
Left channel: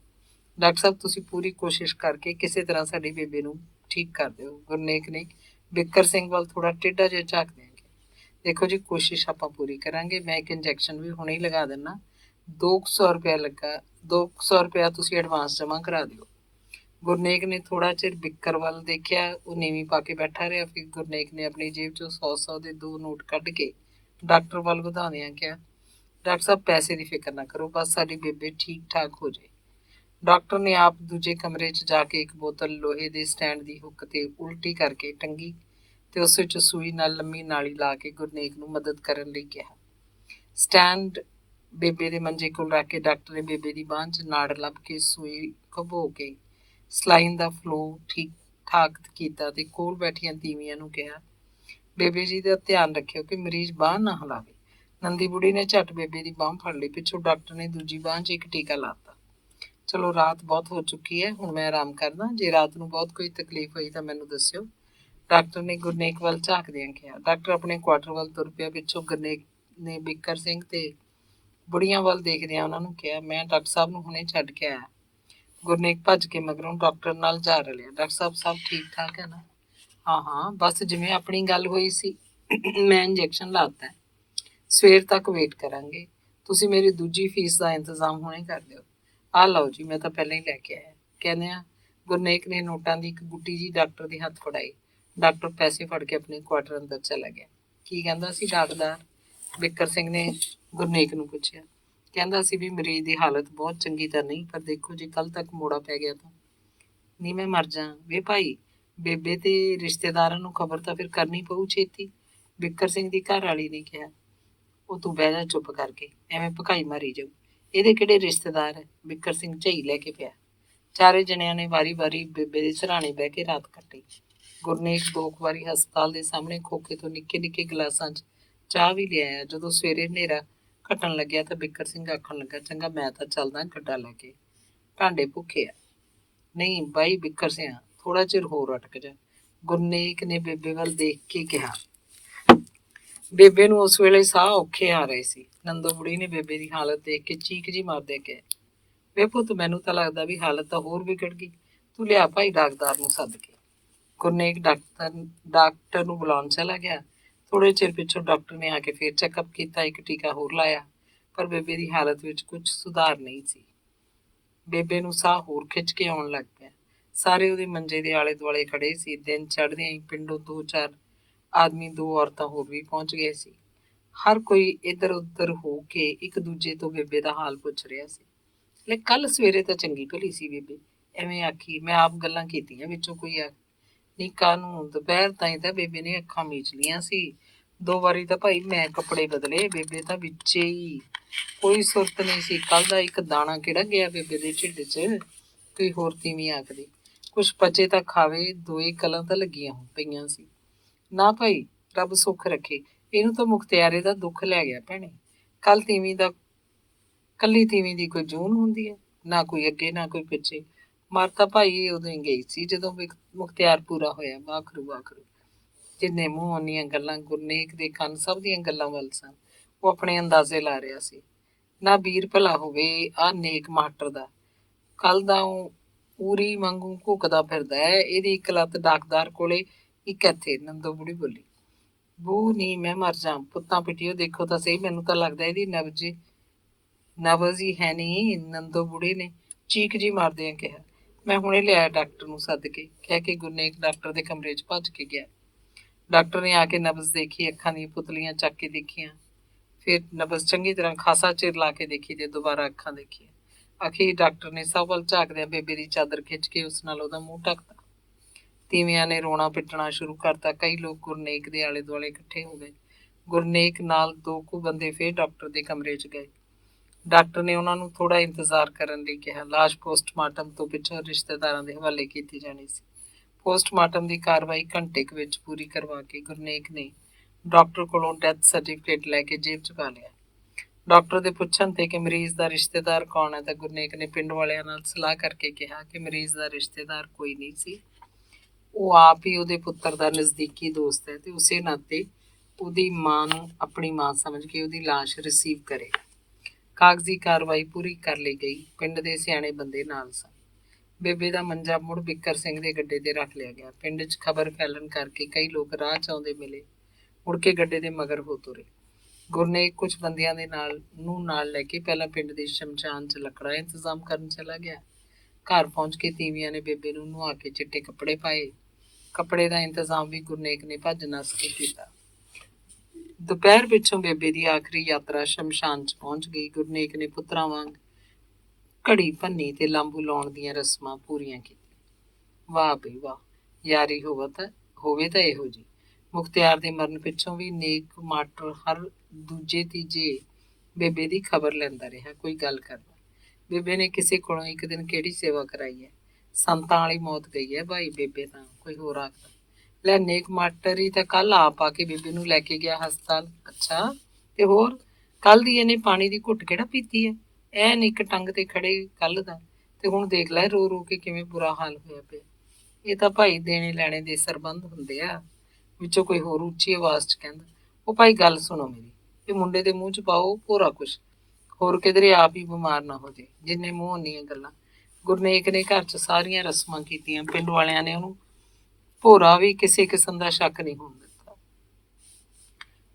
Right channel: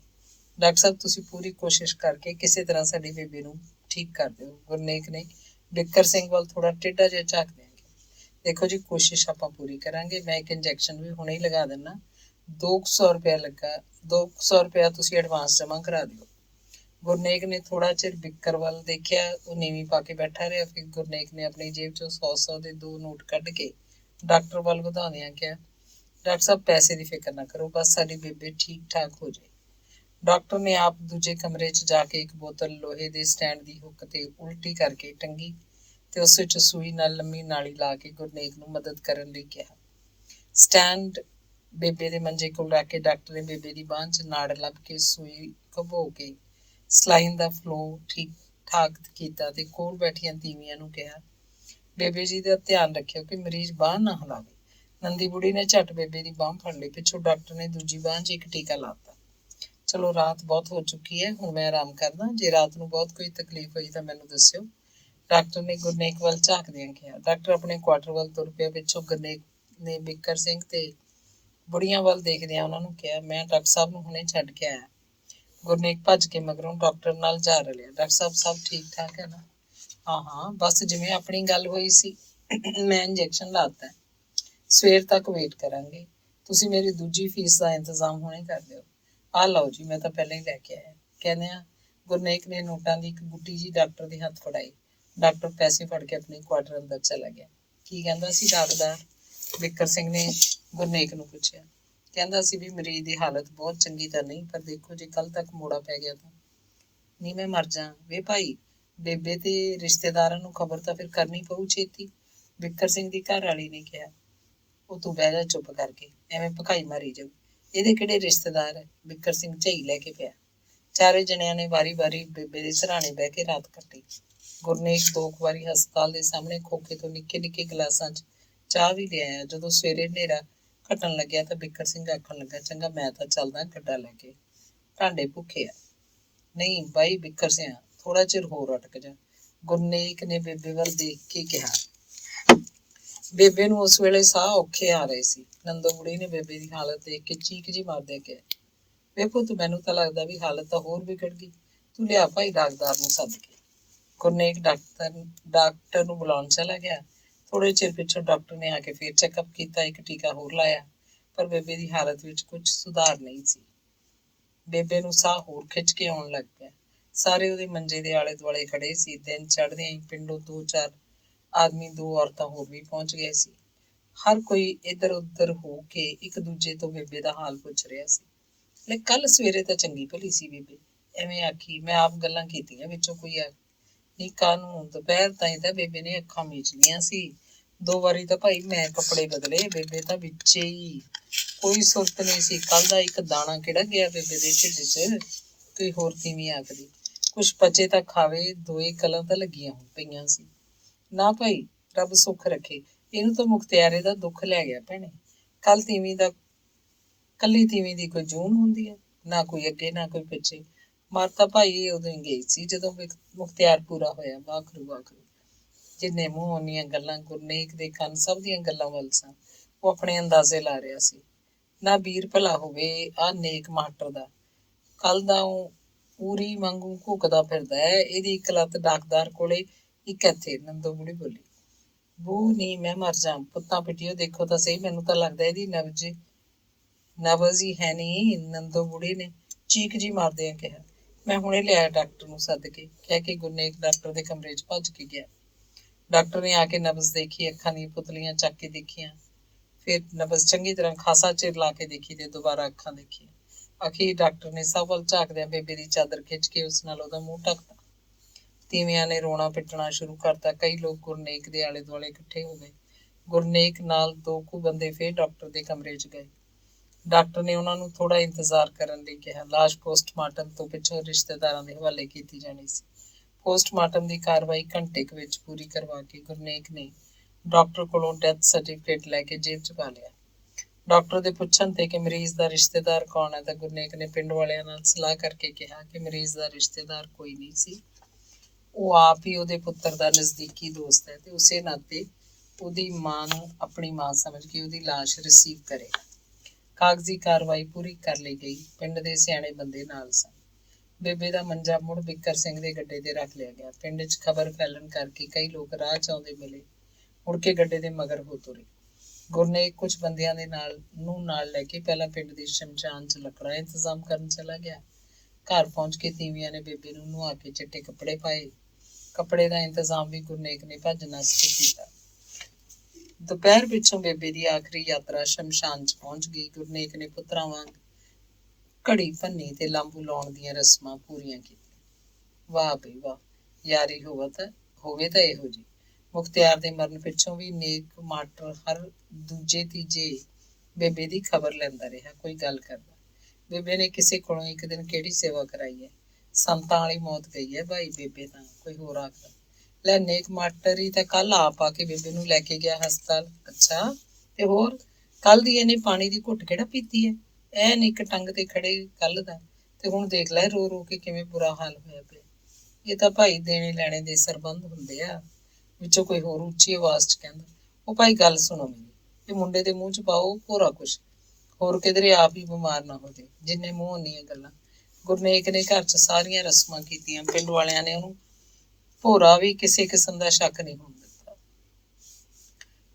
ਡਾਕਟਰ ਸਾਹਿਬ, ਤੁਸੀਂ ਪੂਰੀ ਕੋਸ਼ਿਸ਼ ਕਰਕੇ ਕਿਸੇ ਤਰ੍ਹਾਂ ਸਾਡੀ ਬੇਬੇ ਨੂੰ ਠੀਕ ਕਰ ਦਿਓ। ਗੁਰਨੇਕ ਨੇ ਬਿੱਕਰ ਸਿੰਘ ਵੱਲ ਥੋੜਾ ਟੇਢਾ ਜਿਹਾ ਝਾਕਦਿਆਂ ਕਿਹਾ। ਦੇਖੋ ਜੀ, ਕੋਸ਼ਿਸ਼ ਆਪਾਂ ਪੂਰੀ ਕਰਾਂਗੇ। ਮੈਂ ਇੱਕ ਇੰਜੈਕਸ਼ਨ ਵੀ ਹੁਣੇ ਹੀ ਲਗਾ ਦਿੰਦਾ। 200 ਰੁਪਇਆ ਲੱਗਾ। 200 ਰੁਪਇਆ ਤੁਸੀਂ ਐਡਵਾਂਸ ਜਮ੍ਹਾਂ ਕਰਾ ਦਿਓ। ਗੁਰਨੇਕ ਨੇ ਥੋੜਾ ਚਿਰ ਬਿੱਕਰ ਵੱਲ ਦੇਖਿਆ। ਉਹ ਨੀਵੀਂ ਪਾ ਕੇ ਬੈਠਾ ਰਿਹਾ। ਫਿਰ ਗੁਰਨੇਕ ਨੇ ਆਪਣੀ ਜੇਬ 'ਚੋਂ 100 ਦੇ 2 ਨੋਟ ਕੱਢ ਕੇ ਡਾਕਟਰ ਵੱਲ ਵਧਾਉਂਦਿਆਂ ਕਿਹਾ, ਡਾਕਟਰ ਸਾਹਿਬ, ਪੈਸੇ ਦੀ ਫਿਕਰ ਨਾ ਕਰੋ, ਬਸ ਸਾਡੀ ਬੇਬੇ ਠੀਕ ਠਾਕ ਹੋ ਜਾਏ। ਡਾਕਟਰ ਨੇ ਆਪ ਦੂਜੇ ਕਮਰੇ 'ਚ ਜਾ ਕੇ ਇੱਕ ਬੋਤਲ ਲੋਹੇ ਦੇ ਸਟੈਂਡ ਦੀ ਹੁੱਕ ਤੇ ਉਲਟੀ ਕਰਕੇ ਟੰਗੀ ਤੇ ਉਸ ਵਿੱਚ ਸੂਈ ਨਾਲ ਲੰਮੀ ਨਾਲੀ ਲਾ ਕੇ ਗੁਰਨੇਕ ਨੂੰ ਮਦਦ ਕਰਨ ਲਈ ਕਿਹਾ। ਸਟੈਂਡ ਬੇਬੇ ਦੇ ਮੰਜੇ ਕੋਲ ਰੱਖ ਕੇ ਡਾਕਟਰ ਨੇ ਬੇਬੇ ਦੀ ਬਾਂਹ 'ਚ ਨਾੜ ਲੱਭ ਕੇ ਸੂਈ ਘਬੋ ਕੇ ਸਲਾਈਨ ਦਾ ਫਲੋ ਠੀਕ ਠਾਕ ਕੀਤਾ ਤੇ ਕੋਲ ਬੈਠੀਆਂ ਤੀਵੀਆਂ ਨੂੰ ਕਿਹਾ, ਬੇਬੇ ਜੀ ਦਾ ਧਿਆਨ ਰੱਖਿਓ ਕਿ ਮਰੀਜ਼ ਬਾਂਹ ਨਾ ਹਿਲਾਵੇ। ਨੰਦੀ ਬੁੜੀ ਨੇ ਝੱਟ ਬੇਬੇ ਦੀ ਬਾਂਹ ਫੜ ਲਈ। ਪਿੱਛੋਂ ਡਾਕਟਰ ਨੇ ਦੂਜੀ ਬਾਂਹ 'ਚ ਇੱਕ ਟੀਕਾ ਲਾਤਾ। ਚਲੋ, ਰਾਤ ਬਹੁਤ ਹੋ ਚੁੱਕੀ ਹੈ, ਹੁਣ ਮੈਂ ਆਰਾਮ ਕਰਦਾ। ਜੇ ਰਾਤ ਨੂੰ ਬਹੁਤ ਕੋਈ ਤਕਲੀਫ ਹੋਈ ਤਾਂ ਮੈਨੂੰ ਦੱਸਿਓ। ਡਾਕਟਰ ਨੇ ਗੁਰਨੇਕ ਵੱਲ ਝਾਕਦਿਆਂ ਕਿਹਾ। ਡਾਕਟਰ ਆਪਣੇ ਕੁਆਟਰ ਵੱਲ ਤੁਰ ਪਿਆ। ਪਿੱਛੋਂ ਗੁਰਨੇਕ ਨੇ ਬਿੱਕਰ ਸਿੰਘ ਤੇ ਬੁੜੀਆਂ ਵੱਲ ਦੇਖਦਿਆਂ ਉਹਨਾਂ ਨੂੰ ਕਿਹਾ, ਮੈਂ ਡਾਕਟਰ ਸਾਹਿਬ ਨੂੰ ਹੁਣੇ ਛੱਡ ਕੇ ਆਇਆ। ਗੁਰਨੇਕ ਭੱਜ ਕੇ ਮਗਰੋਂ ਡਾਕਟਰ ਨਾਲ ਜਾ ਰਲਿਆ। ਡਾਕਟਰ ਸਾਹਿਬ, ਸਭ ਠੀਕ ਠਾਕ ਹੈ ਨਾ? ਹਾਂ, ਬਸ ਜਿਵੇਂ ਆਪਣੀ ਗੱਲ ਹੋਈ ਸੀ। ਮੈਂ ਇੰਜੈਕਸ਼ਨ ਲਾਤਾ। ਸਵੇਰ ਤੱਕ ਵੇਟ ਕਰਾਂਗੇ। ਤੁਸੀਂ ਮੇਰੀ ਦੂਜੀ ਫੀਸ ਦਾ ਇੰਤਜ਼ਾਮ ਹੁਣੇ ਕਰ ਦਿਓ। ਆਹ ਲਓ ਜੀ, ਮੈਂ ਤਾਂ ਪਹਿਲਾਂ ਹੀ ਲੈ ਕੇ ਆਇਆ। ਕਹਿੰਦਿਆਂ ਗੁਰਨੇਕ ਨੇ ਨੋਟਾਂ ਦੀ ਇੱਕ ਗੁੱਟੀ ਜੀ ਡਾਕਟਰ ਦੇ ਹੱਥ ਫੜਾਈ। ਡਾਕਟਰ ਪੈਸੇ ਫੜ ਕੇ ਆਪਣੇ ਕੁਆਟਰ ਅੰਦਰ ਚਲਾ ਗਿਆ। ਕੀ ਕਹਿੰਦਾ ਸੀ ਡਾਕਟਰ? ਬਿੱਕਰ ਸਿੰਘ ਨੇ ਗੁਰਨੇਕ ਨੂੰ ਪੁੱਛਿਆ। ਕਹਿੰਦਾ ਸੀ ਵੀ ਮਰੀਜ਼ ਦੀ ਹਾਲਤ ਬਹੁਤ ਚੰਗੀ ਤਾਂ ਨਹੀਂ, ਪਰ ਦੇਖੋ ਜੇ ਕੱਲ ਤੱਕ ਮੋੜਾ ਪੈ ਗਿਆ ਤਾਂ। ਨਹੀਂ ਮੈਂ ਮਰ ਜਾ। ਵੇ ਭਾਈ, ਬੇਬੇ ਤੇ ਰਿਸ਼ਤੇਦਾਰਾਂ ਨੂੰ ਖਬਰ ਤਾਂ ਫਿਰ ਕਰਨੀ ਪਊ ਛੇਤੀ। ਬਿੱਕਰ ਸਿੰਘ ਦੀ ਘਰ ਵਾਲੀ ਨੇ ਕਿਹਾ। ਉਹ ਤੂੰ ਬਹਿ ਜਾ ਚੁੱਪ ਕਰਕੇ, ਐਵੇਂ ਭਕਾਈ ਮਾਰੀ ਜਾਊ। ਇਹਦੇ ਕਿਹੜੇ ਰਿਸ਼ਤੇਦਾਰ ਹੈ? ਬਿੱਕਰ ਸਿੰਘ ਝਈ ਲੈ ਕੇ ਪਿਆ। ਚਾਰੇ ਜਣਿਆਂ ਨੇ ਵਾਰੀ ਬੇਬੇ ਦੇ ਸਿਰਹਾਣੇ ਬਹਿ ਕੇ ਰਾਤ ਕੱਟੀ। ਗੁਰਨੇਕ 2 ਵਾਰੀ ਹਸਪਤਾਲ ਦੇ ਸਾਹਮਣੇ ਖੋਖੇ ਤੋਂ ਨਿੱਕੇ ਨਿੱਕੇ ਗਲਾਸਾਂ 'ਚ ਚਾਹ ਵੀ ਲਿਆਇਆ। ਜਦੋਂ ਸਵੇਰੇ ਹਨੇਰਾ ਘਟਣ ਲੱਗਿਆ ਤਾਂ ਬਿੱਕਰ ਸਿੰਘ ਆਖਣ ਲੱਗਾ, ਚੰਗਾ ਮੈਂ ਤਾਂ ਚੱਲਦਾ ਗੱਡਾ ਲੈ ਕੇ, ਭਾਂਡੇ ਭੁੱਖੇ ਆ। ਨਹੀਂ ਬਾਈ ਬਿੱਕਰ ਸਿੰਘ, ਥੋੜਾ ਚਿਰ ਹੋਰ ਅਟਕ ਜਾ, ਗੁਰਨੇਕ ਨੇ ਬੇਬੇ ਵੱਲ ਦੇਖ ਕੇ ਕਿਹਾ। ਬੇਬੇ ਨੂੰ ਉਸ ਵੇਲੇ ਸਾਹ ਔਖੇ ਆ ਰਹੇ ਸੀ। ਨੰਦੋ ਬੁੜੀ ਨੇ ਬੇਬੇ ਦੀ ਹਾਲਤ ਦੇਖ ਕੇ ਚੀਕ ਜੀ ਮਾਰਦੇ ਕਿਹਾ, ਵੇ ਪੁੱਤ ਮੈਨੂੰ ਤਾਂ ਲੱਗਦਾ ਵੀ ਹਾਲਤ ਤਾਂ ਹੋਰ ਵਿਗੜ ਗਈ, ਤੂੰ ਲਿਆ ਭਾਈ ਡਾਕਟਰ ਨੂੰ ਸੱਦ ਕੇ। ਗੁਰਨੇਕ ਡਾਕਟਰ ਨੂੰ ਬੁਲਾਉਣ ਚਲਾ ਗਿਆ। ਥੋੜੇ ਚਿਰ ਪਿੱਛੋਂ ਡਾਕਟਰ ਨੇ ਆ ਕੇ ਫਿਰ ਚੈੱਕਅਪ ਕੀਤਾ, ਇੱਕ ਟੀਕਾ ਹੋਰ ਲਾਇਆ, ਪਰ ਬੇਬੇ ਦੀ ਹਾਲਤ ਵਿੱਚ ਕੁਝ ਸੁਧਾਰ ਨਹੀਂ ਸੀ। ਬੇਬੇ ਨੂੰ ਸਾਹ ਹੋਰ ਖਿੱਚ ਕੇ ਆਉਣ ਲੱਗ ਪਿਆ। ਸਾਰੇ ਉਹਦੇ ਮੰਜੇ ਦੇ ਆਲੇ ਦੁਆਲੇ ਖੜੇ ਸੀ। ਦਿਨ ਚੜ੍ਹਦਿਆਂ ਹੀ ਪਿੰਡੋਂ 2-4 ਆਦਮੀ, 2 ਔਰਤਾਂ ਹੋਰ ਵੀ ਪਹੁੰਚ ਗਏ ਸੀ। ਹਰ ਕੋਈ ਇੱਧਰ ਉੱਧਰ ਹੋ ਕੇ ਇੱਕ ਦੂਜੇ ਤੋਂ ਬੇਬੇ ਦਾ ਹਾਲ ਪੁੱਛ ਰਿਹਾ ਸੀ। ਲੈ ਕੱਲ ਸਵੇਰੇ ਤਾਂ ਚੰਗੀ ਭਲੀ ਸੀ ਬੇਬੇ, ਐਵੇਂ ਆਖੀ, ਮੈਂ ਆਪ ਗੱਲਾਂ ਕੀਤੀਆਂ, ਵਿੱਚੋਂ ਕੋਈ ਆ ਨਹੀਂ ਕਾਹਨੂੰ, ਦੁਪਹਿਰ ਤਾਈਂ ਤਾਂ ਬੇਬੇ ਨੇ ਅੱਖਾਂ ਮੀਚ ਲੀਆਂ ਸੀ। 2 ਵਾਰੀ ਤਾਂ ਭਾਈ ਮੈਂ ਕੱਪੜੇ ਬਦਲੇ, ਬੇਬੇ ਤਾਂ ਵਿੱਚੇ ਹੀ, ਕੋਈ ਸੁਰਤ ਨਹੀਂ ਸੀ। ਕੱਲ ਦਾ ਇੱਕ ਦਾਣਾ ਕਿਹੜਾ ਗਿਆ ਬੇਬੇ ਦੇ ਢਿੱਡ 'ਚ। ਕੋਈ ਹੋਰ ਤੀਵੀਂ ਆਖਦੀ, ਕੁਛ ਪਚੇ ਤਾਂ ਖਾਵੇ, 2 ਕਲਾਂ ਤਾਂ ਲੱਗੀਆਂ ਪਈਆਂ ਸੀ। ਨਾ ਭਾਈ, ਰੱਬ ਸੁੱਖ ਰੱਖੇ, ਇਹਨੂੰ ਤਾਂ ਮੁਖਤਿਆਰੇ ਦਾ ਦੁੱਖ ਲੈ ਗਿਆ ਭੈਣੇ। ਕੱਲ ਕੱਲੀ ਤੀਵੀਂ ਦੀ ਕੋਈ ਜੂਨ ਹੁੰਦੀ ਹੈ, ਨਾ ਕੋਈ ਅੱਗੇ ਨਾ ਕੋਈ ਪਿੱਛੇ। ਮਰ ਤਾਂ ਭਾਈ ਇਹ ਉਦੋਂ ਹੀ ਗਈ ਸੀ ਜਦੋਂ ਮੁਖਤਿਆਰ ਪੂਰਾ ਹੋਇਆ। ਵਾਖਰੂ ਵਾਖਰੂ। ਜਿੰਨੇ ਮੂੰਹ ਓਨੀਆਂ ਗੱਲਾਂ। ਗੁਰਨੇਕ ਦੇ ਕੰਨ ਸਭ ਦੀਆਂ ਗੱਲਾਂ ਵੱਲ ਸਨ। ਉਹ ਆਪਣੇ ਅੰਦਾਜ਼ੇ ਲਾ ਰਿਹਾ ਸੀ। ਨਾ ਵੀਰ ਭਲਾ ਹੋਵੇ ਆਹ ਨੇਕ ਮਾਸਟਰ ਦਾ, ਕੱਲ ਦਾ ਉਹ ਪੂਰੀ ਵਾਂਗੂ ਘੁੱਕਦਾ ਫਿਰਦਾ ਹੈ। ਇਹਦੀ ਇੱਕ ਲੱਤ ਡਾਕਦਾਰ ਕੋਲੇ, ਇੱਕ ਇੱਥੇ। ਨੰਦੋ ਬੁੜੀ ਬੋਲੀ, ਬੂ ਨੀ ਮੈਂ ਮਰ ਜਾ, ਪੁੱਤਾਂ ਪਿੱਟੀਓ ਦੇਖੋ ਤਾਂ ਸਹੀ, ਮੈਨੂੰ ਤਾਂ ਲੱਗਦਾ ਇਹਦੀ ਨਬਜ਼ ਹੀ ਹੈ ਨਹੀਂ। ਨੰਦੋ ਬੁੜੀ ਨੇ ਚੀਕ ਜੀ ਮਾਰਦਿਆਂ ਕਿਹਾ, ਮੈਂ ਹੁਣੇ ਲਿਆਇਆ ਡਾਕਟਰ ਨੂੰ ਸੱਦ ਕੇ, ਕਹਿ ਕੇ ਗੁਰਨੇਕ ਡਾਕਟਰ ਦੇ ਕਮਰੇ 'ਚ ਭੱਜ ਕੇ ਗਿਆ। ਡਾਕਟਰ ਨੇ ਆ ਕੇ ਨਬਜ਼ ਦੇਖੀ, ਅੱਖਾਂ ਦੀਆਂ ਪੁਤਲੀਆਂ ਚੱਕ ਕੇ ਦੇਖੀਆਂ, ਫਿਰ ਨਬਜ਼ ਚੰਗੀ ਤਰ੍ਹਾਂ ਖਾਸਾ ਚਿਰ ਲਾ ਕੇ ਦੇਖੀ ਤੇ ਦੁਬਾਰਾ ਅੱਖਾਂ ਦੇਖੀਆਂ। ਅਖੀਰ ਡਾਕਟਰ ਨੇ ਸਭ ਵੱਲ ਝਾਕਦਿਆਂ ਬੇਬੇ ਦੀ ਚਾਦਰ ਖਿੱਚ ਕੇ ਉਸ ਨਾਲ ਉਹਦਾ ਮੂੰਹ ਢੱਕਤਾ। ਤੀਵੀਆਂ ਨੇ ਰੋਣਾ ਪਿੱਟਣਾ ਸ਼ੁਰੂ ਕਰਤਾ। ਕਈ ਲੋਕ ਗੁਰਨੇਕ ਦੇ ਆਲੇ ਦੁਆਲੇ ਇਕੱਠੇ ਹੋ ਗਏ। ਗੁਰਨੇਕ ਨਾਲ 2 ਕੁ ਬੰਦੇ ਫਿਰ ਡਾਕਟਰ ਦੇ ਕਮਰੇ 'ਚ ਗਏ। ਡਾਕਟਰ ਨੇ ਉਹਨਾਂ ਨੂੰ ਥੋੜਾ ਇੰਤਜ਼ਾਰ ਕਰਨ ਲਈ ਕਿਹਾ। ਲਾਸ਼ ਪੋਸਟਮਾਰਟਮ ਤੋਂ ਪਿੱਛੋਂ ਰਿਸ਼ਤੇਦਾਰਾਂ ਦੇ ਹਵਾਲੇ ਕੀਤੀ ਜਾਣੀ ਸੀ। ਪੋਸਟਮਾਰਟਮ ਦੀ ਕਾਰਵਾਈ ਘੰਟੇ ਕੁ ਵਿੱਚ ਪੂਰੀ ਕਰਵਾ ਕੇ ਗੁਰਨੇਕ ਨੇ ਡਾਕਟਰ ਕੋਲੋਂ ਡੈਥ ਸਰਟੀਫਿਕੇਟ ਲੈ ਕੇ ਜੇਬ 'ਚ ਪਾ ਲਿਆ। ਡਾਕਟਰ ਦੇ ਪੁੱਛਣ ਤੇ ਕਿ ਮਰੀਜ਼ ਦਾ ਰਿਸ਼ਤੇਦਾਰ ਕੌਣ ਹੈ ਤਾਂ ਗੁਰਨੇਕ ਨੇ ਪਿੰਡ ਵਾਲਿਆਂ ਨਾਲ ਸਲਾਹ ਕਰਕੇ ਕਿਹਾ ਕਿ ਮਰੀਜ਼ ਦਾ ਰਿਸ਼ਤੇਦਾਰ ਕੋਈ ਨਹੀਂ ਸੀ, ਉਹ ਆਪ ਹੀ ਉਹਦੇ ਪੁੱਤਰ ਦਾ ਨਜ਼ਦੀਕੀ ਦੋਸਤ ਹੈ ਤੇ ਉਸੇ ਨਾਤੇ ਉਹਦੀ ਮਾਂ ਨੂੰ ਆਪਣੀ ਮਾਂ ਸਮਝ ਕੇ ਉਹਦੀ ਲਾਸ਼ ਰਿਸੀਵ ਕਰੇਗਾ। ਕਾਗਜ਼ੀ ਕਾਰਵਾਈ ਪੂਰੀ ਕਰ ਲਈ ਗਈ। ਪਿੰਡ ਦੇ ਸਿਆਣੇ ਬੰਦੇ ਨਾਲ ਸਨ। ਬੇਬੇ ਦਾ ਮੰਜਾ ਮੁੜ ਬਿੱਕਰ ਸਿੰਘ ਦੇ ਗੱਡੇ ਤੇ ਰੱਖ ਲਿਆ ਗਿਆ। ਪਿੰਡ 'ਚ ਖਬਰ ਫੈਲਣ ਕਰਕੇ ਕਈ ਲੋਕ ਰਾਹ 'ਚ ਆਉਂਦੇ ਮਿਲੇ, ਮੁੜ ਕੇ ਗੱਡੇ ਦੇ ਮਗਰ ਹੋ ਤੁਰੇ। ਗੁਰਨੇਕ ਕੁਝ ਬੰਦਿਆਂ ਦੇ ਨਾਲ ਲੈ ਕੇ ਪਹਿਲਾਂ ਪਿੰਡ ਦੇ ਸ਼ਮਸ਼ਾਨ 'ਚ ਲੱਕੜਾਂ ਇੰਤਜ਼ਾਮ ਕਰਨ ਚਲਾ ਗਿਆ। ਘਰ ਪਹੁੰਚ ਕੇ ਤੀਵੀਆਂ ਨੇ ਬੇਬੇ ਨੂੰ ਨੁਹਾ ਕੇ ਚਿੱਟੇ ਕੱਪੜੇ ਪਾਏ। ਕੱਪੜੇ ਦਾ ਇੰਤਜ਼ਾਮ ਵੀ ਗੁਰਨੇਕ ਨੇ ਭੱਜ ਨੱਸ ਕੇ ਕੀਤਾ। ਦੁਪਹਿਰ ਪਿੱਛੋਂ ਬੇਬੇ ਦੀ ਆਖਰੀ ਯਾਤਰਾ ਸ਼ਮਸ਼ਾਨ 'ਚ ਪਹੁੰਚ ਗਈ। ਗੁਰਨੇਕ ਨੇ ਪੁੱਤਰਾਂ ਵਾਂਗ ਘੜੀ ਭੰਨੀ ਤੇ ਲਾਂਬੂ ਲਾਉਣ ਦੀਆਂ ਰਸਮਾਂ ਪੂਰੀਆਂ ਕੀਤੀਆਂ। ਵਾਹ ਬਈ ਵਾਹ, ਯਾਰੀ ਹੋਵੇ ਤਾਂ ਇਹੋ ਜੀ। ਮੁਖਤਿਆਰ ਦੇ ਮਰਨ ਪਿੱਛੋਂ ਵੀ ਨੇਕ ਮਾਸਟਰ ਹਰ ਦੂਜੇ ਤੀਜੇ ਬੇਬੇ ਦੀ ਖਬਰ ਲੈਂਦਾ ਰਿਹਾ, ਕੋਈ ਗੱਲ ਕਰਦਾ। ਬੇਬੇ ਨੇ ਕਿਸੇ ਕੋਲੋਂ ਇੱਕ ਦਿਨ ਕਿਹੜੀ ਸੇਵਾ ਕਰਾਈ ਹੈ, ਸੰਤਾਂ ਵਾਲੀ ਮੌਤ ਗਈ ਹੈ ਭਾਈ ਬੇਬੇ ਤਾਂ, ਕੋਈ ਹੋਰ ਆਖਦਾ। ਲੈ ਨੇਕ ਮਾਸਟਰ ਹੀ ਤਾਂ ਕੱਲ ਆਪ ਆ ਕੇ ਬੇਬੇ ਨੂੰ ਲੈ ਕੇ ਗਿਆ ਹਸਪਤਾਲ। ਅੱਛਾ, ਤੇ ਹੋਰ ਕੱਲ ਦੀ ਇਹਨੇ ਪਾਣੀ ਦੀ ਘੁੱਟ ਕਿਹੜਾ ਪੀਤੀ ਹੈ, ਐਨ ਇੱਕ ਟੰਗ ਤੇ ਖੜੇ ਕੱਲ ਦਾ, ਤੇ ਹੁਣ ਦੇਖ ਲੈ ਰੋ ਰੋ ਕੇ ਕਿਵੇਂ ਬੁਰਾ ਹਾਲ ਹੋਇਆ ਪਿਆ। ਇਹ ਤਾਂ ਭਾਈ ਦੇਣੇ ਲੈਣੇ ਦੇ ਸਰਬੰਧ ਹੁੰਦੇ ਆ। ਵਿੱਚੋਂ ਕੋਈ ਹੋਰ ਉੱਚੀ ਆਵਾਜ਼ 'ਚ ਕਹਿੰਦਾ, ਉਹ ਭਾਈ ਗੱਲ ਸੁਣੋ ਮੇਰੀ, ਇਹ ਮੁੰਡੇ ਦੇ ਮੂੰਹ 'ਚ ਪਾਓ ਭੋਰਾ ਕੁਛ, ਹੋਰ ਕਿਧਰੇ ਆਪ ਹੀ ਬਿਮਾਰ ਨਾ ਹੋ ਜੇ। ਜਿੰਨੇ ਮੂੰਹ ਓਨੀਆਂ ਗੱਲਾਂ। ਗੁਰਨੇਕ ਨੇ ਘਰ 'ਚ ਸਾਰੀਆਂ ਰਸਮਾਂ ਕੀਤੀਆਂ। ਪਿੰਡ ਵਾਲਿਆਂ ਨੇ ਉਹਨੂੰ ਭੋਰਾ ਵੀ ਕਿਸੇ ਕਿਸਮ ਦਾ ਸ਼ੱਕ ਨਹੀਂ ਹੋਣ ਦਿੱਤਾ।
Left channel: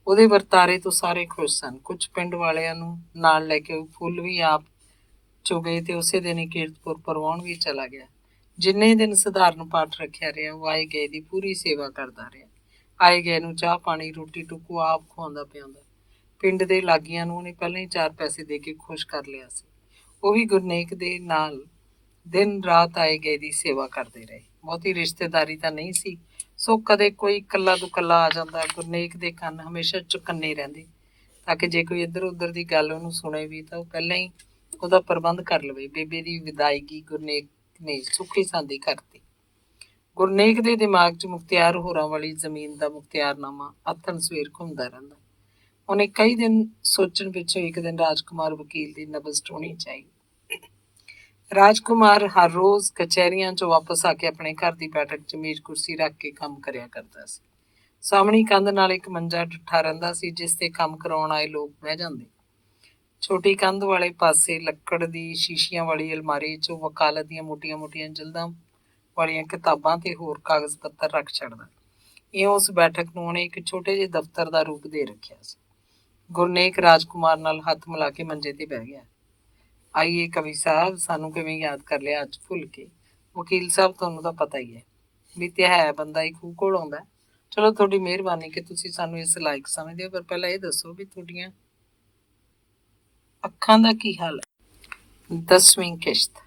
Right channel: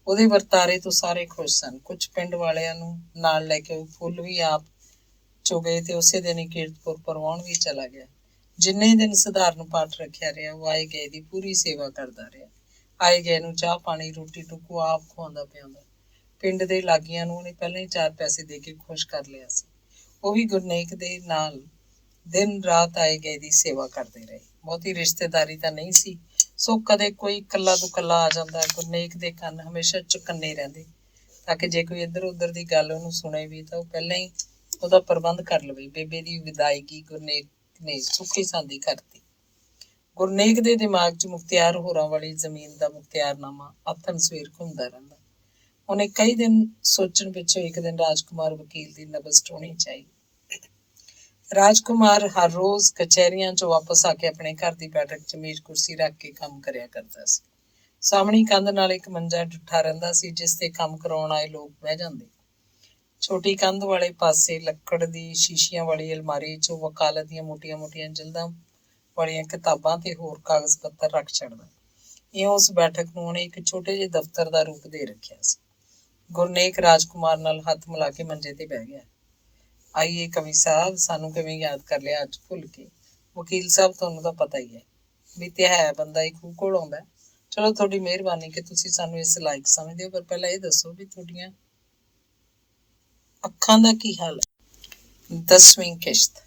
ਉਹਦੇ ਵਰਤਾਰੇ ਤੋਂ ਸਾਰੇ ਖੁਸ਼ ਸਨ। ਕੁਝ ਪਿੰਡ ਵਾਲਿਆਂ ਨੂੰ ਨਾਲ ਲੈ ਕੇ ਫੁੱਲ ਵੀ ਆਪ ਚੁਗੇ ਤੇ ਉਸੇ ਦਿਨ ਹੀ ਕੀਰਤਪੁਰ ਪਰਵਾਉਣ ਵੀ ਚਲਾ ਗਿਆ। ਜਿੰਨੇ ਦਿਨ ਸਧਾਰਨ ਪਾਠ ਰੱਖਿਆ ਰਿਹਾ, ਉਹ ਆਏ ਗਏ ਦੀ ਪੂਰੀ ਸੇਵਾ ਕਰਦਾ ਰਿਹਾ। ਆਏ ਗਏ ਨੂੰ ਚਾਹ ਪਾਣੀ ਰੋਟੀ ਟੁੱਕੂ ਆਪ ਖਵਾਉਂਦਾ ਪਿਆਉਂਦਾ। ਪਿੰਡ ਦੇ ਲਾਗੀਆਂ ਨੂੰ ਉਹਨੇ ਪਹਿਲਾਂ ਹੀ 4 ਪੈਸੇ ਦੇ ਕੇ ਖੁਸ਼ ਕਰ ਲਿਆ ਸੀ। ਉਹ ਵੀ ਗੁਰਨੇਕ ਦੇ ਨਾਲ ਦਿਨ ਰਾਤ ਆਏ ਗਏ ਦੀ ਸੇਵਾ ਕਰਦੇ ਰਹੇ। ਬਹੁਤੀ ਰਿਸ਼ਤੇਦਾਰੀ ਤਾਂ ਨਹੀਂ ਸੀ, ਸੋ ਕਦੇ ਕੋਈ ਇਕੱਲਾ ਦੁਕੱਲਾ ਆ ਜਾਂਦਾ। ਗੁਰਨੇਕ ਦੇ ਕੰਨ ਹਮੇਸ਼ਾ ਚੁਕੰਨੇ ਰਹਿੰਦੇ ਤਾਂ ਕਿ ਜੇ ਕੋਈ ਇੱਧਰ ਉੱਧਰ ਦੀ ਗੱਲ ਉਹਨੂੰ ਸੁਣੇ ਵੀ ਤਾਂ ਉਹ ਪਹਿਲਾਂ ਹੀ ਉਹਦਾ ਪ੍ਰਬੰਧ ਕਰ ਲਵੇ। ਬੇਬੇ ਦੀ ਵਿਦਾਇਗੀ ਗੁਰਨੇਕ ਨੇ ਸੁੱਖੀ ਸਾਂਦੀ ਕਰਤੀ। ਗੁਰਨੇਕ ਦੇ ਦਿਮਾਗ 'ਚ ਮੁਖਤਿਆਰ ਹੋਰਾਂ ਵਾਲੀ ਜ਼ਮੀਨ ਦਾ ਮੁਖਤਿਆਰਨਾਮਾ ਆਥਣ ਸਵੇਰ ਘੁੰਮਦਾ ਰਹਿੰਦਾ। ਉਹਨੇ ਕਈ ਦਿਨ ਸੋਚਣ ਪਿੱਛੋਂ ਇੱਕ ਦਿਨ ਰਾਜਕੁਮਾਰ ਵਕੀਲ ਦੀ ਨਬਜ਼ ਟੋਣੀ ਚਾਹੀ। ਰਾਜਕੁਮਾਰ ਹਰ ਰੋਜ਼ ਕਚਹਿਰੀਆਂ 'ਚੋਂ ਵਾਪਸ ਆ ਕੇ ਆਪਣੇ ਘਰ ਦੀ ਬੈਠਕ 'ਚ ਮੇਜ਼ ਕੁਰਸੀ ਰੱਖ ਕੇ ਕੰਮ ਕਰਿਆ ਕਰਦਾ ਸੀ। ਸਾਹਮਣੀ ਕੰਧ ਨਾਲ ਇੱਕ ਮੰਜਾ ਡਿੱਠਾ ਰਹਿੰਦਾ ਸੀ, ਜਿਸ ਤੇ ਕੰਮ ਕਰਾਉਣ ਆਏ ਲੋਕ ਬਹਿ ਜਾਂਦੇ। ਛੋਟੀ ਕੰਧ ਵਾਲੇ ਪਾਸੇ ਲੱਕੜ ਦੀ ਸ਼ੀਸ਼ੀਆਂ ਵਾਲੀ ਅਲਮਾਰੀ 'ਚੋਂ ਵਕਾਲਤ ਦੀਆਂ ਮੋਟੀਆਂ-ਮੋਟੀਆਂ ਜਲਦਾਂ ਵਾਲੀਆਂ ਕਿਤਾਬਾਂ ਤੇ ਹੋਰ ਕਾਗਜ਼ ਪੱਤਰ ਰੱਖ ਛੱਡਦਾ। ਇਹ ਉਸ ਬੈਠਕ ਨੂੰ ਉਹਨੇ ਇੱਕ ਛੋਟੇ ਜਿਹੇ ਦਫ਼ਤਰ ਦਾ ਰੂਪ ਦੇ ਰੱਖਿਆ ਸੀ। ਗੁਰਨੇਕ ਰਾਜਕੁਮਾਰ ਨਾਲ ਹੱਥ ਮਿਲਾ ਕੇ ਮੰਜੇ ਤੇ ਬਹਿ ਗਿਆ। ਆਈਏ ਕਵੀ ਸਾਹਿਬ, ਸਾਨੂੰ ਕਿਵੇਂ ਯਾਦ ਕਰ ਲਿਆ ਅੱਜ ਭੁੱਲ ਕੇ? ਵਕੀਲ ਸਾਹਿਬ, ਤੁਹਾਨੂੰ ਤਾਂ ਪਤਾ ਹੀ ਹੈ ਵੀ ਤੇ ਹੈ ਬੰਦਾ ਹੀ ਖੂਹ ਕੋਲ ਆਉਂਦਾ। ਚਲੋ, ਤੁਹਾਡੀ ਮਿਹਰਬਾਨੀ ਕਿ ਤੁਸੀਂ ਸਾਨੂੰ ਇਸ ਲਾਇਕ ਸਮਝਦੇ ਹੋ, ਪਰ ਪਹਿਲਾਂ ਇਹ ਦੱਸੋ ਵੀ ਤੁਹਾਡੀਆਂ ਅੱਖਾਂ ਦਾ ਕੀ ਹਾਲ ਹੈ? 10ਵੀਂ ਕਿਸ਼ਤ।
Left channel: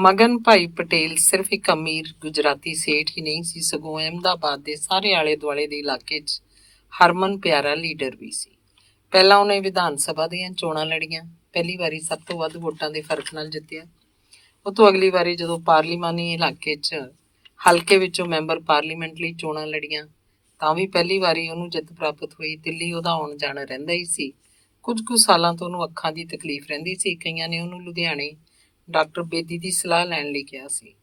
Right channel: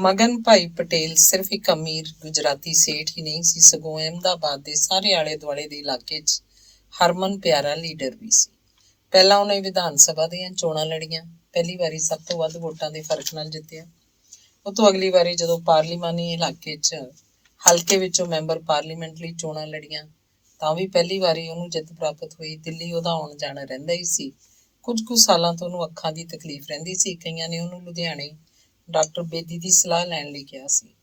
ਮਗਨ ਭਾਈ ਪਟੇਲ ਸਿਰਫ ਇੱਕ ਅਮੀਰ ਗੁਜਰਾਤੀ ਸੇਠ ਹੀ ਨਹੀਂ ਸੀ, ਸਗੋਂ ਅਹਿਮਦਾਬਾਦ ਦੇ ਸਾਰੇ ਆਲੇ ਦੁਆਲੇ ਦੇ ਇਲਾਕੇ 'ਚ ਹਰਮਨ ਪਿਆਰਾ ਲੀਡਰ ਵੀ ਸੀ। ਪਹਿਲਾਂ ਉਹਨੇ ਵਿਧਾਨ ਸਭਾ ਦੀਆਂ ਚੋਣਾਂ ਲੜੀਆਂ, ਪਹਿਲੀ ਵਾਰੀ ਸਭ ਤੋਂ ਵੱਧ ਵੋਟਾਂ ਦੇ ਫਰਕ ਨਾਲ ਜਿੱਤਿਆ। ਉਹ ਤੋਂ ਅਗਲੀ ਵਾਰੀ ਜਦੋਂ ਪਾਰਲੀਮਾਨੀ ਇਲਾਕੇ 'ਚ ਹਲਕੇ ਵਿੱਚੋਂ ਮੈਂਬਰ ਪਾਰਲੀਮੈਂਟ ਲਈ ਚੋਣਾਂ ਲੜੀਆਂ, ਤਾਂ ਵੀ ਪਹਿਲੀ ਵਾਰੀ ਉਹਨੂੰ ਜਿੱਤ ਪ੍ਰਾਪਤ ਹੋਈ। ਦਿੱਲੀ ਉਹਦਾ ਆਉਣ ਜਾਣਾ ਰਹਿੰਦਾ ਹੀ ਸੀ। ਕੁਝ ਕੁ ਸਾਲਾਂ ਤੋਂ ਉਹਨੂੰ ਅੱਖਾਂ ਦੀ ਤਕਲੀਫ ਰਹਿੰਦੀ ਸੀ। ਕਈਆਂ ਨੇ ਉਹਨੂੰ ਲੁਧਿਆਣੇ ਡਾਕਟਰ ਬੇਦੀ ਦੀ ਸਲਾਹ ਲੈਣ ਲਈ ਕਿਹਾ ਸੀ।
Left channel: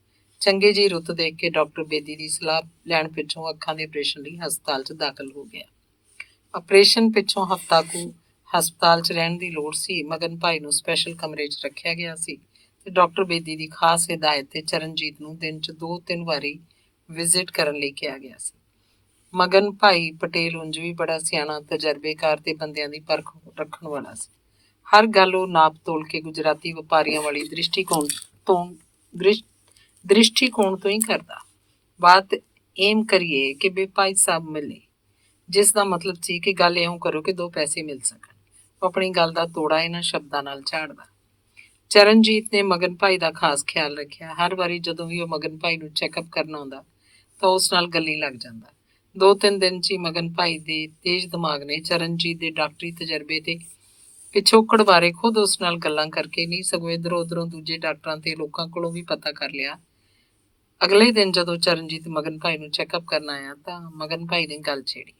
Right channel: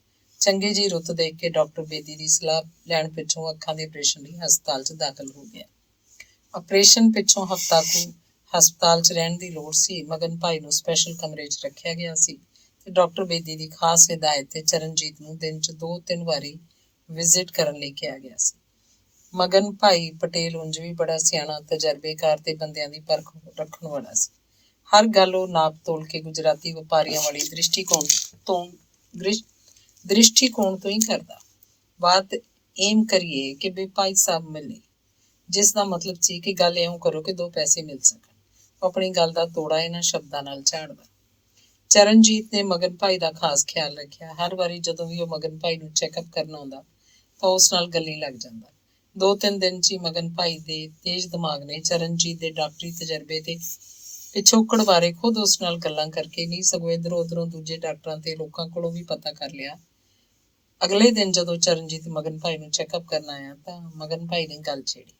ਚੰਗੇ ਜਿਹੀ ਰੁੱਤ ਦੇਖ ਕੇ ਡਾਕਟਰ ਬੇਦੀ ਦੀ ਸਲਾਹ ਲੈਣ ਪਿੱਛੋਂ ਅੱਖਾਂ ਦੇ ਆਪਰੇਸ਼ਨ ਲਈ ਹਸਪਤਾਲ 'ਚ ਦਾਖਲ ਹੋ ਗਿਆ। ਆਪਰੇਸ਼ਨ ਪਿੱਛੋਂ ਹਫ਼ਤਾ ਕੁ ਹਸਪਤਾਲ 'ਚ ਰਹਿਣ ਦੀ ਲੋੜ ਸੀ। ਮਗਨ ਭਾਈ ਨੂੰ ਸਪੈਸ਼ਲ ਕਮਰੇ 'ਚ ਰੱਖਿਆ ਗਿਆ ਸੀ ਤੇ ਡਾਕਟਰ ਬੇਦੀ ਦੀ ਖਾਸ ਹਿਦਾਇਤ ਤੇ ਚਰਨਜੀਤ ਨੂੰ ਦਿਨ 'ਚ 2-3 ਵਾਰੀ ਵਿਜ਼ਿਟ ਕਰਨ ਲਈ ਕਿਹਾ ਗਿਆ ਸੀ। ਮਗਨ ਭਾਈ ਪਟੇਲ ਉਂਝ ਵੀ ਬੜਾ ਸਿਆਣਾ, ਤਜਰਬੇਕਾਰ ਤੇ ਬੰਦਿਆਂ ਦੀ ਪਰਖ ਰੱਖਣ ਵਾਲਾ ਸੀ। ਹਰ ਗੱਲ ਉਹ ਨਾਪ ਤੋਲ ਕੇ ਗੁਜਰਾਤੀ ਵਪਾਰੀਆਂ ਵਾਲੀ ਦ੍ਰਿਸ਼ਟੀਕੋਣ ਤੋਂ ਹੀ ਕਰਦਾ। ਬਾਤ ਏਮ ਕਰੀਏ ਕਿ ਵੀ ਭਾਈ ਸਾਹਿਬ ਮਿਲੇ, ਜਿਸ ਦਾ ਮਤਲਬ ਸੀ ਕਿ ਗੱਲ ਇਉਂ ਕਰੋ ਕਿ 2 ਪੈਸੇ ਮਿਲ ਸਕਣ। ਉਹ ਆਪਣੀ ਗੱਲ ਦਾ ਤੋੜਾ ਇਹਨਾਂ ਸ਼ਬਦਾਂ ਨਾਲ ਝਾੜਦਾ। ਚਰਨਜੀਤ ਨੇ ਮਗਨ ਭਾਈ ਦਾ ਖਾਸ ਖਿਆਲ ਰੱਖਿਆ। ਹਰ ਵਾਰੀ ਜਦੋਂ ਵੀ ਉਹ ਮਗਨ ਭਾਈ ਨੂੰ ਚੈੱਕਅਪ ਕਰਨ ਆਉਂਦਾ ਤਾਂ ਉਸ ਨਾਲ ਗੱਲੀ ਲੱਗ ਜਾਂਦਾ। 2-3 ਦਿਨ 'ਚ ਹੀ ਮਗਨ ਭਾਈ ਦੇ ਤੇਜ਼ ਦਿਮਾਗ ਨੇ ਚਰਨਜੀਤ ਦੇ ਡਾਕਟਰੀ ਤਜਰਬੇ ਤੇ ਪਿਛੋਕੜ ਬਾਰੇ ਖੁਦ ਉਸ ਨਾਲ ਗੱਲਾਂ ਕਰਕੇ ਨਹੀਂ, ਸਗੋਂ ਇੱਧਰੋਂ ਉੱਧਰੋਂ ਦੂਜੇ ਡਾਕਟਰਾਂ ਤੇ ਲੋਕਾਂ ਕੋਲੋਂ ਵੀ ਪਤਾ ਕਰ ਲਿਆ। ਅਗਲੇ ਦਿਨ ਜਦੋਂ ਚਰਨਜੀਤ ਮਗਨ ਭਾਈ ਨੂੰ ਚੈੱਕਅਪ ਕਰਨ ਆਇਆ ਤਾਂ ਮਗਨ ਭਾਈ ਨੇ ਗੱਲ ਛੇੜੀ।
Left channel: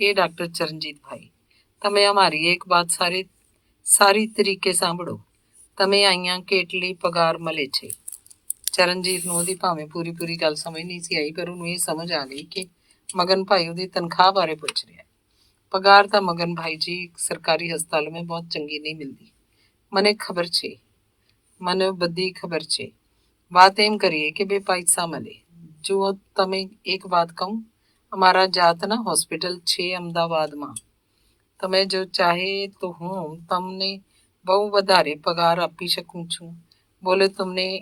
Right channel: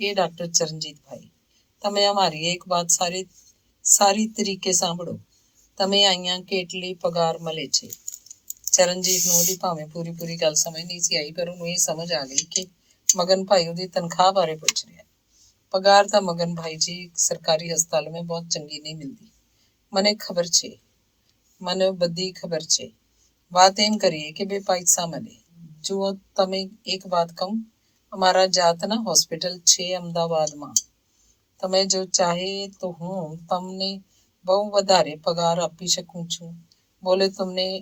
ये डॉक्टर चरणजीत भाई, तमें हमारी एक बात सारी तरीके सांभड़ो। तमें आईयां केटली पगार मले छे। चरणजीत ਨੂੰ ਉਹਦੀ ਭਾਵੇਂ ਪੂਰੀ ਗੱਲ ਸਮਝ ਨਹੀਂ ਸੀ ਆਈ, ਪਰ ਉਹਨੂੰ ਇਹ ਸਮਝ ਆ ਗਈ ਕਿ ਮਗਨ ਭਾਈ ਉਹਦੀ ਤਨਖਾਹ ਬਾਰੇ ਪੁੱਛ ਰਿਹਾ। पगार ਤਾਂ मगन भाई जी सरकारी हस्पताल में बहुत चंगी नहीं मिलती। मने खबर छे, मने बदी खबर छे। बात एम करिए कि बे पैसा मले। जो तमें एक बात कहूँ, અમારા જાતના હોસ્પિટલ છે અમદાવાદમાં। તમે જો ચાહે તો હું તમને બહુ વધારે પગાર આપી શકું છું। બોલે તમને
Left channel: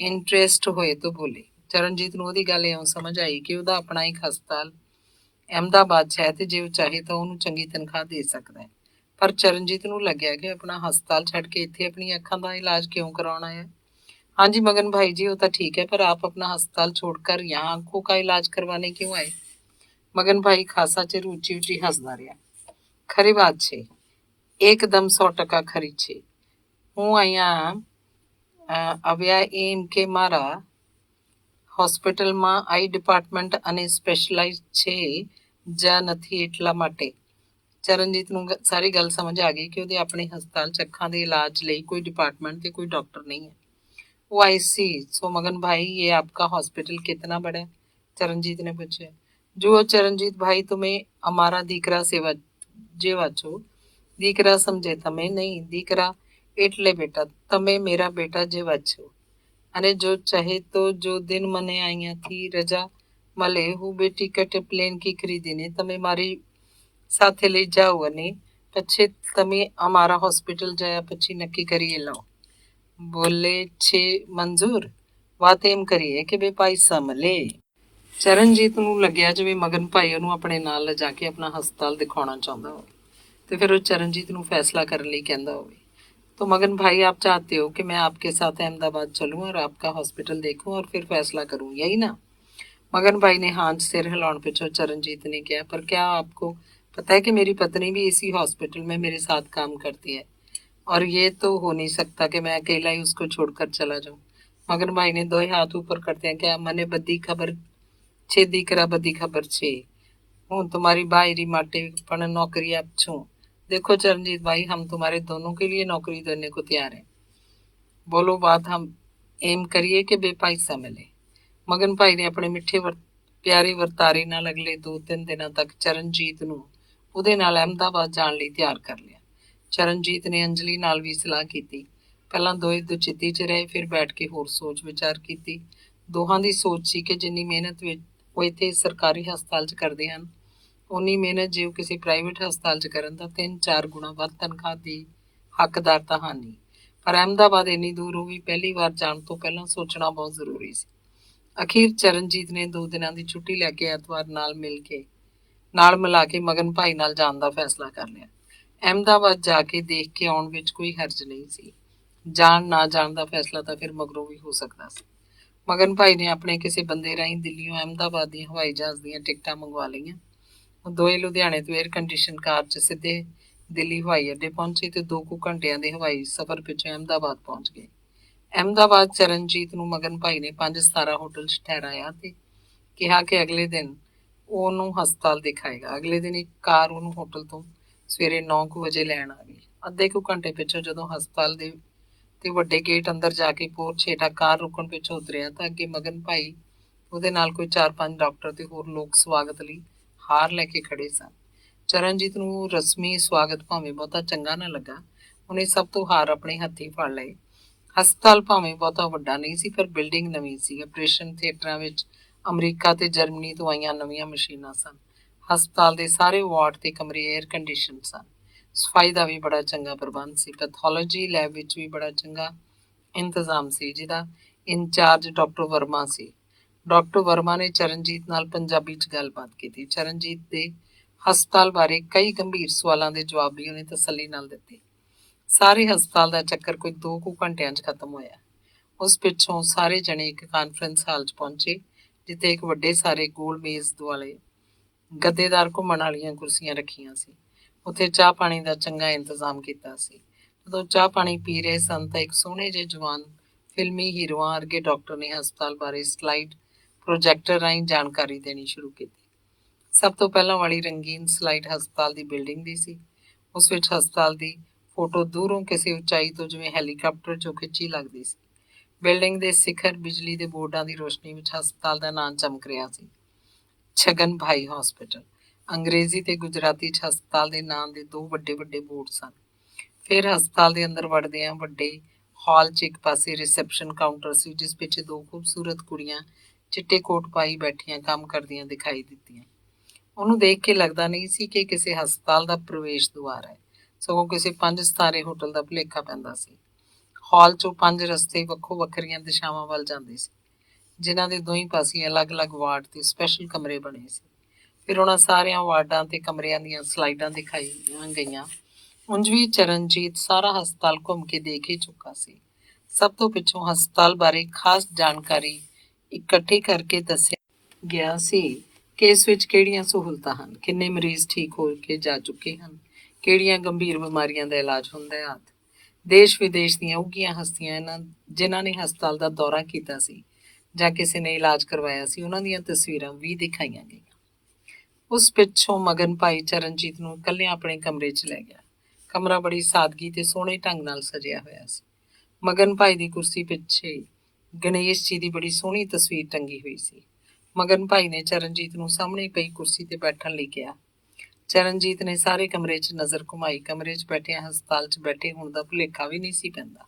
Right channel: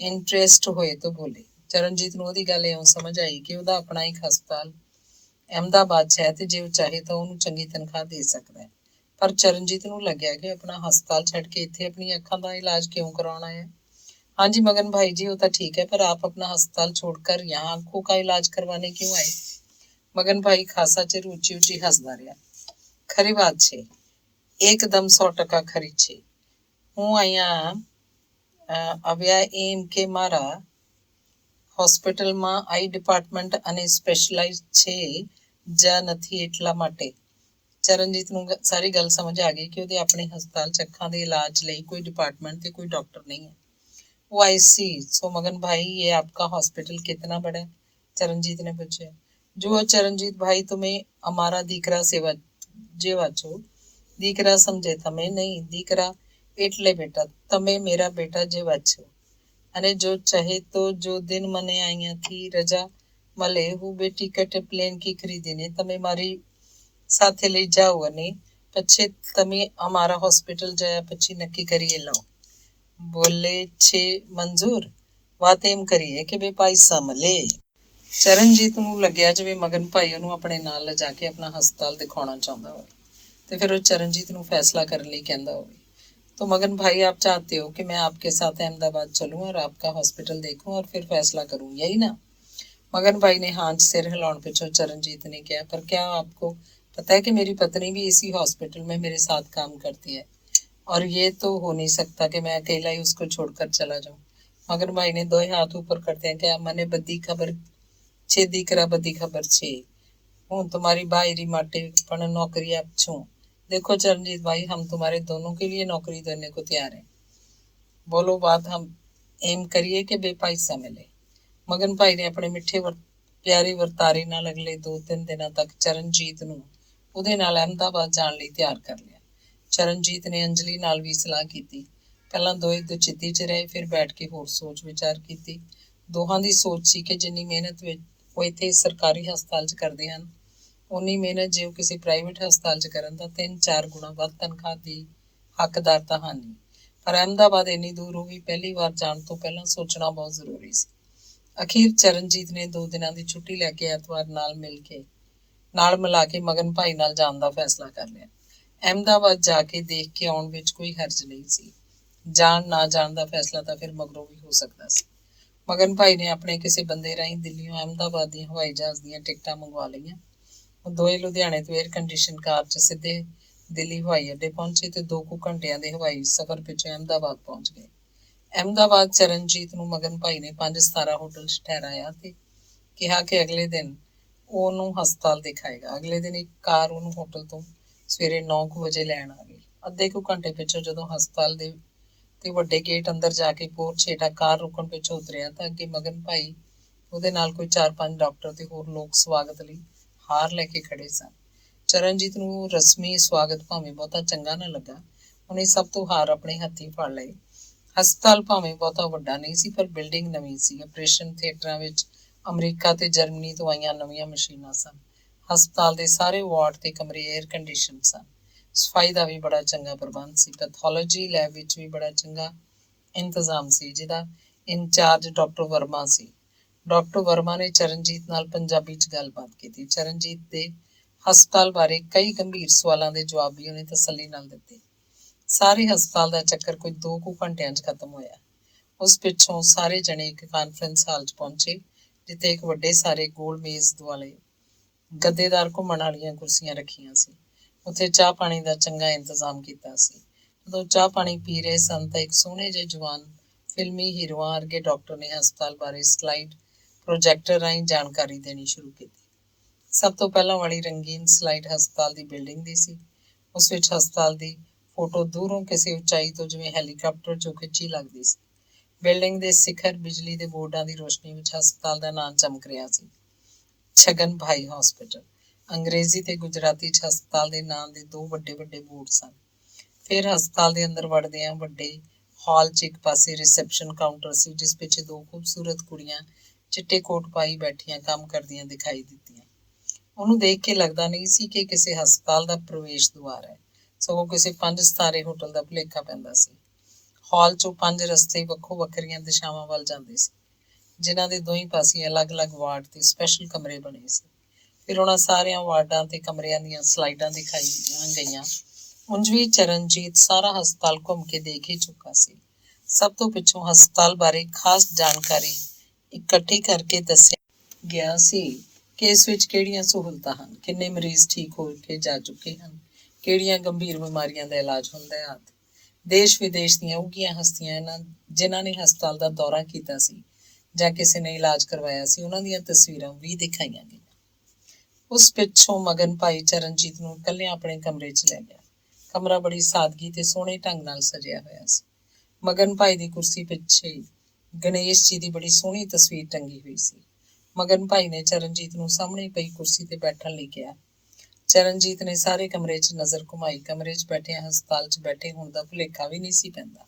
ਇੰਟਰਸਟ ਹੋਏ ਤਾਂ ਬੋਲੇ। ਚਰਨਜੀਤ ਨੂੰ ਉਹਦੀ ਗੱਲ ਇਉਂ ਸਮਝ ਆਈ ਕਿ ਉਹਦਾ ਆਪਣਾ ਇੱਕ ਹਸਪਤਾਲ ਅਹਿਮਦਾਬਾਦ 'ਚ ਹੈ ਤੇ ਜੇ ਉਹ ਚਾਹੇ ਤਾਂ ਉਹਨੂੰ ਚੰਗੀ ਤਨਖਾਹ ਦੇ ਸਕਦਾ ਹੈ। ਪਰ ਚਰਨਜੀਤ ਨੂੰ ਲੱਗਿਆ ਕਿ ਆਪਣਾ ਹਸਪਤਾਲ ਛੱਡ ਕੇ ਇੱਥੇ ਆਪਣੀ ਅੱਖਾਂ ਦਾ ਇਲਾਜ ਕਿਉਂ ਕਰਾਉਣਾ ਹੈ। हाँ जी मगन भाई जी, वो तो ठीक है, पर आप अपना अस्पताल छोड़कर यहाँ आंखों का इलाज करवाने क्यों आए? मगन भाई खासा चिर ऊंची ऊंची हंसदा रहा। खरी बात छे, एकदम 100% खरी छे। हूँ અહીંયા આવ્યા એમ કે મારા હોસ્પિટલમાં આઈ ડિપાર્ટમેન્ટ અને સ્પેશલાઇઝ છે ਜਾਂ નથી એટલા માટે। ਚਰਨਜੀਤ ਨੂੰ ਸਾਰੀ ਗੱਲ ਸਮਝ ਆ ਗਈ ਕਿ ਉਹਦੇ ਆਪਣੇ ਹਸਪਤਾਲ 'ਚ ਅੱਖਾਂ ਦੇ ਇਲਾਜ ਲਈ ਕੋਈ ਡਿਪਾਰਟਮੈਂਟ ਤੇ ਕੋਈ ਡਾਕਟਰ ਨਹੀਂ ਹੈ। वो आई सी। सो मगन भाई, ये आपका हॉस्पिटल कितना बड़ा है? चरणजीत ने पूछा। जो चरणजीत भाई, तुम्हें हमारा दीकरा सेवा जेवा छो। दीकरा समझे तमें नहीं, दीकरा એટલે બેટા તમે મેરા બેટા જેવા છો અને જો ચાહે તો જો દિન મને અહીંયાથી રજા મળે, હું બે ટિકિટ પ્લેનની ખરીદીને તમે મારી સાથે લઈ જાઓ અને પછી તમે અમારા હોસ્પિટલ ગયા પછી નક્કી કરી લો। बोले छे मंजूर। बात एम करिए कि बे पैसा मले। ਚਰਨਜੀਤ ਨੂੰ ਲੱਗਿਆ ਜਿਵੇਂ ਮਗਨ ਭਾਈ ਉਹਨੂੰ ਆਪਣੇ ਨਾਲ ਲਿਜਾ ਕੇ ਆਪਣਾ ਹਸਪਤਾਲ ਦਿਖਾਉਣਾ ਚਾਹੁੰਦਾ ਹੋਵੇ ਤੇ ਫਿਰ ਉਹ ਚਰਨਜੀਤ ਨੂੰ फैसला करने ਲਈ ਕਹਿੰਦਾ ਹੋਵੇ। तो मगन भाई, आप चाहते हो कि मैं आपके साथ अहमदाबाद चलूं और आपका हॉस्पिटल देखूं और फिर फैसला करूं, यही ना? मगन भाई ने हाँ सिर हिलाने पिछों चरणजीत ने कहा, पर क्या आपको पता है कि मेरी पत्नी भी इसी हॉस्पिटल में मेरे साथ काम करती है और ये तो हो नहीं सकता कि मैं अकेला ही उसको छोड़कर चला जाऊं। मगन भाई ने 2 हाथ ऊपर करते हैं, क्या मने बदी खबर छे दीकरा, बदी खबर छे। हूँ तुम्हारी बाहरी माटे पण नौकरी आप छू। देखो चरणजीत भाई, हम तुम्हारे दोनों के लिए नौकरी देने को तैयार हैं। बोलो बात, हम एम करिए कि बेपैसा मिले। ਮਗਨ ਭਾਈ ਨੇ ਆਪਣੇ ਮਿੱਠੇ ਪਿਆਰੇ ਵਰਤਾਰੇ ਨਾਲ ਅਗਲੇ 2-3 ਦਿਨਾਂ ਤੱਕ ਚਰਨਜੀਤ ਨੂੰ ਉਹਦੇ ਨਾਲ ਅਹਿਮਦਾਬਾਦ ਜਾਣ ਲਈ ਤਿਆਰ ਕਰ ਲਿਆ। ਚਰਨਜੀਤ ਨੇ ਅੰਜਲੀ ਨਾਲ ਵੀ ਸਲਾਹ ਕੀਤੀ। ਪਹਿਲਾਂ ਦੋਏ ਦੁਚਿੱਤੀ 'ਚ ਰਹੇ, ਫਿਰ ਬੈਠ ਕੇ ਹੋਰ ਸੋਚ ਵਿਚਾਰ ਕੀਤੀ। ਦੋਹਾਂ ਦੀ ਸੋਚ ਸੀ ਕਿ ਜਿੰਨੀ ਮਿਹਨਤ ਵਿੱਚ ਉਹ ਇੱਥੇ ਸਰਕਾਰੀ ਹਸਪਤਾਲ 'ਚ ਕਰਦੇ ਹਨ, ਉਨੀ ਮਿਹਨਤ ਜੇ ਉਹ ਕਿਸੇ ਪ੍ਰਾਈਵੇਟ ਹਸਪਤਾਲ 'ਚ ਕਰਨ ਤਾਂ 3-4 ਗੁਣਾ ਵੱਧ ਤਨਖਾਹ ਦੀ ਹੱਕਦਾਰ ਤਾਂ ਹਨ ਨਹੀਂ। ਪਰ ਅਹਿਮਦਾਬਾਦ ਇੰਨੀ ਦੂਰ ਉਹ ਵੀ ਪਹਿਲੀ ਵਾਰ ਜਾਣ ਤੋਂ ਪਹਿਲਾਂ ਸੋਚਣਾ ਬਹੁਤ ਜ਼ਰੂਰੀ ਸੀ। ਅਖੀਰ ਚਰਨਜੀਤ ਨੇ 2 ਦਿਨਾਂ ਦੀ ਛੁੱਟੀ ਲੈ ਕੇ ਐਤਵਾਰ ਨਾਲ ਮਿਲਾ ਕੇ ਮਗਨ ਭਾਈ ਨਾਲ ਜਾਣ ਦਾ ਫੈਸਲਾ ਕਰ ਲਿਆ। ਅਹਿਮਦਾਬਾਦ ਜਾ ਕੇ ਦੇਖ ਕੇ ਆਉਣ ਵਿੱਚ ਕੋਈ ਹਰਜ ਨਹੀਂ ਸੀ। ਜਾਣ ਨਾ ਜਾਣ ਦਾ ਫੈਸਲਾ ਤਾਂ ਫਿਰ ਮਗਰੋਂ ਵੀ ਹੋ ਸਕਦਾ ਸੀ। ਮਗਨ ਭਾਈ ਨੇ ਆਪਣੇ ਕਿਸੇ ਬੰਦੇ ਰਾਹੀਂ ਦਿੱਲੀੋਂ ਅਹਿਮਦਾਬਾਦ ਦੀਆਂ ਹਵਾਈ ਜਹਾਜ਼ ਦੀਆਂ ਟਿਕਟਾਂ ਮੰਗਵਾ ਲਈਆਂ। ਉਹ ਦੋਏ ਲੁਧਿਆਣੇ ਤੋਂ 에ਅਰ ਕੰਡੀਸ਼ਨ ਕਾਰ 'ਚ ਸਿੱਧੇ ਦਿੱਲੀ ਹਵਾਈ ਅੱਡੇ ਪਹੁੰਚੇ ਤੇ 2 ਕੁ ਘੰਟਿਆਂ ਦੇ ਹਵਾਈ ਸਫ਼ਰ ਪਿੱਛੋਂ ਅਹਿਮਦਾਬਾਦ ਪਹੁੰਚ ਗਏ। ਅਹਿਮਦਾਬਾਦ ਚਰਨਜੀਤ ਨੂੰ ਮਗਨ ਭਾਈ ਨੇ 5 ਸਿਤਾਰਾ ਹੋਟਲ 'ਚ ਠਹਿਰਾਇਆ ਤੇ ਕਿਹਾ ਕਿ ਅਗਲੇ ਦਿਨ ਉਹ ਉਹਨੂੰ ਹਸਪਤਾਲ ਦਿਖਾਏਗਾ। ਅਗਲੇ ਦਿਨ ਇੱਕ ਕਾਰ ਉਹਨੂੰ ਹੋਟਲ ਤੋਂ ਸਵੇਰੇ 9 ਕੁ ਵਜੇ ਲੈਣ ਆ ਗਈ। ਅੱਧੇ ਕੁ ਘੰਟੇ ਪਿੱਛੋਂ ਜਦੋਂ ਹਸਪਤਾਲ ਦੇ ਤੇ ਵੱਡੇ ਗੇਟ ਅੰਦਰ ਜਾ ਕੇ ਪੋਰਚ ਹੇਠਾਂ ਕਾਰ ਰੁਕਣ ਪਿੱਛੋਂ ਉਤਰਿਆ ਤਾਂ ਅੱਗੇ ਮਗਨ ਭਾਈ, ਉਹਦੇ ਨਾਲ ਕੋਈ 4-5 ਡਾਕਟਰ ਤੇ ਹੋਰ ਲੋਕ ਸਵਾਗਤ ਲਈ ਹਾਰ ਲੈ ਕੇ ਖੜੇ ਸਨ। ਚਰਨਜੀਤ ਨੂੰ ਰਸਮੀ ਸਵਾਗਤ ਭਾਵੇਂ ਬਹੁਤਾ ਚੰਗਾ ਨਾ ਲੱਗਾ। ਉਹਨੇ ਸਭ ਤੋਂ ਹਾਰ ਆਪਣੇ ਹੱਥੀਂ ਫੜ ਲਏ। ਹਸਪਤਾਲ ਭਾਵੇਂ ਬਹੁਤਾ ਵੱਡਾ ਨਹੀਂ ਸੀ, ਪਰ ਬਿਲਡਿੰਗ ਨਵੀਂ ਸੀ। ਆਪਰੇਸ਼ਨ ਥੀਏਟਰਾਂ ਵਿੱਚ ਅਮਰੀਕਾ ਤੇ ਜਰਮਨੀ ਤੋਂ ਆਈਆਂ ਨਵੀਆਂ ਮਸ਼ੀਨਾਂ ਸਨ। ਹਸਪਤਾਲ ਦੇ ਸਾਰੇ ਵਾਰਡ ਤੇ ਕਮਰੇ 에ਅਰ ਕੰਡੀਸ਼ਨ ਸਨ। ਸਫਾਈ ਦਾ ਵੀ ਬੜਾ ਚੰਗਾ ਪ੍ਰਬੰਧ ਸੀ। ਪੈਥੋਲੋਜੀ ਲੈਬ ਵਿੱਚ ਵੀ ਬੜਾ ਚੰਗਾ ਇੰਤਜ਼ਾਮ ਸੀ, ਜਿਹਦਾ ਇੰਚਾਰਜ ਡਾਕਟਰ ਵਰਮਾ ਸੀ। ਡਾਕਟਰ ਵਰਮਾ ਨੇ ਚਰਨਜੀਤ ਨਾਲ ਪੰਜਾਬੀ 'ਚ ਗੱਲਬਾਤ ਕੀਤੀ। ਚਰਨਜੀਤ ਦੇ ਹਸਪਤਾਲ ਬਾਰੇ ਕਈ ਗੰਭੀਰ ਸਵਾਲਾਂ ਦੇ ਜਵਾਬ ਵੀ ਉਹਨੇ ਤਸੱਲੀ ਨਾਲ ਦਿੱਤੇ। ਸਾਰੇ ਹਸਪਤਾਲ ਦਾ ਚੱਕਰ ਕੋਈ 2 ਕੁ ਘੰਟਿਆਂ 'ਚ ਖਤਮ ਹੋਇਆ। ਉਸ ਪਿੱਛੋਂ ਸਾਰੇ ਜਣੇ ਇੱਕ ਕਾਨਫਰੰਸ ਹਾਲ 'ਚ ਪਹੁੰਚੇ, ਜਿੱਥੇ ਇੱਕ ਵੱਡੇ ਸਾਰੇ ਗੋਲ ਮੇਜ਼ ਦੁਆਲੇ ਗੱਦੇਦਾਰ ਘੁੰਮਣ ਵਾਲੀਆਂ ਕੁਰਸੀਆਂ ਰੱਖੀਆਂ ਸੀ। ਉੱਥੇ ਚਾਹ ਪਾਣੀ ਦਾ ਚੰਗਾ ਇੰਤਜ਼ਾਮ ਕੀਤਾ ਸੀ। ਜਦੋਂ ਚਾਹ ਪਾਣੀ ਪੀ ਰਹੇ ਸਨ ਤਾਂ ਇੱਕ ਸੋਹਣੇ ਜਿਹੇ ਜਵਾਨ ਫਿਲਮੀ ਹੀਰੋਆਂ ਵਰਗੇ ਡਾਕਟਰ ਨੇ ਹਸਪਤਾਲ ਬਾਰੇ ਸਲਾਈਡ ਪ੍ਰੋਜੈਕਟਰ ਰਾਹੀਂ ਜਾਣਕਾਰੀ ਦੇਣੀ ਸ਼ੁਰੂ ਕੀਤੀ। ਸਭ ਤੋਂ ਪਹਿਲਾਂ ਵਾਲੀ ਰੰਗੀਨ ਸਲਾਈਡ ਹਸਪਤਾਲ ਦੀ ਬਿਲਡਿੰਗ ਦੀ ਸੀ। ਉਸ ਵਿੱਚ ਹਸਪਤਾਲ ਦੀ ਫੋਟੋ ਦੂਰੋਂ ਕਿਸੇ ਉਚਾਈ ਤੋਂ ਜਿਵੇਂ ਹੈਲੀਕਾਪਟਰ 'ਚੋਂ ਖਿੱਚੀ ਲੱਗਦੀ ਸੀ। ਬਿਲਡਿੰਗ ਦੇ ਸਿਖਰ ਬਿਜਲੀ ਦੇ ਬੋਰਡਾਂ ਦੀ ਰੋਸ਼ਨੀ ਵਿੱਚ ਹਸਪਤਾਲ ਦਾ ਨਾਂ ਚਮਕ ਰਿਹਾ ਸੀ, ਛਗਨ ਭਾਈ ਹਸਪੀਟਲ। ਅੰਗਰੇਜ਼ੀ ਤੇ ਗੁਜਰਾਤੀ 'ਚ ਹਸਪਤਾਲ ਦੇ ਨਾਂ ਦੇ 2 ਵੱਡੇ ਵੱਡੇ ਬੋਰਡ ਸਨ। ਫਿਰ ਹਸਪਤਾਲ ਦੇ ਅੰਦਰ ਵੜਦਿਆਂ ਵੱਡੇ ਹਾਲ 'ਚ ਇੱਕ ਪਾਸੇ ਰਿਸੈਪਸ਼ਨ ਕਾਊਂਟਰ ਸੀ, ਜਿਸ ਪਿੱਛੇ 2 ਖੂਬਸੂਰਤ ਕੁੜੀਆਂ ਚਿੱਟੇ ਕੋਟ ਪਾਈ ਬੈਠੀਆਂ ਕੰਮ ਕਰਦੀਆਂ ਦਿਖਾਈ ਦਿੱਤੀਆਂ। ਉਹਨੂੰ ਦੇਖ ਕੇ ਲੱਗਦਾ ਨਹੀਂ ਸੀ ਕਿ ਕਿਸੇ ਹਸਪਤਾਲ ਦਾ ਪ੍ਰਵੇਸ਼ ਦੁਆਰ ਹੈ, ਸਗੋਂ ਕਿਸੇ 5 ਸਿਤਾਰੇ ਹੋਟਲ ਦਾ ਭੁਲੇਖਾ ਪੈਂਦਾ ਸੀ। ਹਾਲ 'ਚੋਂ 5 ਰਸਤੇ ਵੱਖੋ ਵੱਖਰੀਆਂ ਦਿਸ਼ਾਵਾਂ ਵੱਲ ਜਾਂਦੇ ਸੀ, ਜਿਨ੍ਹਾਂ ਦੇ ਦੋਹੀਂ ਪਾਸੇ ਅਲੱਗ-ਅਲੱਗ ਵਾਰਡ ਤੇ ਸਪੈਸ਼ਲ ਕਮਰੇ ਬਣੇ ਸੀ। ਫਿਰ ਉਹਨਾਂ ਸਾਰਿਆਂ ਵਾਰਡਾਂ ਤੇ ਕਮਰਿਆਂ ਦੀਆਂ ਸਲਾਈਡਾਂ ਦਿਖਾਈਆਂ ਗਈਆਂ। ਉਂਝ ਵੀ ਚਰਨਜੀਤ ਸਾਰਾ ਹਸਪਤਾਲ ਘੁੰਮ ਕੇ ਦੇਖ ਹੀ ਚੁੱਕਾ ਸੀ। ਸਭ ਤੋਂ ਪਿੱਛੋਂ ਹਸਪਤਾਲ ਬਾਰੇ ਖਾਸ ਜਾਣਕਾਰੀ ਇਕੱਠੀ ਕਰਕੇ ਦੱਸਿਆ ਗਿਆ ਸੀ ਕਿ ਇਸ ਵਿੱਚ ਕਿਹੜੀਆਂ ਸਹੂਲਤਾਂ ਹਨ, ਕਿੰਨੇ ਮਰੀਜ਼ ਠੀਕ ਹੋ ਕੇ ਜਾ ਚੁੱਕੇ ਹਨ, ਕਿਹੜੀਆਂ ਗੰਭੀਰ ਬਿਮਾਰੀਆਂ ਦਾ ਇਲਾਜ ਹੁੰਦਾ ਹੈ ਆਦਿ। ਦੇਸ਼ ਵਿਦੇਸ਼ ਦੀਆਂ ਉੱਘੀਆਂ ਹਸਤੀਆਂ ਜਿਨ੍ਹਾਂ ਨੇ ਹਸਪਤਾਲ ਦਾ ਦੌਰਾ ਕੀਤਾ ਸੀ ਜਾਂ ਕਿਸੇ ਨੇ ਇਲਾਜ ਕਰਵਾਇਆ ਸੀ, ਉਹਨਾਂ ਦੀਆਂ ਤਸਵੀਰਾਂ ਵੀ ਦਿਖਾਈਆਂ ਗਈਆਂ। ਉਸ ਪਿੱਛੋਂ ਮਗਨ ਭਾਈ ਚਰਨਜੀਤ ਨੂੰ ਇਕੱਲਿਆਂ ਆਪਣੇ ਕਮਰੇ 'ਚ ਲੈ ਗਿਆ। ਕਮਰਾ ਬੜੀ ਸਾਦਗੀ ਤੇ ਸੋਹਣੇ ਢੰਗ ਨਾਲ ਸਜਿਆ ਹੋਇਆ ਸੀ। ਮਗਨ ਭਾਈ ਦੀ ਕੁਰਸੀ ਪਿੱਛੇ ਗਣੇਸ਼ ਜੀ ਦੀ ਬੜੀ ਸੋਹਣੀ ਤਸਵੀਰ ਟੰਗੀ ਹੋਈ ਸੀ। ਮਗਨ ਭਾਈ ਨੇ ਚਰਨਜੀਤ ਨੂੰ ਸਾਹਮਣੇ ਪਈ ਕੁਰਸੀ ਤੇ ਬੈਠਣ ਲਈ ਕਿਹਾ। ਚਰਨਜੀਤ ਨੇ ਸਾਰੇ ਕਮਰੇ 'ਚ ਨਜ਼ਰ ਘੁਮਾਈ। ਕਮਰੇ 'ਚ ਬੈਠਿਆਂ ਹਸਪਤਾਲ 'ਚ ਬੈਠੇ ਹੋਣ ਦਾ ਭੁਲੇਖਾ ਵੀ ਨਹੀਂ ਸੀ ਪੈਂਦਾ।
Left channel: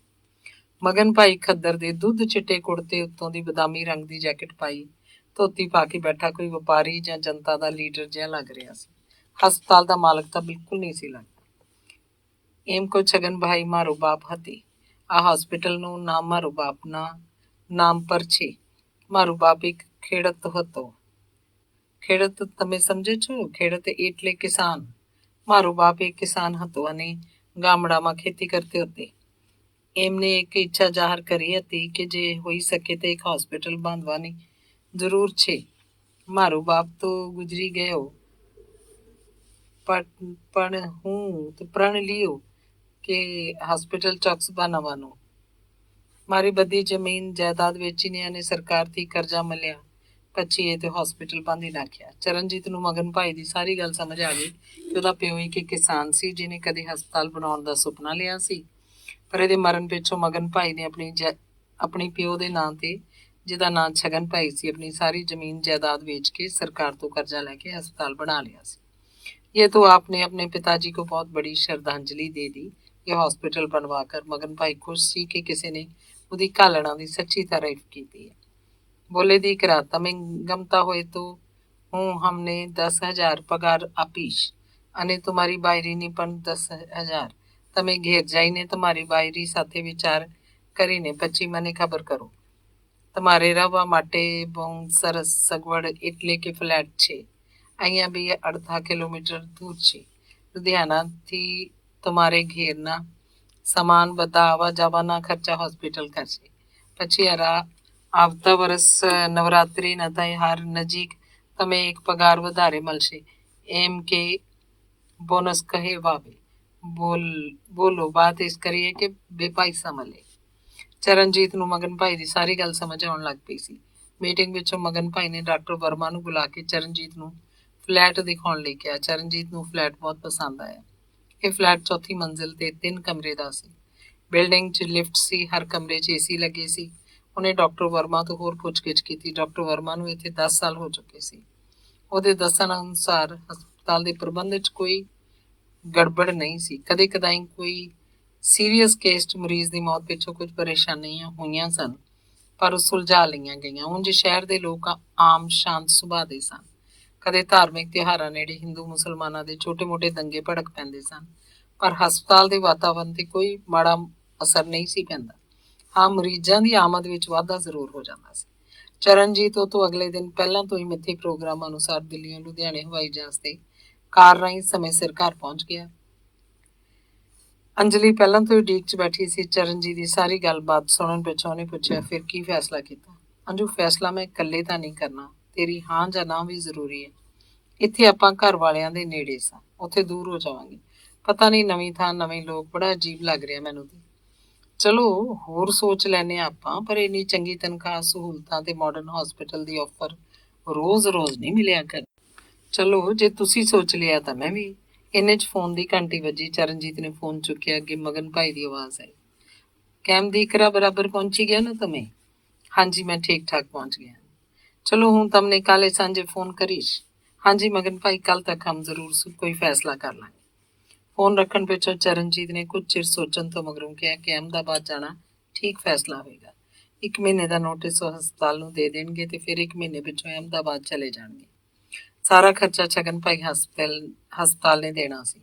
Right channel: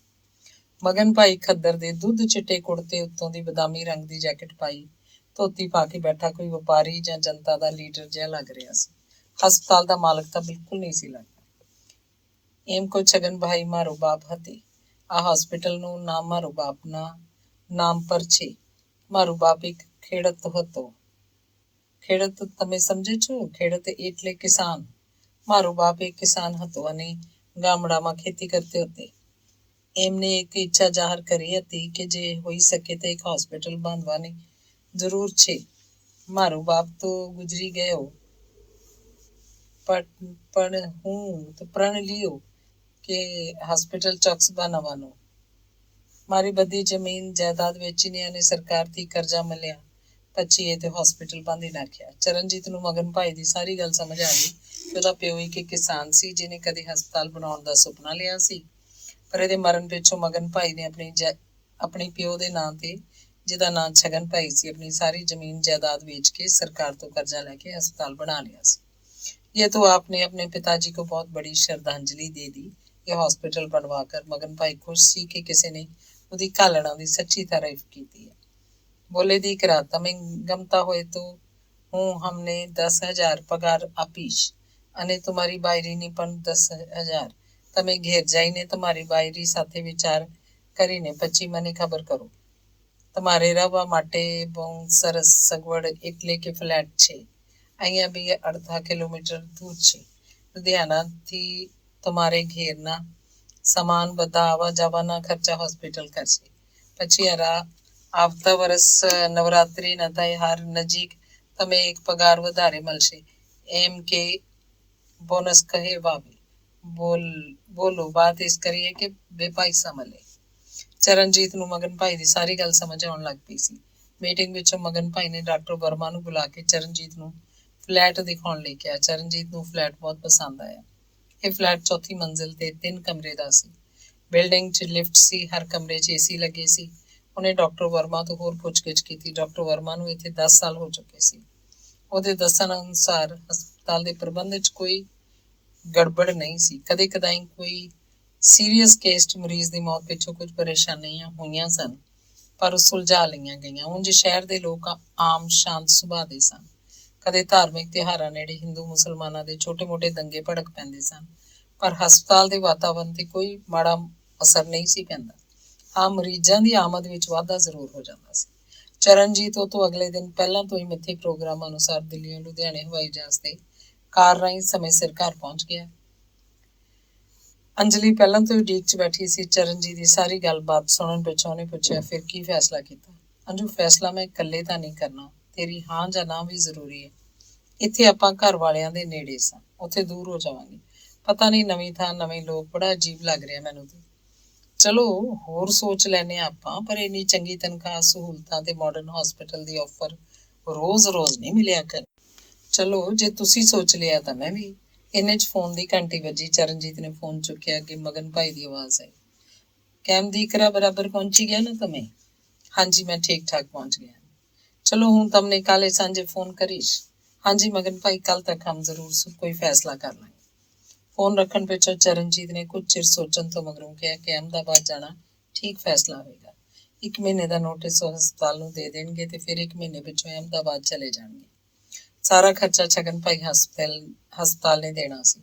ਮਗਨ ਭਾਈ ਖੱਦਰ ਦੇ ਦੁੱਧ ਚਿੱਟੇ ਕੁੜਤੇ ਉੱਤੋਂ ਦੀ ਬਦਾਮੀ ਰੰਗ ਦੀ ਜੈਕਟ ਪਾਈ ਧੋਤੀ ਪਾ ਕੇ ਬੈਠਾ ਕੋਈ ਵਪਾਰੀ ਜਾਂ ਜਨਤਾ ਦਾ ਲੀਡਰ ਜਿਹਾ ਲੱਗ ਰਿਹਾ ਸੀ। ਹਸਪਤਾਲ ਦਾ ਮਾਲਕ ਤਾਂ ਬਿਲਕੁਲ ਨਹੀਂ ਸੀ ਲੱਗਦਾ। એમ કો છગન ભાઈ મારો બાપ હતી. આ હોસ્પિટલનું નામ મારો બાપના નામ પર છે. મારું બાપ એક ખેડૂત હતો. ખેડૂત તમે સમજે છો? ખેડૂત એટલે કિસાન. મારો બાપ એક કિસાન હતો અને ગામડામાં ખેતી કરતી હતી. એમને એક ઈચ્છા જાહેર કરી હતી કે જે હોઈ શકે તે એક હોસ્પિટલ બાંધવાની જરૂર છે. મારો બાપ તો ગુજરી ગયો, પણ હું તો પ્રણ લ્યો કે હોસ્પિટલ ચોક્કસ બનાવવાનો. મારી બધી જમીન જાયદાદ વેચીને અને સરકારથી કરજા મળ્યા ਪੱਚੀਏ ਤੇ ਹਸਪੀਟਲ ਬੰਦ ਹੀ ਰੱਖਿਆ। ਚਰਨਜੀਤ ਨੂੰ ਮਗਨ ਭਾਈ ਦੀ ਸਾਰੀ ਗੱਲ ਸਮਝ ਆ ਗਈ ਕਿ ਉਹਦਾ ਪਿਓ ਇੱਕ ਕਿਸਾਨ ਸੀ ਜਿਹਨੇ ਕਦੇ ਹਸਪਤਾਲ ਬਣਾਉਣ ਦਾ ਸੁਪਨਾ ਲਿਆ ਸੀ, ਪਰ ਇਹਦੇ ਮਰਨ ਪਿੱਛੋਂ ਮਗਨ ਭਾਈ ਨੇ ਆਪਣੀ ਪਿਓ ਦੇ ਨਾਂ ਤੇ, ਜਿਹਦਾ ਨਾਂ ਛਗਨ ਭਾਈ ਸੀ, ਆਪਣੀ ਸਾਰੀ ਜ਼ਮੀਨ ਜਾਇਦਾਦ ਵੇਚ ਕੇ सरकार ਤੋਂ कर्जा लेके अस्पताल बना लिया सी। ये तो आपने अपने पिताजी को बहुत बड़ी श्रद्धांजलि दे दी। ये हॉस्पिटल बनवाकर मगन भाई खुश सी कि किसी ने ਉਹਦੀ ਘਾਲਣਾ ਦੀ सच्ची तारीफ की है। बोले दी करा तमें गमता होए तो हूँ हमने 10,000 पगार आपीश અને तुम्हारी बायरी ની પણ 10,000 તમે ઘેર જઈને તમારી બાયરી સાથે વિચાર કરીને પછી મને ખબર કરો। તમારે રહેવા માટે બહુ સરસ સગવડ એટલે કે ફ્લેટ છે, અહીંયા બી 1/2 કિલોમીટર દૂર છે। લુધિયાનાથી તમારે ઘેરના સામાન બધા આવા જવાના ખર્ચા હોસ્પિટલ કરશે। પછી આવતા વર્ષ નવરાત્રિના તહેવાર નજીક તમે એક પગાર વધારે મળશે એમ કે બોનસ કહેવાવે। બોલો बात इस करिए कि बेपैसा मिले। ਚਰਨਜੀਤ ਨੂੰ ਮਗਨ ਭਾਈ ਦੀ ਸਾਰੀ ਗੱਲ ਸਮਝ ਆਉਣ ਲੱਗ ਪਈ ਸੀ। ਮੀਟਿੰਗ ਵਿੱਚੋਂ ਮਗਨ ਭਾਈ ਨੇ ਡਾਕਟਰ ਵਰਮਾ ਨੂੰ ਬੁਲਾ ਕੇ ਚਰਨਜੀਤ ਨੂੰ ਫਲੈਟ ਦਿਖਾਉਣ ਲਈ ਕਿਹਾ। ਚਰਨਜੀਤ ਨੂੰ ਫਲੈਟ ਬਹੁਤ ਪਸੰਦ ਆਇਆ। ਇਹ ਫਲੈਟ ਚੌਥੀ ਮੰਜ਼ਿਲ ਤੇ 3 ਕਮਰੇ ਦਾ ਸੀ। ਬਿਲਡਿੰਗ 'ਚ ਲਿਫਟ ਸੀ, ਹਰ ਕਮਰੇ 'ਚ ਏਸੀ ਲੱਗੇ ਸੀ। ਉਹਨੇ ਡਾਕਟਰ ਵਰਮਾ ਤੋਂ ਹੋਰ ਪੁੱਛਗਿੱਛ ਕੀਤੀ। ਡਾਕਟਰ ਵਰਮਾ ਨੂੰ ਇੱਥੇ 10 ਸਾਲ ਹੋ ਚੁੱਕੇ ਸੀ। ਉਹਦੇ ਦੱਸਣ ਅਨੁਸਾਰ ਹਸਪਤਾਲ ਦੇ ਪ੍ਰਬੰਧ 'ਚ ਕੋਈ ਗੜਬੜ ਨਹੀਂ ਸੀ। ਕਦੇ ਕਦਾਈ ਕੋਈ ਸੀਰੀਅਸ ਕੇਸ 'ਚ ਮਰੀਜ਼ ਦੀ ਮੌਤ ਪਿੱਛੋਂ ਕੁਝ ਪਰੇਸ਼ਾਨੀਆਂ ਹੋਈਆਂ ਸਨ, ਪਰ ਉਹ ਸੁਲਝਾ ਲਈਆਂ ਗਈਆਂ। ਉਂਝ ਸ਼ਹਿਰ ਦੇ ਲੋਕ ਆਮ ਸ਼ਾਂਤ ਸੁਭਾਅ ਦੇ ਸਨ। ਕਦੇ ਧਾਰਮਿਕ ਤਿਉਹਾਰਾਂ ਨੇੜੇ ਹਿੰਦੂ ਮੁਸਲਮਾਨਾਂ ਦੇ ਛੋਟੇ-ਮੋਟੇ ਦੰਗੇ ਭੜਕ ਪੈਂਦੇ ਸਨ, ਪਰ ਹਸਪਤਾਲ ਦੇ ਵਾਤਾਵਰਣ ਤੇ ਕੋਈ ਮਾੜਾ ਅਸਰ ਨਹੀਂ ਸੀ ਪੈਂਦਾ। ਹਾਂ, ਮਰੀਜ਼ਾਂ ਦੀ ਆਮਦ ਵਿੱਚ ਵਾਧਾ ਜ਼ਰੂਰ ਹੋ ਜਾਂਦਾ ਸੀ। ਚਰਨਜੀਤ ਉਹ ਤੋਂ ਅਗਲੇ ਦਿਨ ਪਹਿਲਾਂ ਤੋਂ ਹੀ ਮਿੱਥੇ ਪ੍ਰੋਗਰਾਮ ਅਨੁਸਾਰ ਦਿੱਲੀੋਂ ਲੁਧਿਆਣੇ ਹਵਾਈ ਜਹਾਜ਼ ਤੇ ਕਾਰ ਰਾਹੀਂ ਸਮੇਂ ਸਿਰ ਘਰ ਪਹੁੰਚ ਗਿਆ। ਅੰਜਲੀ ਪਹਿਲਾਂ ਤੋਂ ਹੀ ਉਡੀਕ 'ਚ ਬੈਠੀ ਸੀ। ਚਰਨਜੀਤ ਦੀ ਸਾਰੀ ਗੱਲਬਾਤ ਸੁਣਨ ਪਿੱਛੋਂ ਉਹਨੇ ਪੁੱਛਿਆ, ਫਿਰ ਕੀ ਫੈਸਲਾ ਕੀਤਾ? ਅੰਜੂ, ਫੈਸਲਾ ਮੈਂ ਇਕੱਲੇ ਤਾਂ ਨਹੀਂ ਕਰਨਾ, ਤੇਰੀ ਹਾਂ ਜਾਂ ਨਾ ਵੀ ਜ਼ਰੂਰੀ ਹੈ। ਇੱਥੇ ਆਪਾਂ ਘਰ ਵਾਲਿਆਂ ਦੇ ਨੇੜੇ ਸਾਂ, ਉੱਥੇ ਦੂਰ ਹੋ ਜਾਵਾਂਗੇ। ਪਤਾ ਨਹੀਂ, ਨਵੀਂ ਥਾਂ, ਨਵੇਂ ਲੋਕ, ਬੜਾ ਅਜੀਬ ਲੱਗ ਰਿਹਾ ਮੈਨੂੰ ਤੇ। ਚਲੋ ਹੋਰ ਸੋਚ ਲੈਨੇ ਆਪਾਂ, ਪਰ ਇੰਨੀ ਚੰਗੀ ਤਨਖਾਹ, ਸਹੂਲਤਾਂ ਤੇ ਮਾਡਰਨ ਹਸਪੀਟਲ ਦੀ ਆਫਰ ਰੋਜ਼-ਰੋਜ਼ ਨਹੀਂ ਮਿਲਿਆ ਕਰ। ਚਲੋ ਜੇ ਤੁਸੀਂ ਸੋਚ ਲਿਆ ਤਾਂ ਮੈਂ ਵੀ। ਇੰਨੇ 'ਚ ਫੋਨ ਦੀ ਘੰਟੀ ਵੱਜੀ। ਚਰਨਜੀਤ ਨੇ ਫੋਨ ਚੁੱਕਿਆ। ਅੱਗੇ ਮਗਨ ਭਾਈ ਦੀ ਆਵਾਜ਼ ਆਈ। कैम दीकरा बराबर पहुंची गया ना तुम्हें? हाँ जी, मैं ठीक ठाक पहुंच गया। चलो हूँ तमने काले सांझे फोन करीश। हाँ जी मगन भाई, कल तक हम जरूर कोई फैसला कर लांगे। फोन रखन पिछों चरणजीत ने कुछ चिर सोचन तो मगरों कहा कि अहमदाबाद जाना ठीक फैसला होएगा। 1 महीने का नोटिस हस्पताल नूं दे देणगे ते फिर 1 महीने पिछों अहमदाबाद चले जाणगे। सारा खर्चा छगन भाई हस्पताल ने देना सी।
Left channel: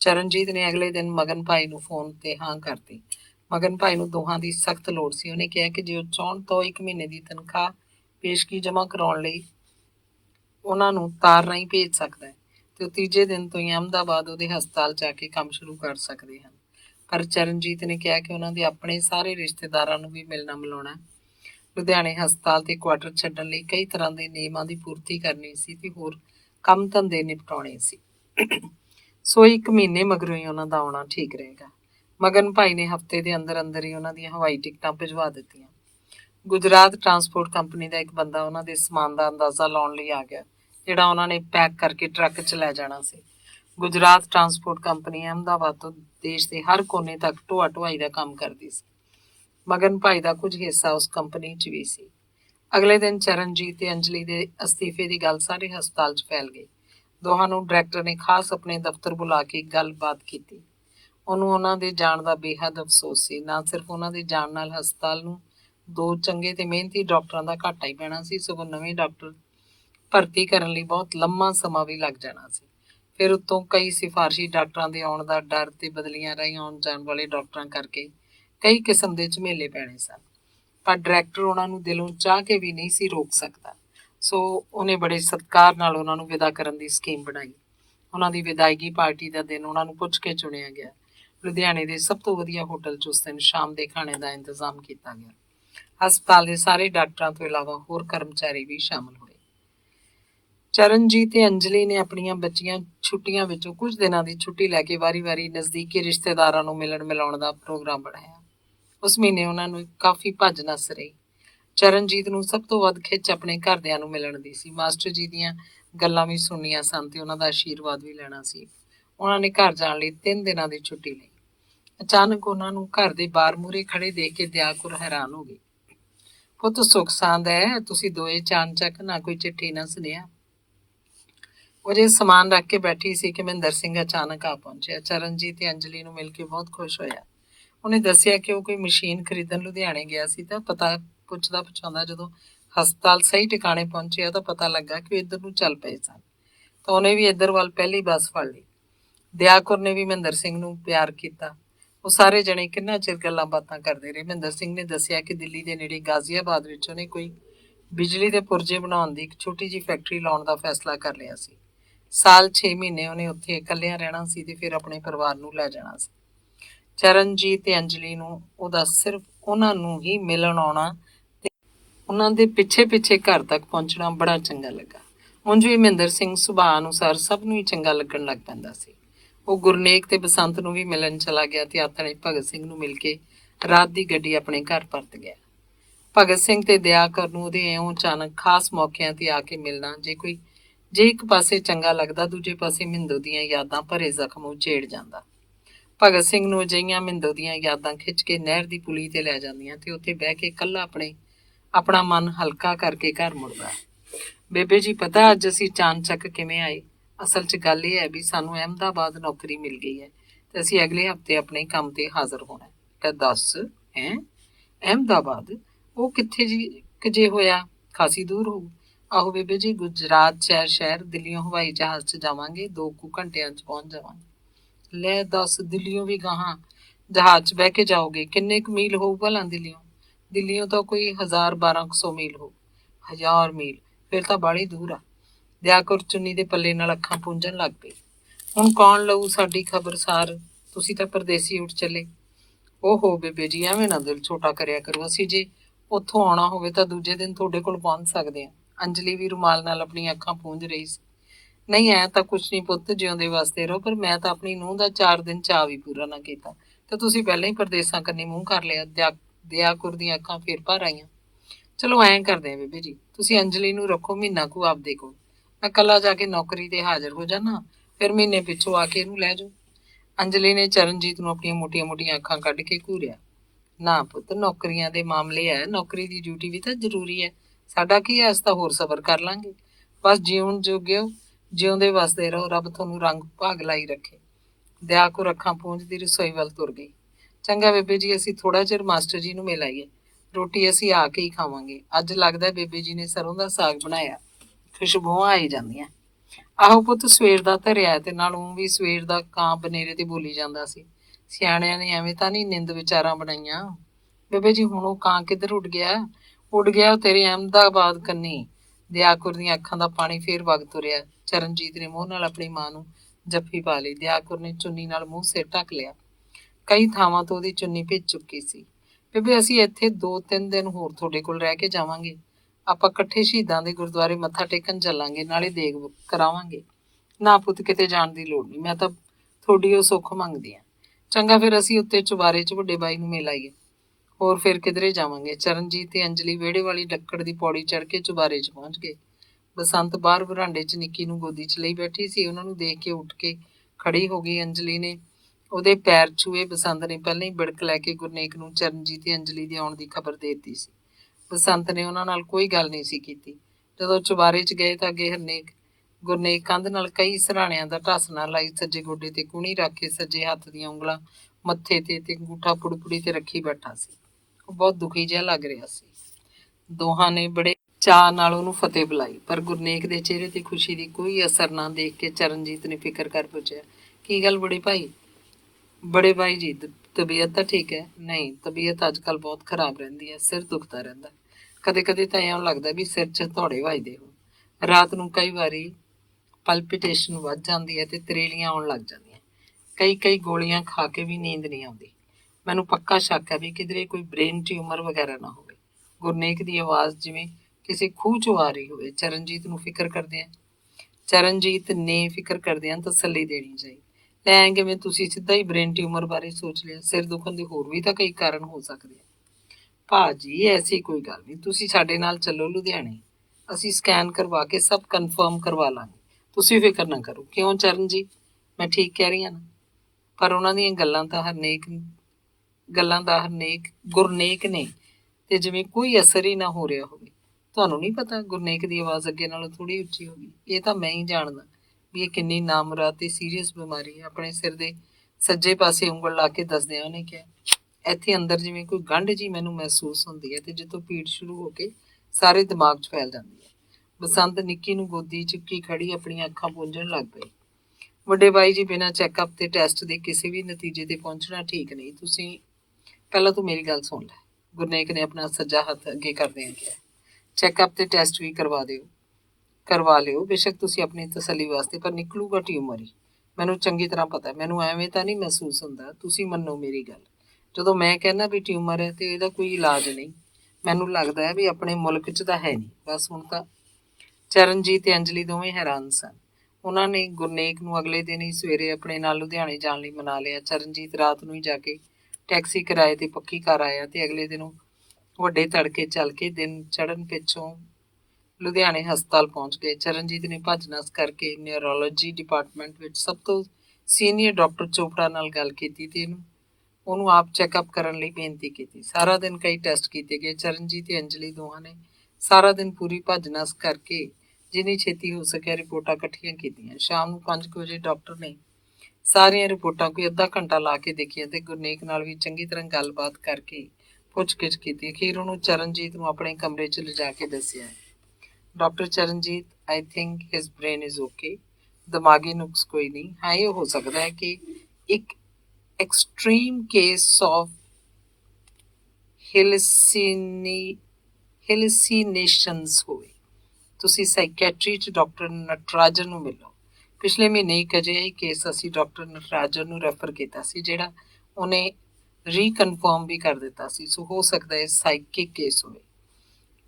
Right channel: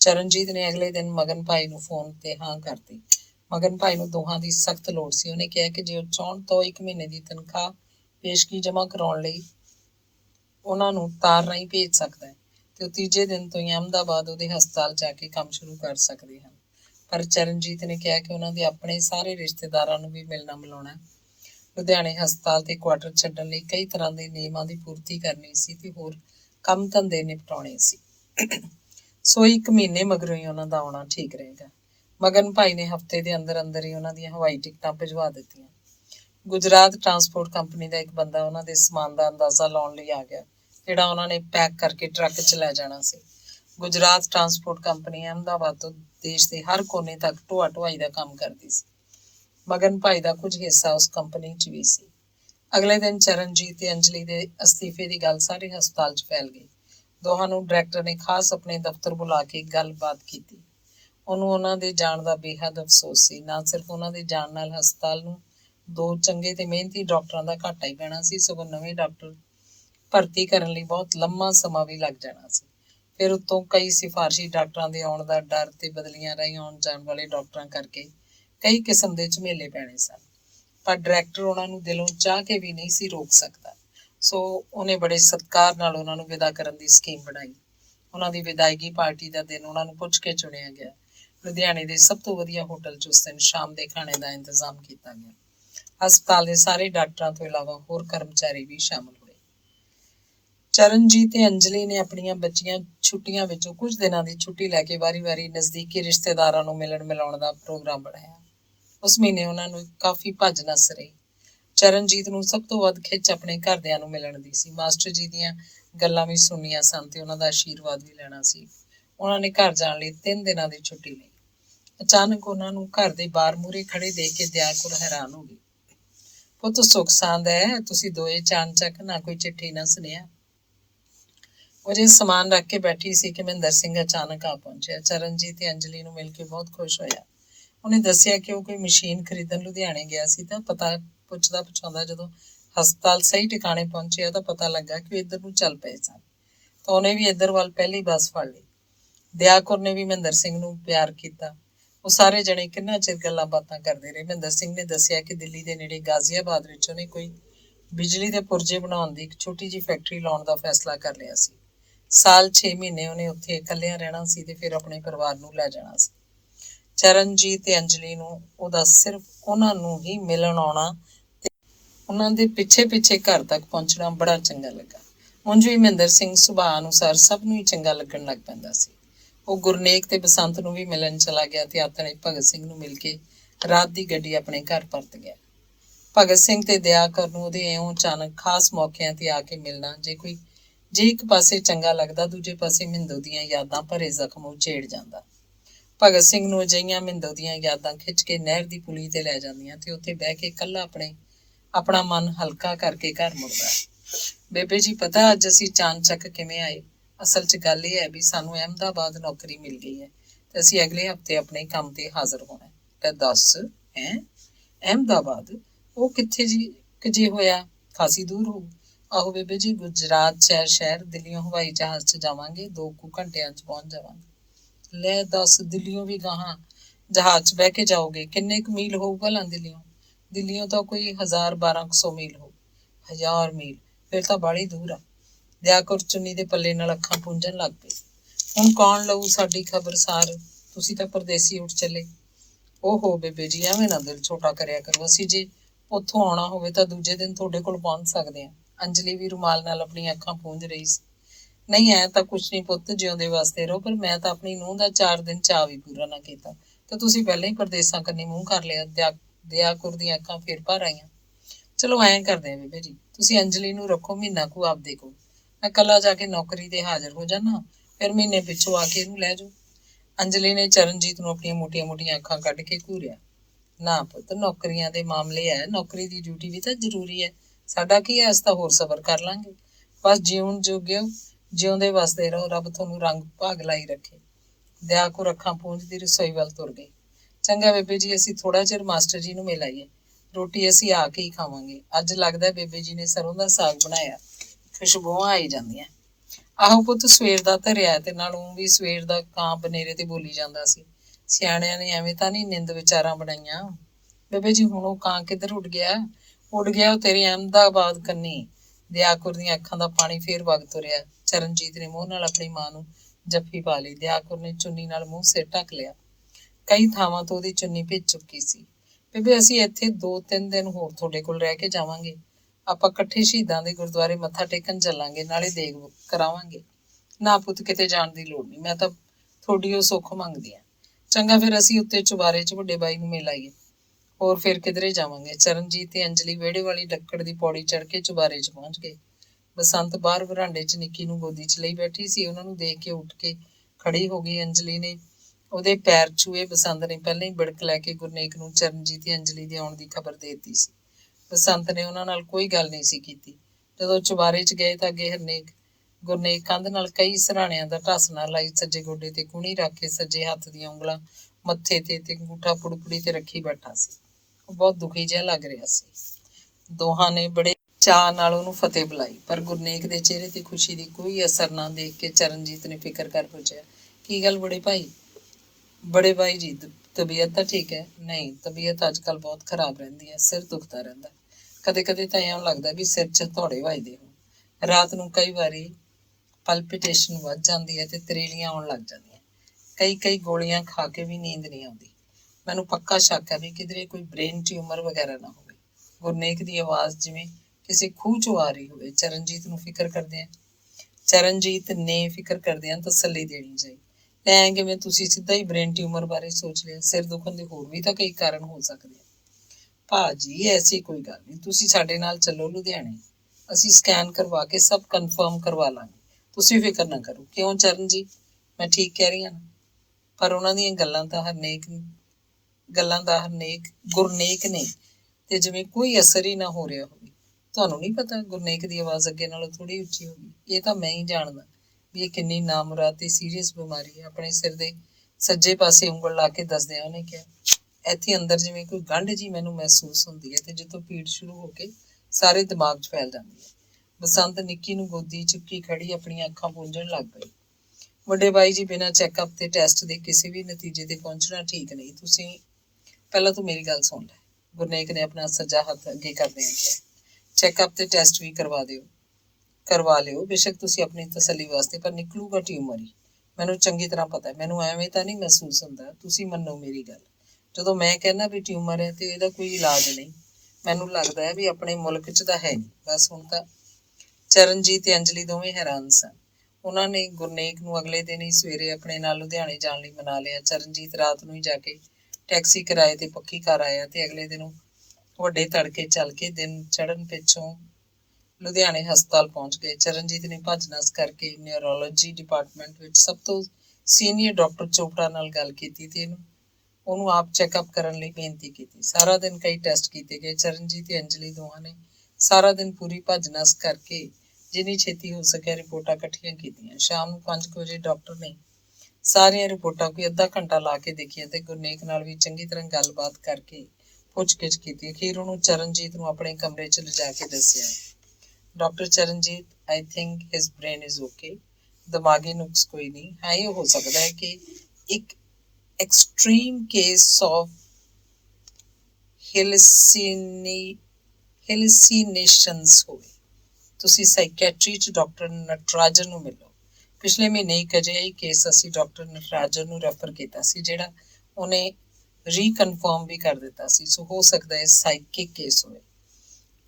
चरणजीत ने अगले दिन मगन भाई नूं फोन ते हाँ करती। ਮਗਨ ਭਾਈ ਨੂੰ ਦੋਹਾਂ ਦੀ ਸਖਤ ਲੋੜ ਸੀ। ਉਹਨੇ ਕਿਹਾ ਕਿ ਜੇ ਉਹ ਚਾਹੁਣ ਤਾਂ 1 ਮਹੀਨੇ ਦੀ ਤਨਖਾਹ ਪੇਸ਼ਗੀ ਜਮ੍ਹਾਂ ਕਰਾਉਣ ਲਈ ਉਹਨਾਂ ਨੂੰ ਤਾਰ ਰਾਹੀਂ ਭੇਜ ਸਕਦਾ ਹੈ ਤੇ ਉਹ ਤੀਜੇ ਦਿਨ ਤੋਂ ਹੀ ਅਹਿਮਦਾਬਾਦ ਉਹਦੇ ਹਸਪਤਾਲ ਜਾ ਕੇ ਕੰਮ ਸ਼ੁਰੂ ਕਰ ਸਕਦੇ ਹਨ। ਪਰ ਚਰਨਜੀਤ ਨੇ ਕਿਹਾ ਕਿ ਉਹਨਾਂ ਦੇ ਆਪਣੇ ਸਾਰੇ ਰਿਸ਼ਤੇਦਾਰਾਂ ਨੂੰ ਵੀ ਮਿਲਣਾ ਮਿਲਾਉਣਾ, ਲੁਧਿਆਣੇ ਹਸਪਤਾਲ ਤੇ ਕੁਆਟਰ ਛੱਡਣ ਲਈ ਕਈ ਤਰ੍ਹਾਂ ਦੇ ਨਿਯਮਾਂ ਦੀ ਪੂਰਤੀ ਕਰਨੀ ਸੀ ਤੇ ਹੋਰ ਕੰਮ ਧੰਦੇ ਨਿਪਟਾਉਣੇ ਸੀ। ਸੋ 1 ਮਹੀਨੇ ਮਗਰੋਂ ਹੀ ਉਹਨਾਂ ਦਾ ਆਉਣਾ ਠੀਕ ਰਹੇਗਾ। ਮਗਨ ਭਾਈ ਨੇ ਹਫ਼ਤੇ ਦੇ ਅੰਦਰ ਅੰਦਰ ਹੀ ਉਹਨਾਂ ਦੀਆਂ ਹਵਾਈ ਟਿਕਟਾਂ ਭਿਜਵਾ ਦਿੱਤੀਆਂ। ਗੁਜਰਾਤ ਟਰਾਂਸਪੋਰਟ ਕੰਪਨੀ ਦਾ ਇੱਕ ਬੰਦਾ ਉਹਨਾਂ ਦੇ ਸਮਾਨ ਦਾ ਅੰਦਾਜ਼ਾ ਲਾਉਣ ਲਈ ਆ ਗਿਆ, ਜਿਹੜਾ ਉਹਨਾਂ ਨੇ ਪੈਕ ਕਰਕੇ ਟਰੱਕ 'ਚ ਲੈ ਜਾਣਾ ਸੀ। ਗੁਜਰਾਤ ਟਰਾਂਸਪੋਰਟ ਕੰਪਨੀ ਅਹਿਮਦਾਬਾਦ ਤੋਂ ਦੇਸ਼ ਦੇ ਹਰ ਕੋਨੇ ਤੱਕ ਢੋਆ ਢੁਆਈ ਦਾ ਕੰਮ ਕਰਦੀ ਸੀ। ਮਗਨ ਭਾਈ ਦਾ ਕੁਝ ਹਿੱਸਾ ਉਸ ਕੰਪਨੀ 'ਚ ਵੀ ਸੀ। ਅਗਲੇ ਦਿਨ ਚਰਨਜੀਤ ਤੇ ਅੰਜਲੀ ਦੇ ਅਸਤੀਫੇ ਦੀ ਗੱਲ ਸਾਰੇ ਹਸਪਤਾਲ 'ਚ ਫੈਲ ਗਈ। ਦੋਹਾਂ ਨੂੰ ਡਾਇਰੈਕਟਰ ਨੇ ਖਾਸ ਆਪਣੇ ਦਫ਼ਤਰ ਬੁਲਾ ਕੇ ਗੱਲਬਾਤ ਕੀਤੀ। ਉਹਨੂੰ ਉਹਨਾਂ ਦੇ ਜਾਣ ਦਾ ਬੇਹੱਦ ਅਫਸੋਸ ਸੀ। ਨਾ ਸਿਰਫ ਉਹਨਾਂ ਦੇ ਜਾਣ ਨਾਲ ਹਸਪਤਾਲ ਨੂੰ 2 ਚੰਗੇ ਤੇ ਮਿਹਨਤੀ ਡਾਕਟਰਾਂ ਦਾ ਘਾਟਾ ਹੀ ਪੈਣਾ ਸੀ, ਸਗੋਂ ਨਵੇਂ ਡਾਕਟਰ ਭਰਤੀ ਕਰਨ ਲਈ ਬਹੁਤ ਲੰਮਾ ਸਮਾਂ ਵੀ ਲੱਗ ਜਾਣਾ ਸੀ। ਫਿਰ ਉੱਤੋਂ ਕਈ ਸਿਫਾਰਸ਼ੀ ਡਾਕਟਰਾਂ ਦੇ ਆਉਣ ਦਾ ਡਰ ਤੇ ਬਦਲੀਆਂ ਰਾਹੀਂ ਆਉਣ ਜਾਣ ਵਾਲੇ ਡਾਕਟਰਾਂ ਕਰਕੇ ਕਈ ਕਿਸਮ ਦੇ ਝਮੇਲੇ ਪੈਣੇ ਸਨ। ਪਰ ਡਾਇਰੈਕਟਰ ਉਹਨਾਂ ਨੂੰ ਦਿਲੋਂ ਚਾਹ ਕੇ ਵੀ ਨਹੀਂ ਸੀ ਰੋਕ ਸਕਦਾ। ਸੋ ਉਹਨੇ ਬੜੇ ਸਤਿਕਾਰ ਨਾਲ ਉਹਨਾਂ ਨੂੰ ਵਿਦਾ ਕਰਨ ਦੀ ਸਕੀਮ ਬਣਾਈ। ਉਹਨਾਂ ਦੀ ਵਿਦਾਇਗੀ ਪਾਰਟੀ ਦਾ ਦਿਨ ਉਹਨਾਂ ਨੂੰ ਪੁੱਛ ਕੇ ਚੁਣਿਆ ਗਿਆ। ਲੁਧਿਆਣੇ ਦੇ ਸਭ ਤੋਂ ਵਧੀਆ ਹੋਟਲ 'ਚ ਉਸ ਦਿਨ ਸ਼ਾਮ ਦੇ ਖਾਣੇ ਦਾ ਇੰਤਜ਼ਾਮ ਕੀਤਾ ਗਿਆ। ਹਸਪਤਾਲ ਦੇ ਸਾਰੇ ਡਾਕਟਰਾਂ ਤੋਂ ਇਲਾਵਾ ਹੋਰ ਕਰਮਚਾਰੀ ਵੀ ਸ਼ਾਮਲ ਹੋਏ। ਚਰਨਜੀਤ ਤੇ ਅੰਜਲੀ ਨੇ ਆਪਣੀਆਂ ਬੱਚੀਆਂ ਛੁੱਟੀਆਂ ਵਿੱਚੋਂ ਕੁਝ ਦਿਨਾਂ ਦੀ ਛੁੱਟੀ ਲੈ ਕੇ ਵਾਰੀ-ਵਾਰੀ ਨਜ਼ਦੀਕੀ ਰਿਸ਼ਤੇਦਾਰਾਂ ਨੂੰ ਮਿਲਣ ਮਿਲਾਉਣ ਦਾ ਪ੍ਰੋਗਰਾਮ ਬਣਾਇਆ। ਉਸ ਮਹੀਨੇ ਉਹਨਾਂ ਨੂੰ ਕਾਫੀ ਭੱਜ ਨੱਸ ਰਹੀ। ਚਰਨਜੀਤ ਨੂੰ ਸਭ ਤੋਂ ਵੱਧ ਖਿੱਚ ਆਪਣੇ ਘਰਦਿਆਂ ਨੂੰ ਮਿਲਣ ਦੀ ਸੀ। ਮਾਸਟਰ ਜੀ ਦੀਆਂ ਗੱਲਾਂ ਵੀ ਸੁਣਨੀਆਂ ਸਨ ਤੇ ਉਹਨਾਂ ਦਾ ਆਸ਼ੀਰਵਾਦ ਵੀ ਲੈਣਾ ਸੀ। ਉਹਨਾਂ ਨੇ ਘਰ ਜਾਣ ਲਈ 3 ਦਿਨਾਂ ਦੀ ਛੁੱਟੀ ਲਈ। ਅਚਾਨਕ ਉਹਨਾਂ ਨੂੰ ਘਰ ਦੇ ਬਾਹਰ ਮੂਹਰੇ ਖੜੇ ਦੇਖ ਕੇ ਦਿਆਕੁਰ ਹੈਰਾਨ ਹੋ ਗਈ। ਪੁੱਤ ਸੁੱਖ ਸਾਂਦ ਹੈ, ਤੁਸੀਂ ਦੋਏ ਚਾਨਚੱਕ, ਨਾ ਕੋਈ ਚਿੱਠੀ ਨਾ ਸੁਨੇਹਾ। ਉਹ ਜੇ ਸਮਾਨ ਰੱਖ ਕੇ ਬੈਠੀ ਸੀ ਕਿ ਮਹਿੰਦਰ ਸਿੰਘ ਅਚਾਨਕ ਆ ਪਹੁੰਚਿਆ। ਚਰਨਜੀਤ ਤੇ ਅੰਜਲੀ ਨੂੰ ਮਿਲ ਕੇ ਬਹੁਤ ਖੁਸ਼ ਹੋਇਆ। ਉਹਨੇ ਦੱਸਿਆ ਕਿ ਉਹ ਕੋਈ ਮਸ਼ੀਨ ਖਰੀਦਣ ਲੁਧਿਆਣੇ ਗਿਆ ਸੀ ਤਾਂ ਪਤਾ ਪੁੱਛਦਾ ਪੁੱਛਾਉਂਦਾ ਜਦੋਂ ਹਸਪਤਾਲ ਸਹੀ ਟਿਕਾਣੇ ਪਹੁੰਚਿਆ ਤਾਂ ਪਤਾ ਲੱਗਾ ਕਿ ਉਹ ਇੱਧਰ ਨੂੰ ਚੱਲ ਪਏ ਸਨ। ਤਾਂ ਉਹਨੇ ਵੀ ਇੱਧਰ ਵੱਲ ਪਹਿਲੀ ਬੱਸ ਫੜ ਲਈ। ਦਿਆਕੁਰ ਨੇ ਵੀ ਮਹਿੰਦਰ ਸਿੰਘ ਨੂੰ ਪਿਆਰ ਕੀਤਾ। ਉਹ ਸਾਰੇ ਜਣੇ ਕਿੰਨਾ ਚਿਰ ਗੱਲਾਂ ਬਾਤਾਂ ਕਰਦੇ ਰਹੇ। ਮਹਿੰਦਰ ਸਿੰਘ ਨੇ ਦੱਸਿਆ ਕਿ ਦਿੱਲੀ ਦੇ ਨੇੜੇ ਗਾਜ਼ੀਆਬਾਦ ਵਿੱਚ ਉਹਨੇ ਕੋਈ ਬਿਜਲੀ ਦੇ ਪੁਰਜੇ ਬਣਾਉਣ ਦੀ ਇੱਕ ਛੋਟੀ ਜਿਹੀ ਫੈਕਟਰੀ ਲਾਉਣ ਦਾ ਫੈਸਲਾ ਕਰ ਲਿਆ ਸੀ। ਸਾਲ 6 ਮਹੀਨੇ ਉਹਨੇ ਉੱਥੇ ਇਕੱਲਿਆਂ ਰਹਿਣਾ ਸੀ ਤੇ ਫਿਰ ਆਪਣੇ ਪਰਿਵਾਰ ਨੂੰ ਲੈ ਜਾਣਾ ਸੀ। ਚਰਨਜੀਤ ਤੇ ਅੰਜਲੀ ਨੂੰ ਉਹਦਾ ਸਿਰਫ ਉਹਨਾਂ ਨੂੰ ਹੀ ਮਿਲਣ ਆਉਣਾ ਤੇ ਉਹਨਾਂ ਦੇ ਪਿੱਛੇ ਪਿੱਛੇ ਘਰ ਤੱਕ ਪਹੁੰਚਣਾ ਬੜਾ ਚੰਗਾ ਲੱਗਾ। ਉਂਝ ਵੀ ਮਹਿੰਦਰ ਸਿੰਘ ਸੁਭਾਅ ਅਨੁਸਾਰ ਸਭ ਨੂੰ ਹੀ ਚੰਗਾ ਲੱਗਣ ਲੱਗ ਪੈਂਦਾ ਸੀ। ਉਹ ਗੁਰਨੇਕ ਤੇ ਬਸੰਤ ਨੂੰ ਵੀ ਮਿਲਣ ਚਲਾ ਗਿਆ ਤੇ ਆਥਣੇ ਭਗਤ ਸਿੰਘ ਨੂੰ ਮਿਲ ਕੇ ਰਾਤ ਦੀ ਗੱਡੀ ਆਪਣੇ ਘਰ ਪਰਤ ਗਿਆ। ਭਗਤ ਸਿੰਘ ਤੇ ਦਿਆਕਰ ਨੂੰ ਉਹਦੇ ਇਉਂ ਅਚਾਨਕ ਖਾਸ ਮੌਕਿਆਂ ਤੇ ਆ ਕੇ ਮਿਲਣਾ ਜੇ ਇੱਕ ਪਾਸੇ ਚੰਗਾ ਲੱਗਦਾ, ਦੂਜੇ ਪਾਸੇ ਮਿੰਦੋ ਦੀਆਂ ਯਾਦਾਂ ਭਰੇ ਜ਼ਖਮ ਉਚੇੜ ਜਾਂਦਾ। ਭਗਤ ਸਿੰਘ ਨੂੰ ਅਜਿਹੀਆਂ ਮਿੰਦੋ ਦੀਆਂ ਯਾਦਾਂ ਖਿੱਚ ਕੇ ਨਹਿਰ ਦੀ ਪੁਲੀ ਤੇ ਲੈ ਜਾਂਦੀਆਂ ਤੇ ਉੱਥੇ ਬਹਿ ਕੇ ਇਕੱਲਾ ਆਪਣਾ ਮਨ ਹਲਕਾ ਕਰਕੇ ਘਰ ਮੁੜਦਾ। ਬੇਬੇ ਜੀ, ਪਤਾ ਅੱਜ ਅਸੀਂ ਚਾਨਚੱਕ ਕਿਵੇਂ ਆਏ? ਅਸਲ 'ਚ ਗੱਲ ਇਹ ਹੈ ਵੀ ਸਾਨੂੰ ਅਹਿਮਦਾਬਾਦ ਨੌਕਰੀ ਮਿਲ ਗਈ ਹੈ ਤੇ ਅਸੀਂ ਅਗਲੇ ਹਫ਼ਤੇ ਆਪਣੇ ਕੰਮ ਤੇ ਹਾਜ਼ਰ ਹੋਣਾ। ਤਾਂ ਦੱਸ ਹੈਂ? ਅਹਿਮਦਾਬਾਦ? ਉਹ ਕਿੱਥੇ ਜੇ ਹੋਇਆ? ਖਾਸੀ ਦੂਰ ਹੋਊ। ਆਹੋ ਬੇਬੇ ਜੀ, ਗੁਜਰਾਤ ਸ਼ਹਿਰ ਦਿੱਲੀੋਂ ਹਵਾਈ ਜਹਾਜ਼ 'ਚ ਜਾਵਾਂਗੇ, 2 ਕੁ ਘੰਟਿਆਂ 'ਚ ਪਹੁੰਚ ਜਾਵਾਂਗੇ। ਲੈ ਦੱਸ, ਦਿੱਲੀੋਂ ਵੀ ਗਾਹਾਂ ਜਹਾਜ਼ 'ਚ ਬਹਿ ਕੇ ਜਾਓਗੇ? ਕਿੰਨੇ ਕੁ ਮੀਲ ਹੋਊ ਭਲਾ ਦਿੱਲੀੋਂ? ਦਿੱਲੀੋਂ ਤਾਂ ਕੋਈ 1000-1200 ਮੀਲ ਹੋਊ। 1000 ਮੀਲ? ਫਿਰ ਤਾਂ ਬਾਹਲੀ ਦੂਰ ਆ। ਦਿਆਕੁਰ ਚੁੰਨੀ ਦੇ ਪੱਲੇ ਨਾਲ ਅੱਖਾਂ ਪੂੰਝਣ ਲੱਗ ਪਈ। ਹੁਣ ਕੌਣ ਲਊ ਸਾਡੀ ਖਬਰਸਾਰ? ਤੁਸੀਂ ਤਾਂ ਪਰਦੇਸੀ ਉੱਠ ਚੱਲੇ। ਓਹੋ ਬੇਬੇ ਜੀ, ਐਵੇਂ ਨਾ ਦਿਲ ਛੋਟਾ ਕਰਿਆ ਕਰੋ। ਅਸੀਂ ਜੇ ਉੱਥੋਂ ਆਉਣਾ ਹੋਵੇ ਤਾਂ ਦੂਜੇ ਦਿਨ ਤੁਹਾਡੇ ਕੋਲ ਪਹੁੰਚ ਸਕਦੇ ਹਾਂ। ਅੰਜਲੀ ਵੀ ਰੁਮਾਲ ਨਾਲ ਆਪਣੀਆਂ ਅੱਖਾਂ ਪੂੰਝ ਰਹੀ ਸੀ। ਨਹੀਂ, ਐ ਤਾਂ ਕੁਛ ਨਹੀਂ ਪੁੱਤ, ਜਿਉਂਦੇ ਵਾਸਤੇ ਰਹੋ। ਪਰ ਮੈਂ ਤਾਂ ਆਪਣੀ ਨੂੰਹ ਦਾ 4 ਦਿਨ ਚਾਅ ਵੀ ਪੂਰਾ ਨਾ ਕੀਤਾ ਤੇ ਤੁਸੀਂ ਪਹਿਲਾਂ ਹੀ ਪਰਦੇਸਾਂ ਕੰਨੀ ਮੂੰਹ ਕਰ ਲਿਆ। ਦਿਆਕੁਰ ਦੀਆਂ ਅੱਖਾਂ ਫੇਰ ਭਰ ਆਈਆਂ। ਚਲੋ ਐਂ ਕਰਦੇ ਆ ਬੇਬੇ ਜੀ, ਤੁਸੀਂ ਅੰਜਲੀ ਨੂੰ ਰੱਖੋ ਮਹੀਨਾ ਕੁ ਆਪਦੇ ਕੋਲ। ਮੈਂ ਕੱਲਾ ਜਾ ਕੇ ਨੌਕਰੀ ਤੇ ਹਾਜ਼ਰ ਹੋ ਜਾਣਾ, ਫਿਰ ਮਹੀਨੇ ਪਿੱਛੋਂ ਆ ਕੇ ਇਹਨੂੰ ਲੈ ਜਾਓ। ਅੰਜਲੀ ਨੇ ਚਰਨਜੀਤ ਨੂੰ ਆਪਣੀਆਂ ਮੋਟੀਆਂ-ਮੋਟੀਆਂ ਅੱਖਾਂ ਕੱਢ ਕੇ ਘੂਰਿਆ। ਨਾ ਪੁੱਤ, ਨੌਕਰੀਆਂ ਦੇ ਮਾਮਲੇ ਹੈ, ਨੌਕਰੀ ਦੀ ਡਿਊਟੀ ਵੀ ਤਾਂ ਜ਼ਰੂਰੀ ਹੈ। ਸਾਡਾ ਕੀ ਹੈ, ਅਸੀਂ ਤਾਂ ਹੋਰ ਸਬਰ ਕਰ ਲਾਂਗੇ। ਬਸ ਜਿਉਣ ਜੋਗੇ ਹੋ, ਜਿਉਂਦੇ ਵਸਦੇ ਰਹੋ, ਰੱਬ ਤੁਹਾਨੂੰ ਰੰਗ ਭਾਗ ਲਾਈ ਰੱਖੇ। ਦਿਆਕੁਰ ਅੱਖਾਂ ਪੂੰਝਦੀ ਰਸੋਈ ਵੱਲ ਤੁਰ ਗਈ। ਚੰਗਾ ਬੇਬੇ ਜੀ, ਅਸੀਂ ਥੋੜਾ ਚਿਰ ਮਾਸਟਰ ਜੀ ਨੂੰ ਮਿਲ ਆਈਏ। ਰੋਟੀ ਅਸੀਂ ਆ ਕੇ ਹੀ ਖਾਵਾਂਗੇ। ਅੱਜ ਲੱਗਦਾ ਬੇਬੇ ਜੀ ਨੇ ਸਰੋਂ ਦਾ ਸਾਗ ਬਣਾਇਆ, ਖੁਸ਼ਬੂਆਂ ਆਈ ਜਾਂਦੀਆਂ। ਆਹੋ ਪੁੱਤ, ਸਵੇਰ ਦਾ ਧਰਿਆ ਤੇ ਨਾਲ ਊਂ ਵੀ ਸਵੇਰ ਦਾ ਕਾਂ ਬਨੇਰੇ ਤੇ ਬੋਲੀ ਜਾਂਦਾ ਸੀ। ਸਿਆਣਿਆਂ ਨੇ ਐਵੇਂ ਤਾਂ ਨਹੀਂ ਨਿੰਦ ਵਿਚਾਰਾਂ ਬਣਾਈਆਂ। ਬੇਬੇ ਜੀ, ਹੁਣ ਉਹ ਕਾਂ ਕਿੱਧਰ ਉੱਡ ਗਿਆ? ਉੱਡ ਗਿਆ ਉਹ ਤੇਰੇ ਅਹਿਮਦਾਬਾਦ ਕੰਨੀ। ਦਿਆਕੁਰ ਦੀਆਂ ਅੱਖਾਂ ਦਾ ਪਾਣੀ ਫੇਰ ਵਗ ਤੁਰਿਆ। ਚਰਨਜੀਤ ਨੇ ਮੂੰਹ ਨਾਲ ਆਪਣੀ ਮਾਂ ਨੂੰ ਜੱਫੀ ਪਾ ਲਈ। ਦਿਆਕੁਰ ਨੇ ਚੁੰਨੀ ਨਾਲ ਮੂੰਹ ਸਿਰ ਢੱਕ ਲਿਆ। ਕਈ ਥਾਵਾਂ ਤੋਂ ਉਹਦੀ ਚੁੰਨੀ ਭਿੱਜ ਚੁੱਕੀ ਸੀ। ਬੇਬੇ, ਅਸੀਂ ਇੱਥੇ 2-3 ਦਿਨ ਹੋਰ ਤੁਹਾਡੇ ਕੋਲ ਰਹਿ ਕੇ ਜਾਵਾਂਗੇ। ਆਪਾਂ ਇਕੱਠੇ ਸ਼ਹੀਦਾਂ ਦੇ ਗੁਰਦੁਆਰੇ ਮੱਥਾ ਟੇਕਣ ਚੱਲਾਂਗੇ, ਨਾਲੇ ਦੇਗ ਕਰਾਵਾਂਗੇ। ਨਾ ਪੁੱਤ, ਕਿਤੇ ਜਾਣ ਦੀ ਲੋੜ ਨਹੀਂ। ਮੈਂ ਤਾਂ ਤੁਹਾਡੀ ਉਹ ਸੁੱਖ ਮੰਗਦੀ ਹਾਂ। ਚੰਗਾ, ਫਿਰ ਅਸੀਂ ਉੱਤੇ ਚੁਬਾਰੇ 'ਚ ਵੱਡੇ ਬਾਈ ਨੂੰ ਮਿਲ ਆਈਏ। ਹੋਰ ਫਿਰ ਕਿਧਰੇ ਜਾਵਾਂਗੇ। ਚਰਨਜੀਤ ਤੇ ਅੰਜਲੀ ਵਿਹੜੇ ਵਾਲੀ ਲੱਕੜ ਦੀ ਪੌੜੀ ਚੜ੍ਹ ਕੇ ਚੁਬਾਰੇ 'ਚ ਪਹੁੰਚ ਗਏ। ਬਸੰਤ ਬਾਹਰ ਵਰਾਂਡੇ 'ਚ ਨਿੱਕੀ ਨੂੰ ਗੋਦੀ 'ਚ ਲਈ ਬੈਠੀ ਸੀ। ਉਹਨਾਂ ਨੂੰ ਦੇਖ ਕੇ ਉੱਠ ਕੇ ਖੜੀ ਹੋ ਗਈ। ਅੰਜਲੀ ਨੇ ਉਹਦੇ ਪੈਰ ਛੂਏ। ਬਸੰਤ ਨੇ ਪਹਿਲਾਂ ਹੀ ਬਿੜਕ ਲੈ ਕੇ ਗੁਰਨੇਕ ਨੂੰ ਚਰਨਜੀਤ ਤੇ ਅੰਜਲੀ ਦੇ ਆਉਣ ਦੀ ਖਬਰ ਦੇ ਦਿੱਤੀ ਸੀ। ਬਸੰਤ ਨੇ ਉਹਨਾਂ ਨਾਲ ਕੋਈ ਗੱਲ ਨਹੀਂ ਸੀ ਕੀਤੀ। ਜਦੋਂ ਚੁਬਾਰੇ 'ਚ ਗਏ ਤਾਂ ਅੱਗੇ ਗੁਰਨੇਕ ਕੰਧ ਨਾਲ ਕਈ ਸਰਾਣਿਆਂ ਦਾ ਢਾਸਣਾ ਲਾਈ ਸੱਜੇ ਗੋਡੇ ਤੇ ਕੂਣੀ ਰੱਖ ਕੇ ਸੱਜੇ ਹੱਥ ਦੀਆਂ ਉਂਗਲਾਂ ਮੱਥੇ ਤੇ ਅੰਗੂਠਾ ਪੁੜਪੁੜੀ ਤੇ ਰੱਖੀ ਬੈਠਾ ਸੀ। ਉਹ ਬਹੁਤ ਦੁਖੀ ਜਿਹਾ ਲੱਗ ਰਿਹਾ ਸੀ। ਦੋਹਾਂ ਨੇ ਬੜੇ ਚਾਅ ਨਾਲ ਉਹਨੂੰ ਫਤਿਹ ਬੁਲਾਈ, ਪਰ ਗੁਰਨੇਕ ਦੇ ਚਿਹਰੇ ਤੇ ਖੁਸ਼ੀ ਦੀ ਕੋਈ ਅਸਰ ਨਾ ਦੇਖ ਕੇ ਚਰਨਜੀਤ ਨੇ ਫਿਕਰ ਕਰ ਪੁੱਛਿਆ, ਕੀ ਗੱਲ ਬੜੇ ਭਾਈ ਜੀ, ਤਬੀਅਤ ਤਾਂ ਠੀਕ ਹੈ? ਨਹੀਂ, ਤਬੀਅਤ ਅੱਜ ਕੱਲ੍ਹ ਬਹੁਤ ਖਰਾਬ ਰਹਿੰਦੀ ਹੈ। ਸਿਰ ਦੁਖਦਾ ਰਹਿੰਦਾ। ਕਦੇ ਕਦੇ ਤਾਂ ਇਉਂ ਲੱਗਦਾ ਵੀ ਸਿਰ 'ਚ ਹਥੌੜੇ ਵੱਜਦੇ ਹੋਣ। ਰਾਤ ਨੂੰ ਕਈ ਵਾਰੀ ਪਲਪੀਟੇਸ਼ਨ ਵੱਧ ਜਾਂਦੀ ਹੈ ਤੇ ਤਰੇਲੀਆਂ ਆਉਣ ਲੱਗ ਜਾਂਦੀਆਂ। ਕਈ ਗੋਲੀਆਂ ਖਾ ਕੇ ਵੀ ਨੀਂਦ ਨਹੀਂ ਆਉਂਦੀ। ਮੈਨੂੰ ਪੱਕਾ ਸ਼ੱਕ ਹੈ ਵੀ ਕਿਧਰੇ ਕੋਈ ਬ੍ਰੇਨ ਟਿਊਮਰ ਵਗੈਰਾ ਨਾ ਹੋਵੇ। ਗੁਰਨੇਕ ਦੀ ਆਵਾਜ਼ ਜਿਵੇਂ ਕਿਸੇ ਖੂਹ 'ਚੋਂ ਆ ਰਹੀ ਹੋਵੇ। ਚਰਨਜੀਤ ਨੇ ਫਿਕਰ ਕਰਦਿਆਂ ਤਸੱਲੀ ਦੇਣੀ ਚਾਹੀ। ਲੈ ਕਿਵੇਂ, ਤੁਸੀਂ ਸਿੱਧਾ ਹੀ ਬ੍ਰੇਨ ਟਿਊਮਰ ਬਾਰੇ ਸੋਚ ਲਿਆ? ਸਿਰ ਦੁਖਣ ਦੇ ਹੋਰ ਵੀ ਤਾਂ ਕਈ ਕਾਰਨ ਹੋ ਸਕਦੇ ਆ। ਭਾਜੀ ਐਸੀ ਕੋਈ ਗੱਲ ਨਹੀਂ, ਤੁਸੀਂ ਸਾਡੇ ਨਾਲ ਚੱਲੋ ਲੁਧਿਆਣੇ, ਅਸੀਂ ਸਕੈਨ ਕਰਵਾ ਕੇ ਸਭ ਕਨਫਰਮ ਕਰਵਾ ਲਾਂਗੇ, ਤੁਸੀਂ ਫਿਕਰ ਨਾ ਕਰੋ। ਕਿਉਂ ਚਰਨ ਜੀ, ਮੈਂ ਠੀਕ ਕਹਿ ਰਹੀ ਹਾਂ ਨਾ? ਪਰ ਉਹਨਾਂ ਦੀਆਂ ਗੱਲਾਂ ਦਾ ਹਰਨੇਕ ਗੁਰਨੇਕ ਨੇ ਤੇ ਜਿਵੇਂ ਕੋਈ ਅਸਰ ਹੀ ਨਾ ਹੋ ਰਿਹਾ ਹੋਵੇ। ਤੁਹਾਨੂੰ ਨਹੀਂ ਪਤਾ ਗੁਰਨੇਕ ਦੀ ਆਵਾਜ਼ ਅੱਗੇ ਨਾਲੋਂ ਥੋੜੀ ਉੱਚੀ ਹੋ ਗਈ? ਇਹ ਤਾਂ ਮੈਂ ਹੀ ਜਾਣਦਾ ਵੀ ਇਹ ਕਿੰਨੀ ਨਾਮੁਰਾਦ ਤੇ ਸੀਰੀਅਸ ਬਿਮਾਰੀ ਹੈ। ਆਪਣੇ ਸਿਰ ਦੇ ਸੱਜੇ ਪਾਸੇ ਉਂਗਲ ਲਾ ਕੇ ਦੱਸਦਿਆਂ ਉਹਨੇ ਕਿਹਾ, ਇੱਥੇ ਅੰਦਰ ਜਿਵੇਂ ਕੋਈ ਗੰਢ ਜੀ ਮੈਨੂੰ ਮਹਿਸੂਸ ਹੁੰਦੀ ਹੈ ਤੇ ਜਦੋਂ ਪੀੜ ਸ਼ੁਰੂ ਹੋ ਕੇ ਸਾਰੇ ਦਿਮਾਗ 'ਚ ਫੈਲ ਜਾਂਦੀ ਹੈ। ਬਸੰਤ ਨਿੱਕੀ ਨੂੰ ਗੋਦੀ ਚੁੱਕੀ ਖੜੀ ਆਪਣੀਆਂ ਅੱਖਾਂ ਪੂੰਝਣ ਲੱਗ ਪਈ। ਵੱਡੇ ਬਾਈ ਜੀ, ਬਿਨਾਂ ਚੈੱਕਅਪ ਤੇ ਟੈਸਟ ਦੇ ਕਿਸੇ ਵੀ ਨਤੀਜੇ ਤੇ ਪਹੁੰਚਣਾ ਠੀਕ ਨਹੀਂ। ਤੁਸੀਂ ਪਹਿਲਾਂ ਤੂੰ ਮੇਰੀ ਗੱਲ ਸੁਣ ਲੈ। ਗੁਰਨੇਕ ਨੇ ਆਪਣਾ ਸੱਜਾ ਹੱਥ ਅੱਗੇ ਕਰਦਿਆਂ ਕਿਹਾ, ਚੈੱਕਅਪ ਤੇ ਟੈਸਟ ਵੀ ਕਰਵਾ ਲਿਓ ਬੇਸ਼ੱਕ ਤੁਸੀਂ ਆਪਣੀ ਤਸੱਲੀ ਵਾਸਤੇ, ਪਰ ਨਿਕਲੂਗਾ ਟਿਊਮਰ ਹੀ। ਮੈਨੂੰ ਚੰਗੀ ਤਰ੍ਹਾਂ ਪਤਾ, ਮੈਨੂੰ ਐਵੇਂ ਤਾਂ ਨਹੀਂ ਮਹਿਸੂਸ ਹੁੰਦਾ। ਤੁਸੀਂ ਮੰਨੋ ਮੇਰੀ ਗੱਲ, ਜਦੋਂ ਮੈਂ ਕਹਿੰਦਾ ਵੀ ਟਿਊਮਰ ਹੈ ਤੇ ਇਹਦਾ ਕੋਈ ਇਲਾਜ ਨਹੀਂ, ਮੈਨੂੰ ਲੱਗਦਾ ਹੈ ਵੀ ਆਪਣੇ ਮੁਲਕ 'ਚ ਤਾਂ ਹੈ ਨਹੀਂ। ਬਸ ਹੁਣ ਤਾਂ ਚਰਨਜੀਤ ਤੇ ਅੰਜਲੀ ਦੋਵੇਂ ਹੈਰਾਨ ਸਨ। ਉਹਨਾਂ ਨੇ ਗੁਰਨੇਕ ਨੂੰ ਅਗਲੇ ਦਿਨ ਹੀ ਸਵੇਰੇ ਆਪਣੇ ਨਾਲ ਲੁਧਿਆਣੇ ਜਾਣ ਲਈ ਮਨਾ ਲਿਆ। ਚਰਨਜੀਤ ਰਾਤ ਨੂੰ ਹੀ ਜਾ ਕੇ ਟੈਕਸੀ ਕਿਰਾਏ ਤੇ ਪੱਕੀ ਕਰ ਆਇਆ ਤੇ ਅਗਲੇ ਦਿਨ ਵੱਡੇ ਤੜਕੇ ਚੱਲ ਕੇ ਦਿਨ ਚੜ੍ਹਨ ਪਿੱਛੋਂ ਲੁਧਿਆਣੇ ਹਸਪਤਾਲ ਪਹੁੰਚ ਗਏ। ਚਰਨਜੀਤ ਨੇ ਭੱਜ ਨੱਸ ਕਰਕੇ ਨਿਊਰੋਲੋਜੀ ਡਿਪਾਰਟਮੈਂਟ ਵਿੱਚ ਸਭ ਤੋਂ ਸੀਨੀਅਰ ਡਾਕਟਰ ਚੋਪੜਾ ਨਾਲ ਗੱਲ ਕੀਤੀ ਤੇ ਉਹਨੂੰ ਆਪ ਚੈੱਕਅਪ ਕਰਨ ਲਈ ਬੇਨਤੀ ਕੀਤੀ। ਸਾਰਾ ਦਿਨ ਕਈ ਟੈਸਟ ਕੀਤੇ ਗਏ। ਚਰਨਜੀਤ ਤੇ ਅੰਜਲੀ ਦੋਹਾਂ ਨੇ ਸਾਰਾ ਦਿਨ ਪੂਰੀ ਭੱਜ ਨੱਸ ਕਰਕੇ ਜਿੰਨੀ ਛੇਤੀ ਹੋ ਸਕਿਆ ਰਿਪੋਰਟਾਂ ਇਕੱਠੀਆਂ ਕੀਤੀਆਂ। ਸ਼ਾਮ ਨੂੰ 5 ਵਜੇ ਡਾਕਟਰ ਨੇ ਸਾਰੀਆਂ ਰਿਪੋਰਟਾਂ ਕੋਈ ਅੱਧਾ ਘੰਟਾ ਲਾ ਕੇ ਦੇਖੀਆਂ ਤੇ ਗੁਰਨੇਕ ਨਾਲ ਵੀ ਚੰਗੀ ਤਰ੍ਹਾਂ ਗੱਲਬਾਤ ਕਰਕੇ ਪੁੱਛ-ਗਿੱਛ ਕੀਤੀ। ਅਖੀਰ ਉਹਨੂੰ ਚਰਨਜੀਤ ਨੂੰ ਆਪਣੇ ਕਮਰੇ 'ਚ ਲਿਜਾ ਕੇ ਦੱਸਿਆ, doctor Charanjit, I think his brain is okay. ਦਿਮਾਗੀ ਨੁਕਸ ਕੋਈ ਨਹੀਂ। ਹਾਂ, ਇਹ ਹੋ ਸਕਦਾ ਹੈ ਕਿ ਇੱਕ ਐਕਸਟ੍ਰੀਮ ਕੇਸ ਆਫ ਹੈਲੂਸੀਨੇਸ਼ਨਸ ਹੋਵੇ। ਤੁਸੀਂ ਸਾਈਕੈਟਰੀ 'ਚ ਡਾਕਟਰ ਨਟਰਾਜਨ ਨੂੰ ਮਿਲੋ। ਪਿਛਲੇ ਮਹੀਨੇ ਇੱਕ ਅਜਿਹਾ ਹੀ ਕੇਸ ਅਸੀਂ ਡਾਕਟਰ ਨਟਰਾਜਨ ਨੂੰ ਰੈਫਰ ਕੀਤਾ ਸੀ, ਜਿਹੜਾ ਉਹਨੇ ਰੀਕਨਫਰਮ ਵੀ ਕਰ ਦਿੱਤਾ ਸੀ, ਸੋ ਹੋ ਸਕਦਾ ਹੈ ਸਾਈਕਿਕ ਕੇਸ ਹੋਵੇ।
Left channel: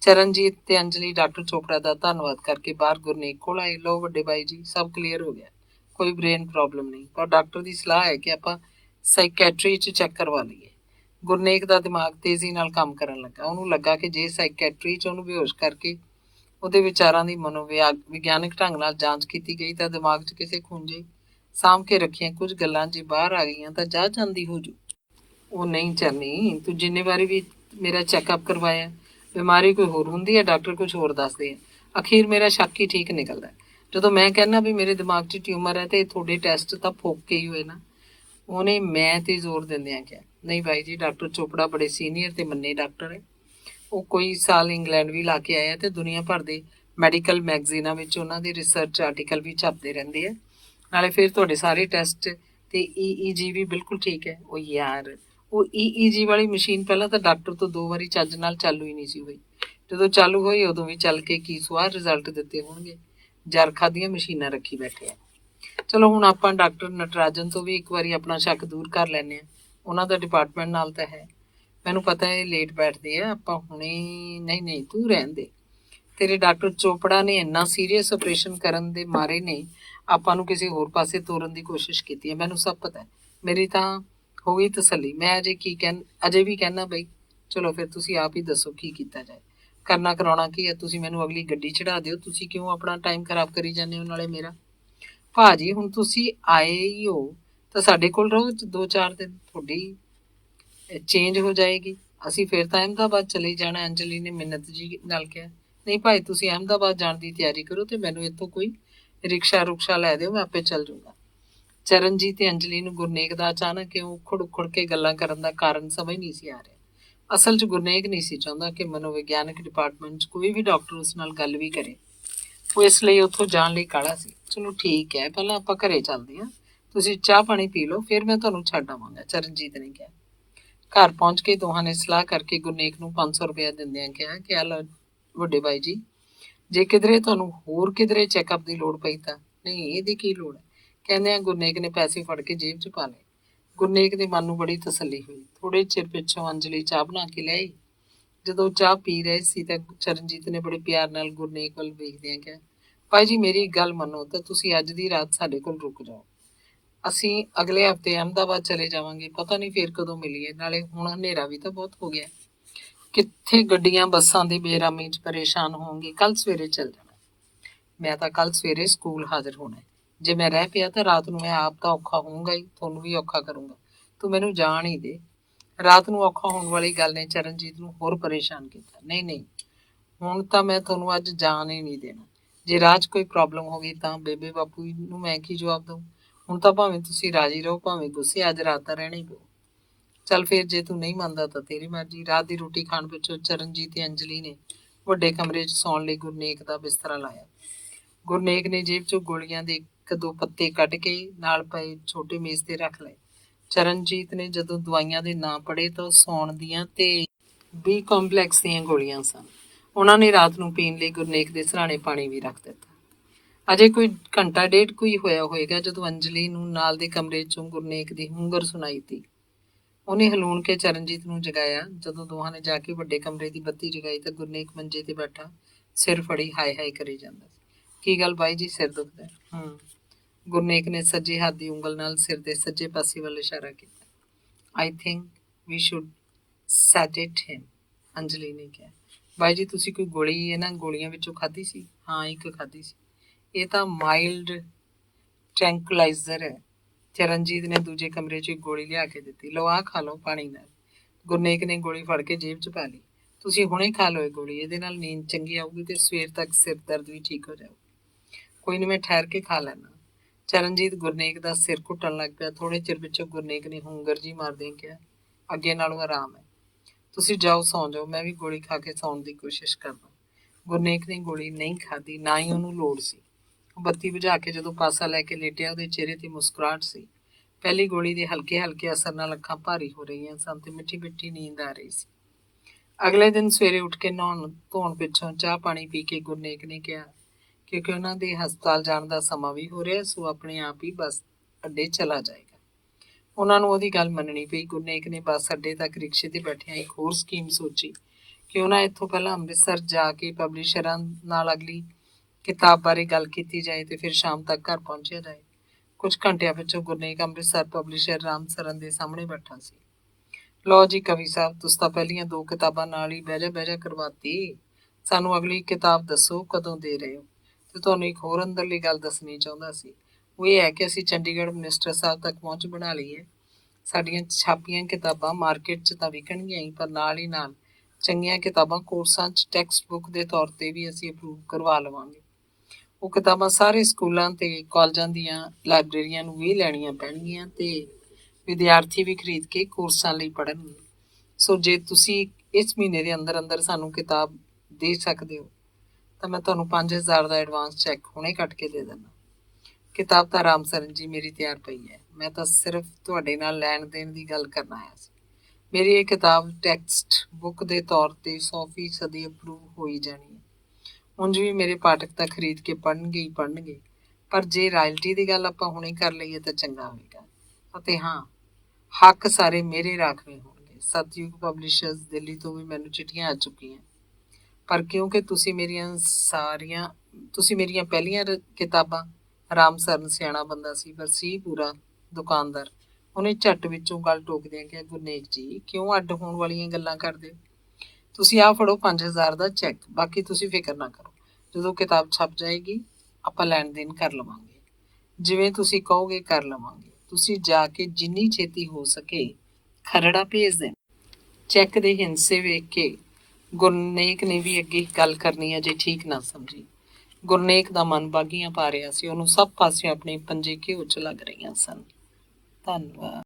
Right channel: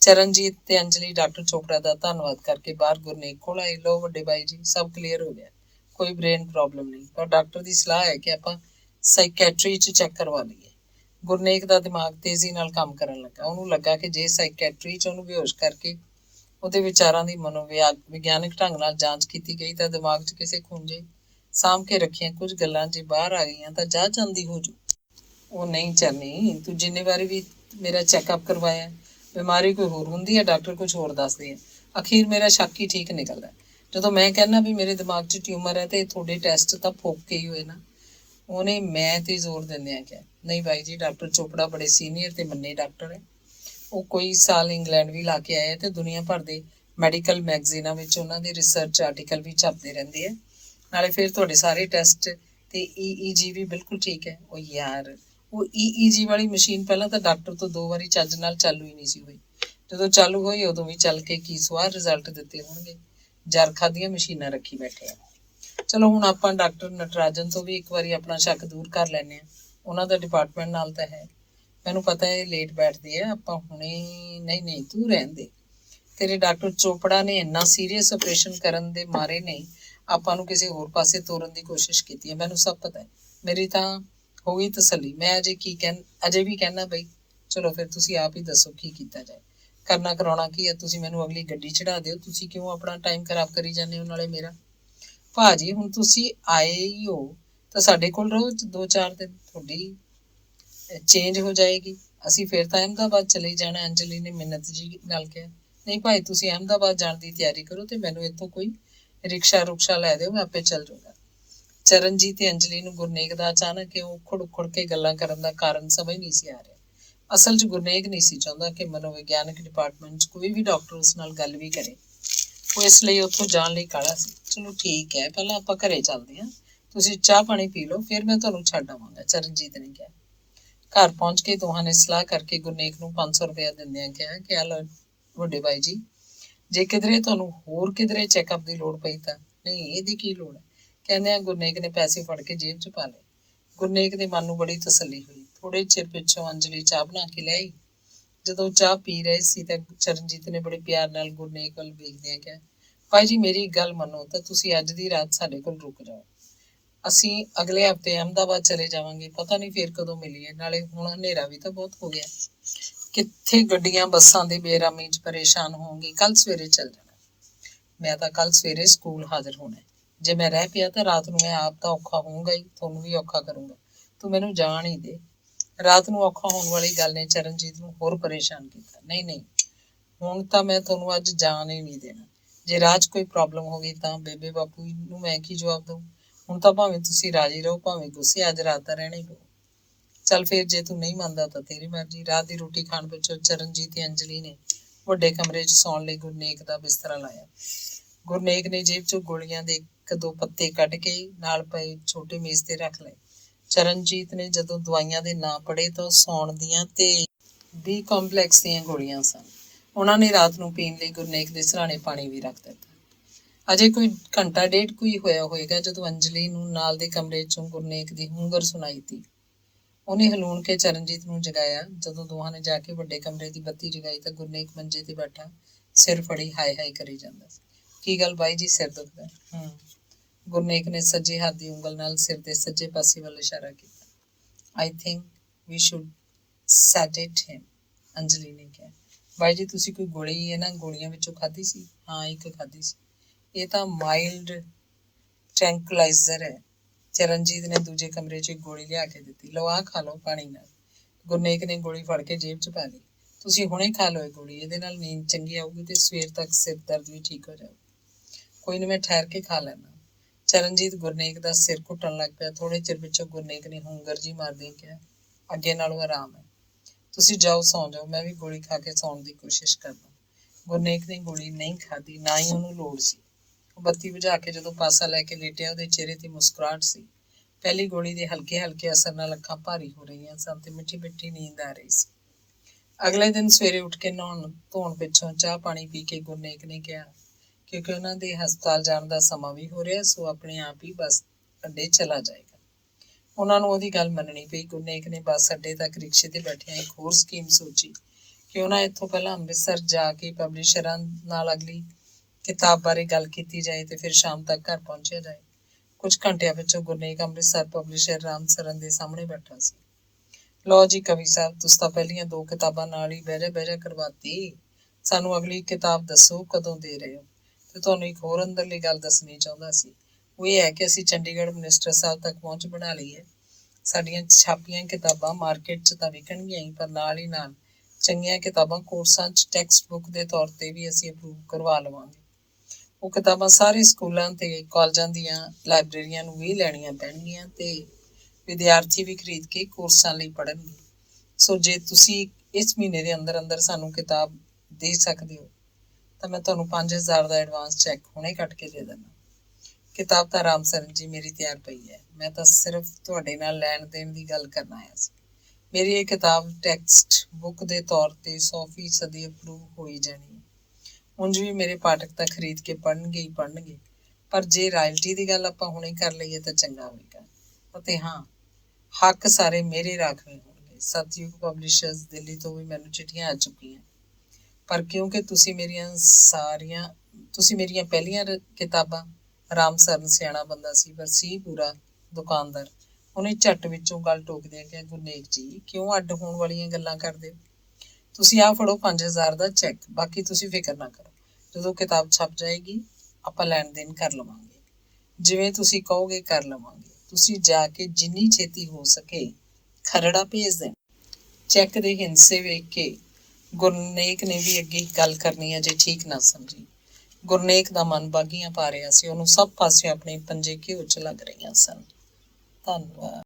ਚਰਨਜੀਤ ਤੇ ਅੰਜਲੀ ਡਾਕਟਰ ਚੋਪੜਾ ਦਾ ਧੰਨਵਾਦ ਕਰਕੇ ਬਾਹਰ ਗੁਰਨੇਕ ਕੋਲ ਆਏ। ਲੋ ਵੱਡੇ ਬਾਈ ਜੀ, ਸਭ ਕਲੀਅਰ ਹੋ ਗਿਆ, ਕੋਈ ਬ੍ਰੇਨ ਪ੍ਰੋਬਲਮ ਨਹੀਂ, ਪਰ ਡਾਕਟਰ ਦੀ ਸਲਾਹ ਹੈ ਕਿ ਆਪਾਂ ਸਾਈਕੈਟਰੀ 'ਚ ਚੈੱਕ ਕਰਵਾ ਲਈਏ। ਗੁਰਨੇਕ ਦਾ ਦਿਮਾਗ ਤੇਜ਼ੀ ਨਾਲ ਕੰਮ ਕਰਨ ਲੱਗਾ। ਉਹਨੂੰ ਲੱਗਾ ਕਿ ਜੇ ਸਾਈਕੈਟਰੀ 'ਚ ਉਹਨੂੰ ਬੇਹੋਸ਼ ਕਰਕੇ ਉਹਦੇ ਵਿਚਾਰਾਂ ਦੀ ਵਿਗਿਆਨਕ ਢੰਗ ਨਾਲ ਜਾਂਚ ਕੀਤੀ ਗਈ ਤਾਂ ਦਿਮਾਗ 'ਚ ਕਿਸੇ ਖੂੰਜੇ ਸਾਂਭ ਕੇ ਰੱਖੀਆਂ ਕੁਝ ਗੱਲਾਂ ਜੇ ਬਾਹਰ ਆ ਗਈਆਂ ਤਾਂ ਜਾ ਜਾਂਦੀ ਹੋ ਜੂ। ਉਹ ਨਹੀਂ ਚਰਨੀ, ਤੂੰ ਜਿੰਨੇ ਵਾਰੀ ਵੀ ਮੇਰਾ ਚੈੱਕਅਪ ਕਰਵਾਇਆ ਬਿਮਾਰੀ ਕੋਈ ਹੋਰ ਹੁੰਦੀ ਹੈ, ਡਾਕਟਰ ਕੁਝ ਹੋਰ ਦੱਸਦੇ ਆ, ਅਖੀਰ ਮੇਰਾ ਸ਼ੱਕ ਹੀ ਠੀਕ ਨਿਕਲਦਾ। ਜਦੋਂ ਮੈਂ ਕਹਿੰਦਾ ਵੀ ਮੇਰੇ ਦਿਮਾਗ 'ਚ ਟਿਊਮਰ ਹੈ ਤੇ ਤੁਹਾਡੇ ਟੈਸਟ ਤਾਂ ਫੋਕ ਕੇ ਹੀ ਹੋਏ ਨਾ। ਉਹਨੇ ਮੈਂ ਤੇ ਜ਼ੋਰ ਦਿੰਦਿਆਂ ਕਿਹਾ, ਨਹੀਂ ਬਾਈ ਜੀ, ਡਾਕਟਰ ਚੋਪੜਾ ਬੜੇ ਸੀਨੀਅਰ ਤੇ ਮੰਨੇ ਡਾਕਟਰ ਹੈ। ਉਹ ਕੋਈ ਸਾਲ ਇੰਗਲੈਂਡ ਵੀ ਲਾ ਕੇ ਆਇਆ ਤੇ ਦੁਨੀਆ ਭਰ ਦੇ ਮੈਡੀਕਲ ਮੈਗਜ਼ੀਨਾਂ ਵਿੱਚ ਉਹਨਾਂ ਦੇ ਰਿਸਰਚ ਆਰਟੀਕਲ ਵੀ ਛਪਦੇ ਰਹਿੰਦੇ ਆ। ਨਾਲੇ ਫਿਰ ਤੁਹਾਡੇ ਸਾਰੇ ਟੈਸਟ ਤੇ EEG ਵੀ ਬਿਲਕੁਲ ਠੀਕ ਹੈ। ਉਹ ਯਾਰ, ਉਹ EEG ਵਾਲੀ ਮਸ਼ੀਨ ਪਹਿਲਾਂ ਤਾਂ ਡਾਕਟਰ ਤੋਂ 2 ਵਾਰੀ ਚੱਜ ਨਾਲ ਚਾਲੂ ਹੀ ਨਹੀਂ ਸੀ ਹੋਈ। ਜਦੋਂ ਚਾਲੂ ਹੋਈ ਉਦੋਂ ਵੀ ਚੱਲ ਕੇ ਕੀ ਸਵਾਹ ਰਿਜ਼ਲਟ ਦਿੱਤੇ ਹੋਣਗੇ। ਜਰਖਾ ਦੀਆਂ ਮਸ਼ੀਨਾਂ ਰੱਖੀ ਬੈਠੇ ਆ। ਚਲੋ ਹੁਣ ਆਪਾਂ ਡਾਕਟਰ ਨਟਰਾਜਨ ਤੋਂ ਵੀ ਇੱਕ ਵਾਰੀ ਆਪਣਾ ਸ਼ੱਕ ਦੂਰ ਕਰ ਲੈਂਦੇ ਹਾਂ। ਉਹਨਾਂ ਦਾ ਡਿਪਾਰਟਮੈਂਟ ਨਾਲ ਤਾਂ ਹੈ। ਮੈਨੂੰ ਪਤਾ ਹੈ ਲੇਟ ਬੈਠਦੇ ਆ, ਆਪਾਂ ਹੁਣੇ ਨਹੀਂ ਤੂੰ ਰਹਿਣ ਦੇ। ਤੇਰੇ ਡਾਕਟਰ ਚੋਪੜਾ ਨੇ ਇੰਨਾ ਸੀਰੀਅਸ ਆਪਰੇਸ਼ਨ ਕਰਨ ਦੇ ਮਾਰੇ ਨੇ ਆਪਾਂ ਨੂੰ ਕਿਸੇ ਹੋਰ ਪਾਸੇ ਤੋਰਨ ਦੀ ਕੋਸ਼ਿਸ਼ ਕੀਤੀ ਹੈ। ਮੈਨੂੰ ਸਭ ਪਤਾ ਹੈ। ਮੇਰੀ ਤਾਂ ਹੋ ਗਈ ਤਸੱਲੀ। ਮੈਂ ਅਜੇ ਵੀ ਕਹਿਣਾ ਬਈ ਚਲੋ ਫਿਰ ਤੁਸੀਂ ਆਪ ਹੀ ਦੱਸੋ ਕੀ ਕੀਤਾ ਜਾਏ। ਕਰਨਾ ਕਰਾਉਣਾ ਕੀ ਹੈ? ਤੁਸੀਂ ਮੈਨੂੰ ਅਗਲੀ ਗੱਡੀ ਚੜਾ ਦਿਓ। ਤੁਸੀਂ ਕਿਉਂ ਆਪਣਾ ਟਾਈਮ ਖਰਾਬ ਕਰੀ ਜਾਂਦੇ ਹੋ ਨਾਲੇ ਮੇਰਾ? ਭਾਜੀ, ਹੁਣ ਤੁਸੀਂ ਆਏ ਹੀ ਹੋ ਤਾਂ ਸਾਡੇ ਕੋਲ ਰਹੋ 2-4 ਦਿਨ, ਤੁਹਾਡੀ ਚੇਂਜ ਹੋ ਜਾਏਗੀ। ਅਸੀਂ ਫਿਰ ਤਾਂ ਅਹਿਮਦਾਬਾਦ ਚਲੇ ਜਾਣਾ। ਅੰਜਲੀ ਨੇ ਮਿੰਨਤ ਜੀ ਨਾਲ ਕਿਹਾ, ਨਹੀਂ ਭਾਈ, ਤੁਸੀਂ ਅਹਿਮਦਾਬਾਦ ਜਾਣ ਦੀ ਤਿਆਰੀ ਕਰੋ ਤੇ ਮੈਨੂੰ ਇੱਥੋਂ ਕੋਈ ਰਿਕਸ਼ਾ ਲੈ ਦਿਓ, ਮੈਂ ਆਪੇ ਚੱਲ ਜਾਊਂਗਾ। ਚਰਨਜੀਤ ਤੇ ਅੰਜਲੀ ਨੂੰ ਗੁਰਨੇਕ ਦਾ ਅਚਾਨਕ ਕਿਉਂ ਉਖੜ ਕੇ ਗੱਲਾਂ ਕਰਨ ਦਾ ਕਾਰਨ ਸਮਝ ਨਹੀਂ ਸੀ ਆ ਰਿਹਾ। ਅਸਲ 'ਚ ਗੁਰਨੇਕ ਨਹੀਂ ਸੀ ਚਾਹੁੰਦਾ ਕਿ ਮਨੋਵਿਗਿਆਨਕ ਡਿਪਾਰਟਮੈਂਟ 'ਚ ਕੋਈ ਵੀ ਡਾਕਟਰ ਉਸ ਨਾਲ ਗੱਲ ਵੀ ਕਰੇ। ਉਹ ਇਸ ਲਈ ਉੱਥੋਂ ਜਾਣ ਲਈ ਕਾਹਲਾ ਸੀ। ਚਲੋ ਠੀਕ ਹੈ, ਪਹਿਲਾਂ ਆਪਾਂ ਘਰੇ ਚੱਲਦੇ ਹਾਂ, ਤੁਸੀਂ ਚਾਹ ਪਾਣੀ ਪੀ ਲਓ, ਫਿਰ ਮੈਂ ਤੁਹਾਨੂੰ ਛੱਡ ਆਵਾਂਗਾ, ਚਰਨਜੀਤ ਨੇ ਕਿਹਾ। ਘਰ ਪਹੁੰਚ ਕੇ ਦੋਹਾਂ ਨੇ ਸਲਾਹ ਕਰਕੇ ਗੁਰਨੇਕ ਨੂੰ 500 ਰੁਪਇਆ ਦਿੰਦਿਆਂ ਕਿਹਾ ਕਿ ਆ ਲਓ ਵੱਡੇ ਬਾਈ ਜੀ, ਜੇ ਕਿਧਰੇ ਤੁਹਾਨੂੰ ਹੋਰ ਕਿਧਰੇ ਚੈੱਕਅਪ ਦੀ ਲੋੜ ਪਈ ਤਾਂ। ਨਹੀਂ, ਇਹਦੀ ਕੀ ਲੋੜ ਹੈ? ਕਹਿੰਦਿਆਂ ਗੁਰਨੇਕ ਨੇ ਪੈਸੇ ਫੜ ਕੇ ਜੇਬ 'ਚ ਪਾ ਲਏ। ਗੁਰਨੇਕ ਦੇ ਮਨ ਨੂੰ ਬੜੀ ਤਸੱਲੀ ਹੋਈ। ਥੋੜੇ ਚਿਰ ਪਿੱਛੋਂ ਅੰਜਲੀ ਚਾਹ ਬਣਾ ਕੇ ਲਿਆਈ। ਜਦੋਂ ਚਾਹ ਪੀ ਰਹੇ ਸੀ ਤਾਂ ਚਰਨਜੀਤ ਨੇ ਬੜੇ ਪਿਆਰ ਨਾਲ ਗੁਰਨੇਕ ਵੱਲ ਵੇਖਦਿਆਂ ਕਿਹਾ, ਭਾਈ ਜੀ, ਮੇਰੀ ਇੱਕ ਗੱਲ ਮੰਨੋ ਤਾਂ ਤੁਸੀਂ ਅੱਜ ਦੀ ਰਾਤ ਸਾਡੇ ਕੋਲ ਰੁਕ ਜਾਓ। ਅਸੀਂ ਅਗਲੇ ਹਫ਼ਤੇ ਅਹਿਮਦਾਬਾਦ ਚਲੇ ਜਾਵਾਂਗੇ। ਪਤਾ ਨਹੀਂ ਫਿਰ ਕਦੋਂ ਮਿਲੀਏ, ਨਾਲੇ ਹੁਣ ਹਨੇਰਾ ਵੀ ਤਾਂ ਬਹੁਤ ਹੋ ਗਿਆ। ਕਿੱਥੇ ਗੱਡੀਆਂ ਬੱਸਾਂ ਦੇ ਬੇਰਾਮੀ 'ਚ ਪਰੇਸ਼ਾਨ ਹੋਣਗੇ। ਕੱਲ ਸਵੇਰੇ ਚੱਲ ਜਾਣਾ। ਮੈਂ ਤਾਂ ਕੱਲ ਸਵੇਰੇ ਸਕੂਲ ਹਾਜ਼ਰ ਹੋਣਾ ਹੈ। ਜੇ ਮੈਂ ਰਹਿ ਪਿਆ ਤਾਂ ਰਾਤ ਨੂੰ ਮੈਂ ਆਪ ਤਾਂ ਔਖਾ ਹੋਊਂਗਾ ਹੀ, ਤੁਹਾਨੂੰ ਵੀ ਔਖਾ ਕਰੂੰਗਾ। ਤੂੰ ਮੈਨੂੰ ਜਾਣ ਹੀ ਦੇ। ਰਾਤ ਨੂੰ ਔਖਾ ਹੋਣ ਵਾਲੀ ਗੱਲ ਨੇ ਚਰਨਜੀਤ ਨੂੰ ਹੋਰ ਪਰੇਸ਼ਾਨ ਕੀਤਾ। ਨਹੀਂ ਨਹੀਂ, ਹੁਣ ਤਾਂ ਮੈਂ ਤੁਹਾਨੂੰ ਅੱਜ ਜਾਣ ਹੀ ਨਹੀਂ ਦੇਣਾ। ਜੇ ਰਾਹ 'ਚ ਕੋਈ ਪ੍ਰੋਬਲਮ ਹੋ ਗਈ ਤਾਂ ਬੇਬੇ ਬਾਪੂ ਨੂੰ ਮੈਂ ਕੀ ਜਵਾਬ ਦਊਂ। ਹੁਣ ਤਾਂ ਭਾਵੇਂ ਤੁਸੀਂ ਰਾਜੀ ਰਹੋ ਭਾਵੇਂ ਗੁੱਸੇ, ਅੱਜ ਰਾਤ ਤਾਂ ਰਹਿਣਾ ਹੀ ਪਊ। ਚੱਲ ਫਿਰ ਜੇ ਤੂੰ ਨਹੀਂ ਮੰਨਦਾ ਤਾਂ ਤੇਰੀ ਮਰਜ਼ੀ। ਰਾਤ ਦੀ ਰੋਟੀ ਖਾਣ ਪਿੱਛੋਂ ਚਰਨਜੀਤ ਤੇ ਅੰਜਲੀ ਨੇ ਵੱਡੇ ਕਮਰੇ 'ਚ ਸੌਣ ਲਈ ਗੁਰਨੇਕ ਦਾ ਬਿਸਤਰਾ ਲਾਇਆ। ਗੁਰਨੇਕ ਨੇ ਜੇਬ 'ਚੋਂ ਗੋਲੀਆਂ ਦੇ 1-2 ਪੱਤੇ ਕੱਢ ਕੇ ਨਾਲ ਪਏ ਛੋਟੇ ਮੇਜ਼ ਤੇ ਰੱਖ ਲਏ। ਚਰਨਜੀਤ ਨੇ ਜਦੋਂ ਦਵਾਈਆਂ ਦੇ ਨਾਂ ਪੜ੍ਹੇ ਤਾਂ ਸੌਣ ਦੀਆਂ ਤੇ ਬੀ ਕੰਪਲੈਕਸ ਦੀਆਂ ਗੋਲੀਆਂ ਸਨ। ਉਹਨਾਂ ਨੇ ਰਾਤ ਨੂੰ ਪੀਣ ਲਈ ਗੁਰਨੇਕ ਦੇ ਸਿਰਹਾਣੇ ਪਾਣੀ ਵੀ ਰੱਖ ਦਿੱਤਾ। ਅਜੇ ਕੋਈ ਘੰਟਾ ਡੇਢ ਕੁ ਹੀ ਹੋਇਆ ਹੋਏਗਾ ਜਦੋਂ ਅੰਜਲੀ ਨੂੰ ਨਾਲ ਦੇ ਕਮਰੇ 'ਚੋਂ ਗੁਰਨੇਕ ਦੀ ਹੁੰਗਰ ਸੁਣਾਈ ਤੀ। ਉਹਨੇ ਹਲੂਣ ਕੇ ਚਰਨਜੀਤ ਨੂੰ ਜਗਾਇਆ। ਜਦੋਂ ਦੋਹਾਂ ਨੇ ਜਾ ਕੇ ਵੱਡੇ ਕਮਰੇ ਦੀ ਬੱਤੀ ਜਗਾਈ ਤਾਂ ਗੁਰਨੇਕ ਮੰਜੇ ਤੇ ਬੈਠਾ ਸਿਰ ਫੜੀ ਹਾਏ ਹਾਏ ਕਰੀ ਜਾਂਦਾ ਸੀ। ਕੀ ਗੱਲ ਬਾਈ ਜੀ, ਸਿਰ ਦੁਖਦਾ? ਗੁਰਨੇਕ ਨੇ ਸੱਜੇ ਹੱਥ ਦੀ ਉਂਗਲ ਨਾਲ ਸਿਰ ਦੇ ਸੱਜੇ ਪਾਸੇ ਵੱਲ ਇਸ਼ਾਰਾ ਕੀਤਾ। ਆਈ ਥਿੰਕ ਵੀ ਸ਼ੁੱਡ ਸੈਡੇਟ ਹਿਮ, ਅੰਜਲੀ ਨੇ ਕਿਹਾ। ਬਾਈ ਜੀ ਤੁਸੀਂ ਕੋਈ ਗੋਲੀ ਇਹਨਾਂ ਗੋਲੀਆਂ ਵਿੱਚੋਂ ਖਾਧੀ ਸੀ? ਹਾਂ, ਇੱਕ ਖਾਧੀ ਸੀ। ਇਹ ਤਾਂ ਮਾਈਲਡ ਟ੍ਰੈਂਕੁਲਾਈਜ਼ਰ ਹੈ। ਚਰਨਜੀਤ ਨੇ ਦੂਜੇ ਕਮਰੇ 'ਚ ਇੱਕ ਗੋਲੀ ਲਿਆ ਕੇ ਦਿੱਤੀ। ਲਓ ਆਹ ਖਾ ਲਓ ਪਾਣੀ ਨਾਲ। ਗੁਰਨੇਕ ਨੇ ਗੋਲੀ ਫੜ ਕੇ ਜੇਬ 'ਚ ਪਾ ਲਈ। ਤੁਸੀਂ ਹੁਣੇ ਖਾ ਲਓ ਇਹ ਗੋਲੀ, ਇਹਦੇ ਨਾਲ ਨੀਂਦ ਚੰਗੀ ਆਊਗੀ ਤੇ ਸਵੇਰ ਤੱਕ ਸਿਰ ਦਰਦ ਵੀ ਠੀਕ ਹੋ ਜਾਊ। ਕੋਈ ਨਹੀਂ, ਮੈਂ ਠਹਿਰ ਕੇ ਖਾ ਲੈਣਾ। ਚਰਨਜੀਤ ਗੁਰਨੇਕ ਦਾ ਸਿਰ ਘੁੱਟਣ ਲੱਗ ਪਿਆ। ਥੋੜੇ ਚਿਰ ਪਿੱਛੋਂ ਗੁਰਨੇਕ ਨੇ ਹੁੰਗਰ ਜੀ ਮਾਰਦੇ ਕਿਹਾ, ਅੱਗੇ ਨਾਲੋਂ ਆਰਾਮ ਹੈ, ਤੁਸੀਂ ਜਾਓ ਸੌਂ ਜਾਓ, ਮੈਂ ਵੀ ਗੋਲੀ ਖਾ ਕੇ ਸੌਣ ਦੀ ਕੋਸ਼ਿਸ਼ ਕਰਦਾ। ਗੁਰਨੇਕ ਨੇ ਗੋਲੀ ਨਹੀਂ ਖਾਧੀ, ਨਾ ਹੀ ਉਹਨੂੰ ਲੋੜ ਸੀ। ਉਹ ਬੱਤੀ ਬੁਝਾ ਕੇ ਜਦੋਂ ਪਾਸਾ ਲੈ ਕੇ ਲੇਟਿਆ, ਉਹਦੇ ਚਿਹਰੇ ਤੇ ਮੁਸਕਰਾਹਟ ਸੀ। ਪਹਿਲੀ ਗੋਲੀ ਦੇ ਹਲਕੇ ਹਲਕੇ ਅਸਰ ਨਾਲ ਅੱਖਾਂ ਭਾਰੀ ਹੋ ਰਹੀਆਂ ਸਨ ਤੇ ਮਿੱਠੀ ਮਿੱਠੀ ਨੀਂਦ ਆ ਰਹੀ ਸੀ। ਅਗਲੇ ਦਿਨ ਸਵੇਰੇ ਉੱਠ ਕੇ ਨਹਾਉਣ ਧੋਣ ਪਿੱਛੋਂ ਚਾਹ ਪਾਣੀ ਪੀ ਕੇ ਗੁਰਨੇਕ ਨੇ ਕਿਹਾ, ਕਿਉਂਕਿ ਉਹਨਾਂ ਦੇ ਹਸਪਤਾਲ ਜਾਣ ਦਾ ਸਮਾਂ ਵੀ ਹੋ ਰਿਹਾ, ਸੋ ਆਪਣੇ ਆਪ ਹੀ ਬੱਸ ਅੱਡੇ ਚਲਾ ਜਾਏਗਾ। ਉਹਨਾਂ ਨੂੰ ਉਹਦੀ ਗੱਲ ਮੰਨਣੀ ਪਈ। ਗੁਰਨੇਕ ਨੇ ਬੱਸ ਅੱਡੇ ਤੱਕ ਰਿਕਸ਼ੇ ਤੇ ਬੈਠਿਆਂ ਇੱਕ ਹੋਰ ਸਕੀਮ ਸੋਚੀ ਕਿ ਉਹਨਾਂ ਇੱਥੋਂ ਪਹਿਲਾਂ ਅੰਮ੍ਰਿਤਸਰ ਜਾ ਕੇ ਪਬਲਿਸ਼ਰਾਂ ਨਾਲ ਅਗਲੀ ਕਿਤਾਬ ਬਾਰੇ ਗੱਲ ਕੀਤੀ ਜਾਏ ਤੇ ਫਿਰ ਸ਼ਾਮ ਤੱਕ ਘਰ ਪਹੁੰਚਿਆ ਜਾਏ। ਕੁਝ ਘੰਟਿਆਂ ਪਿੱਛੋਂ ਗੁਰਨੇਕ ਅੰਮ੍ਰਿਤਸਰ ਪਬਲਿਸ਼ਰ ਰਾਮ ਸਰਨ ਦੇ ਸਾਹਮਣੇ ਬੈਠਾ ਸੀ। ਲਓ ਜੀ ਕਵੀ ਸਾਹਿਬ, ਤੁਸੀਂ ਤਾਂ ਪਹਿਲੀਆਂ 2 ਕਿਤਾਬਾਂ ਨਾਲ ਹੀ ਬਹਿ ਜਾ ਕਰਵਾਤੀ। ਸਾਨੂੰ ਅਗਲੀ ਕਿਤਾਬ ਦੱਸੋ, ਕਦੋਂ ਦੇ ਰਹੇ ਹੋ? ਤੇ ਤੁਹਾਨੂੰ ਇੱਕ ਹੋਰ ਅੰਦਰਲੀ ਗੱਲ ਦੱਸਣੀ ਚਾਹੁੰਦਾ ਸੀ। ਉਹ ਇਹ ਹੈ ਕਿ ਅਸੀਂ ਚੰਡੀਗੜ੍ਹ ਮਿਨਿਸਟਰ ਸਾਹਿਬ ਤੱਕ ਪਹੁੰਚ ਬਣਾ ਲਈ ਹੈ। ਸਾਡੀਆਂ ਛਾਪੀਆਂ ਕਿਤਾਬਾਂ ਮਾਰਕੀਟ 'ਚ ਤਾਂ ਵਿਕਣਗੀਆਂ ਹੀ, ਪਰ ਨਾਲ ਹੀ ਨਾਲ ਚੰਗੀਆਂ ਕਿਤਾਬਾਂ ਕੋਰਸਾਂ 'ਚ ਟੈਕਸਟ ਬੁੱਕ ਦੇ ਤੌਰ ਤੇ ਵੀ ਅਸੀਂ ਅਪਰੂਵ ਕਰਵਾ ਲਵਾਂਗੇ। ਉਹ ਕਿਤਾਬਾਂ ਸਾਰੇ ਸਕੂਲਾਂ ਤੇ ਕਾਲਜਾਂ ਦੀਆਂ ਲਾਇਬ੍ਰੇਰੀਆਂ ਨੂੰ ਵੀ ਲੈਣੀਆਂ ਪੈਣਗੀਆਂ ਤੇ ਵਿਦਿਆਰਥੀ ਵੀ ਖਰੀਦ ਕੇ ਕੋਰਸਾਂ ਲਈ ਪੜ੍ਹਨਗੇ। ਸੋ ਜੇ ਤੁਸੀਂ ਇਸ ਮਹੀਨੇ ਦੇ ਅੰਦਰ ਅੰਦਰ ਸਾਨੂੰ ਕਿਤਾਬ ਦੇ ਸਕਦੇ ਹੋ ਤਾਂ ਮੈਂ ਤੁਹਾਨੂੰ 5000 ਦਾ ਐਡਵਾਂਸ ਚੈੱਕ ਹੁਣੇ ਕੱਟ ਕੇ ਦੇ ਦੇਣਾ। ਕਿਤਾਬ ਤਾਂ ਰਾਮ ਸਰਨ ਜੀ ਮੇਰੀ ਤਿਆਰ ਪਈ ਹੈ, ਮੈਂ ਤਾਂ ਸਿਰਫ ਤੁਹਾਡੇ ਨਾਲ ਲੈਣ ਦੇਣ ਦੀ ਗੱਲ ਕਰਨ ਆਇਆ ਸੀ। ਮੇਰੀ ਇਹ ਕਿਤਾਬ ਟੈਕਸਟ ਬੁੱਕ ਦੇ ਤੌਰ ਤੇ 100% ਅਪਰੂਵ ਹੋਈ ਜਾਣੀ ਹੈ। ਉਂਝ ਵੀ ਮੇਰੇ ਪਾਠਕ ਤਾਂ ਖਰੀਦ ਕੇ ਪੜ੍ਹਨਗੇ ਹੀ ਪੜ੍ਹਨਗੇ, ਪਰ ਜੇ ਰਾਇਲਟੀ ਦੀ ਗੱਲ ਆਪਾਂ ਹੁਣੇ ਕਰ ਲਈਏ ਤਾਂ ਚੰਗਾ ਹੋਵੇਗਾ। ਅਤੇ ਹਾਂ, ਹੱਕ ਸਾਰੇ ਮੇਰੇ ਰਾਖਵੇਂ ਹੋਣਗੇ। ਸਤਯੁਗ ਪਬਲਿਸ਼ਰਸ ਦਿੱਲੀ ਤੋਂ ਵੀ ਮੈਨੂੰ ਚਿੱਠੀਆਂ ਆ ਚੁੱਕੀਆਂ, ਪਰ ਕਿਉਂਕਿ ਤੁਸੀਂ ਮੇਰੀਆਂ ਪਹਿਲੀਆਂ ਕਿਤਾਬਾਂ, ਰਾਮ ਸਰਨ ਸਿਆਣਾ ਬੰਦਾ ਸੀ, ਪਰ ਸੀ ਪੂਰਾ ਦੁਕਾਨਦਾਰ। ਉਹਨੇ ਝੱਟ ਵਿੱਚੋਂ ਗੱਲ ਟੋਕਦਿਆਂ ਕਿਹਾ, ਗੁਰਨੇਕ ਜੀ ਕਿਉਂ ਅੱਡ ਹੋਣ ਵਾਲੀਆਂ ਗੱਲਾਂ ਕਰਦੇ ਹੋ? ਤੁਸੀਂ ਆਹ ਫੜੋ 5000 ਦਾ ਚੈੱਕ, ਬਾਕੀ ਤੁਸੀਂ ਫਿਕਰ ਨਾ ਕਰੋ। ਜਦੋਂ ਕਿਤਾਬ ਛਪ ਜਾਏਗੀ ਆਪਾਂ ਲੈਣ ਦੇਣ ਕਰ ਲਵਾਂਗੇ। ਜਿਵੇਂ ਤੁਸੀਂ ਕਹੋਗੇ ਕਰ ਲਵਾਂਗੇ। ਤੁਸੀਂ ਜਾ ਕੇ ਜਿੰਨੀ ਛੇਤੀ ਹੋ ਸਕੇ ਖਰੜਾ ਭੇਜ ਦੇਣਾ। ਚੈੱਕ ਦੇ ਹਿੰਸੇ ਵੇਖ ਕੇ ਗੁਰਨੇਕ ਨੇ ਵੀ ਅੱਗੇ ਗੱਲ ਕਰਨੀ ਅਜੇ ਠੀਕ ਨਾ ਸਮਝੀ। ਗੁਰਨੇਕ ਦਾ ਮਨ ਬਾਗੀਆਂ ਪਾ ਰਿਹਾ ਸੀ। ਉਹਨੂੰ ਸਭ ਪਾਸਿਓਂ ਆਪਣੇ ਪੰਜੇ ਘਿਓ 'ਚ ਲੱਗ ਰਹੀਆਂ ਸਨ। ਧੰਨਵਾਦ।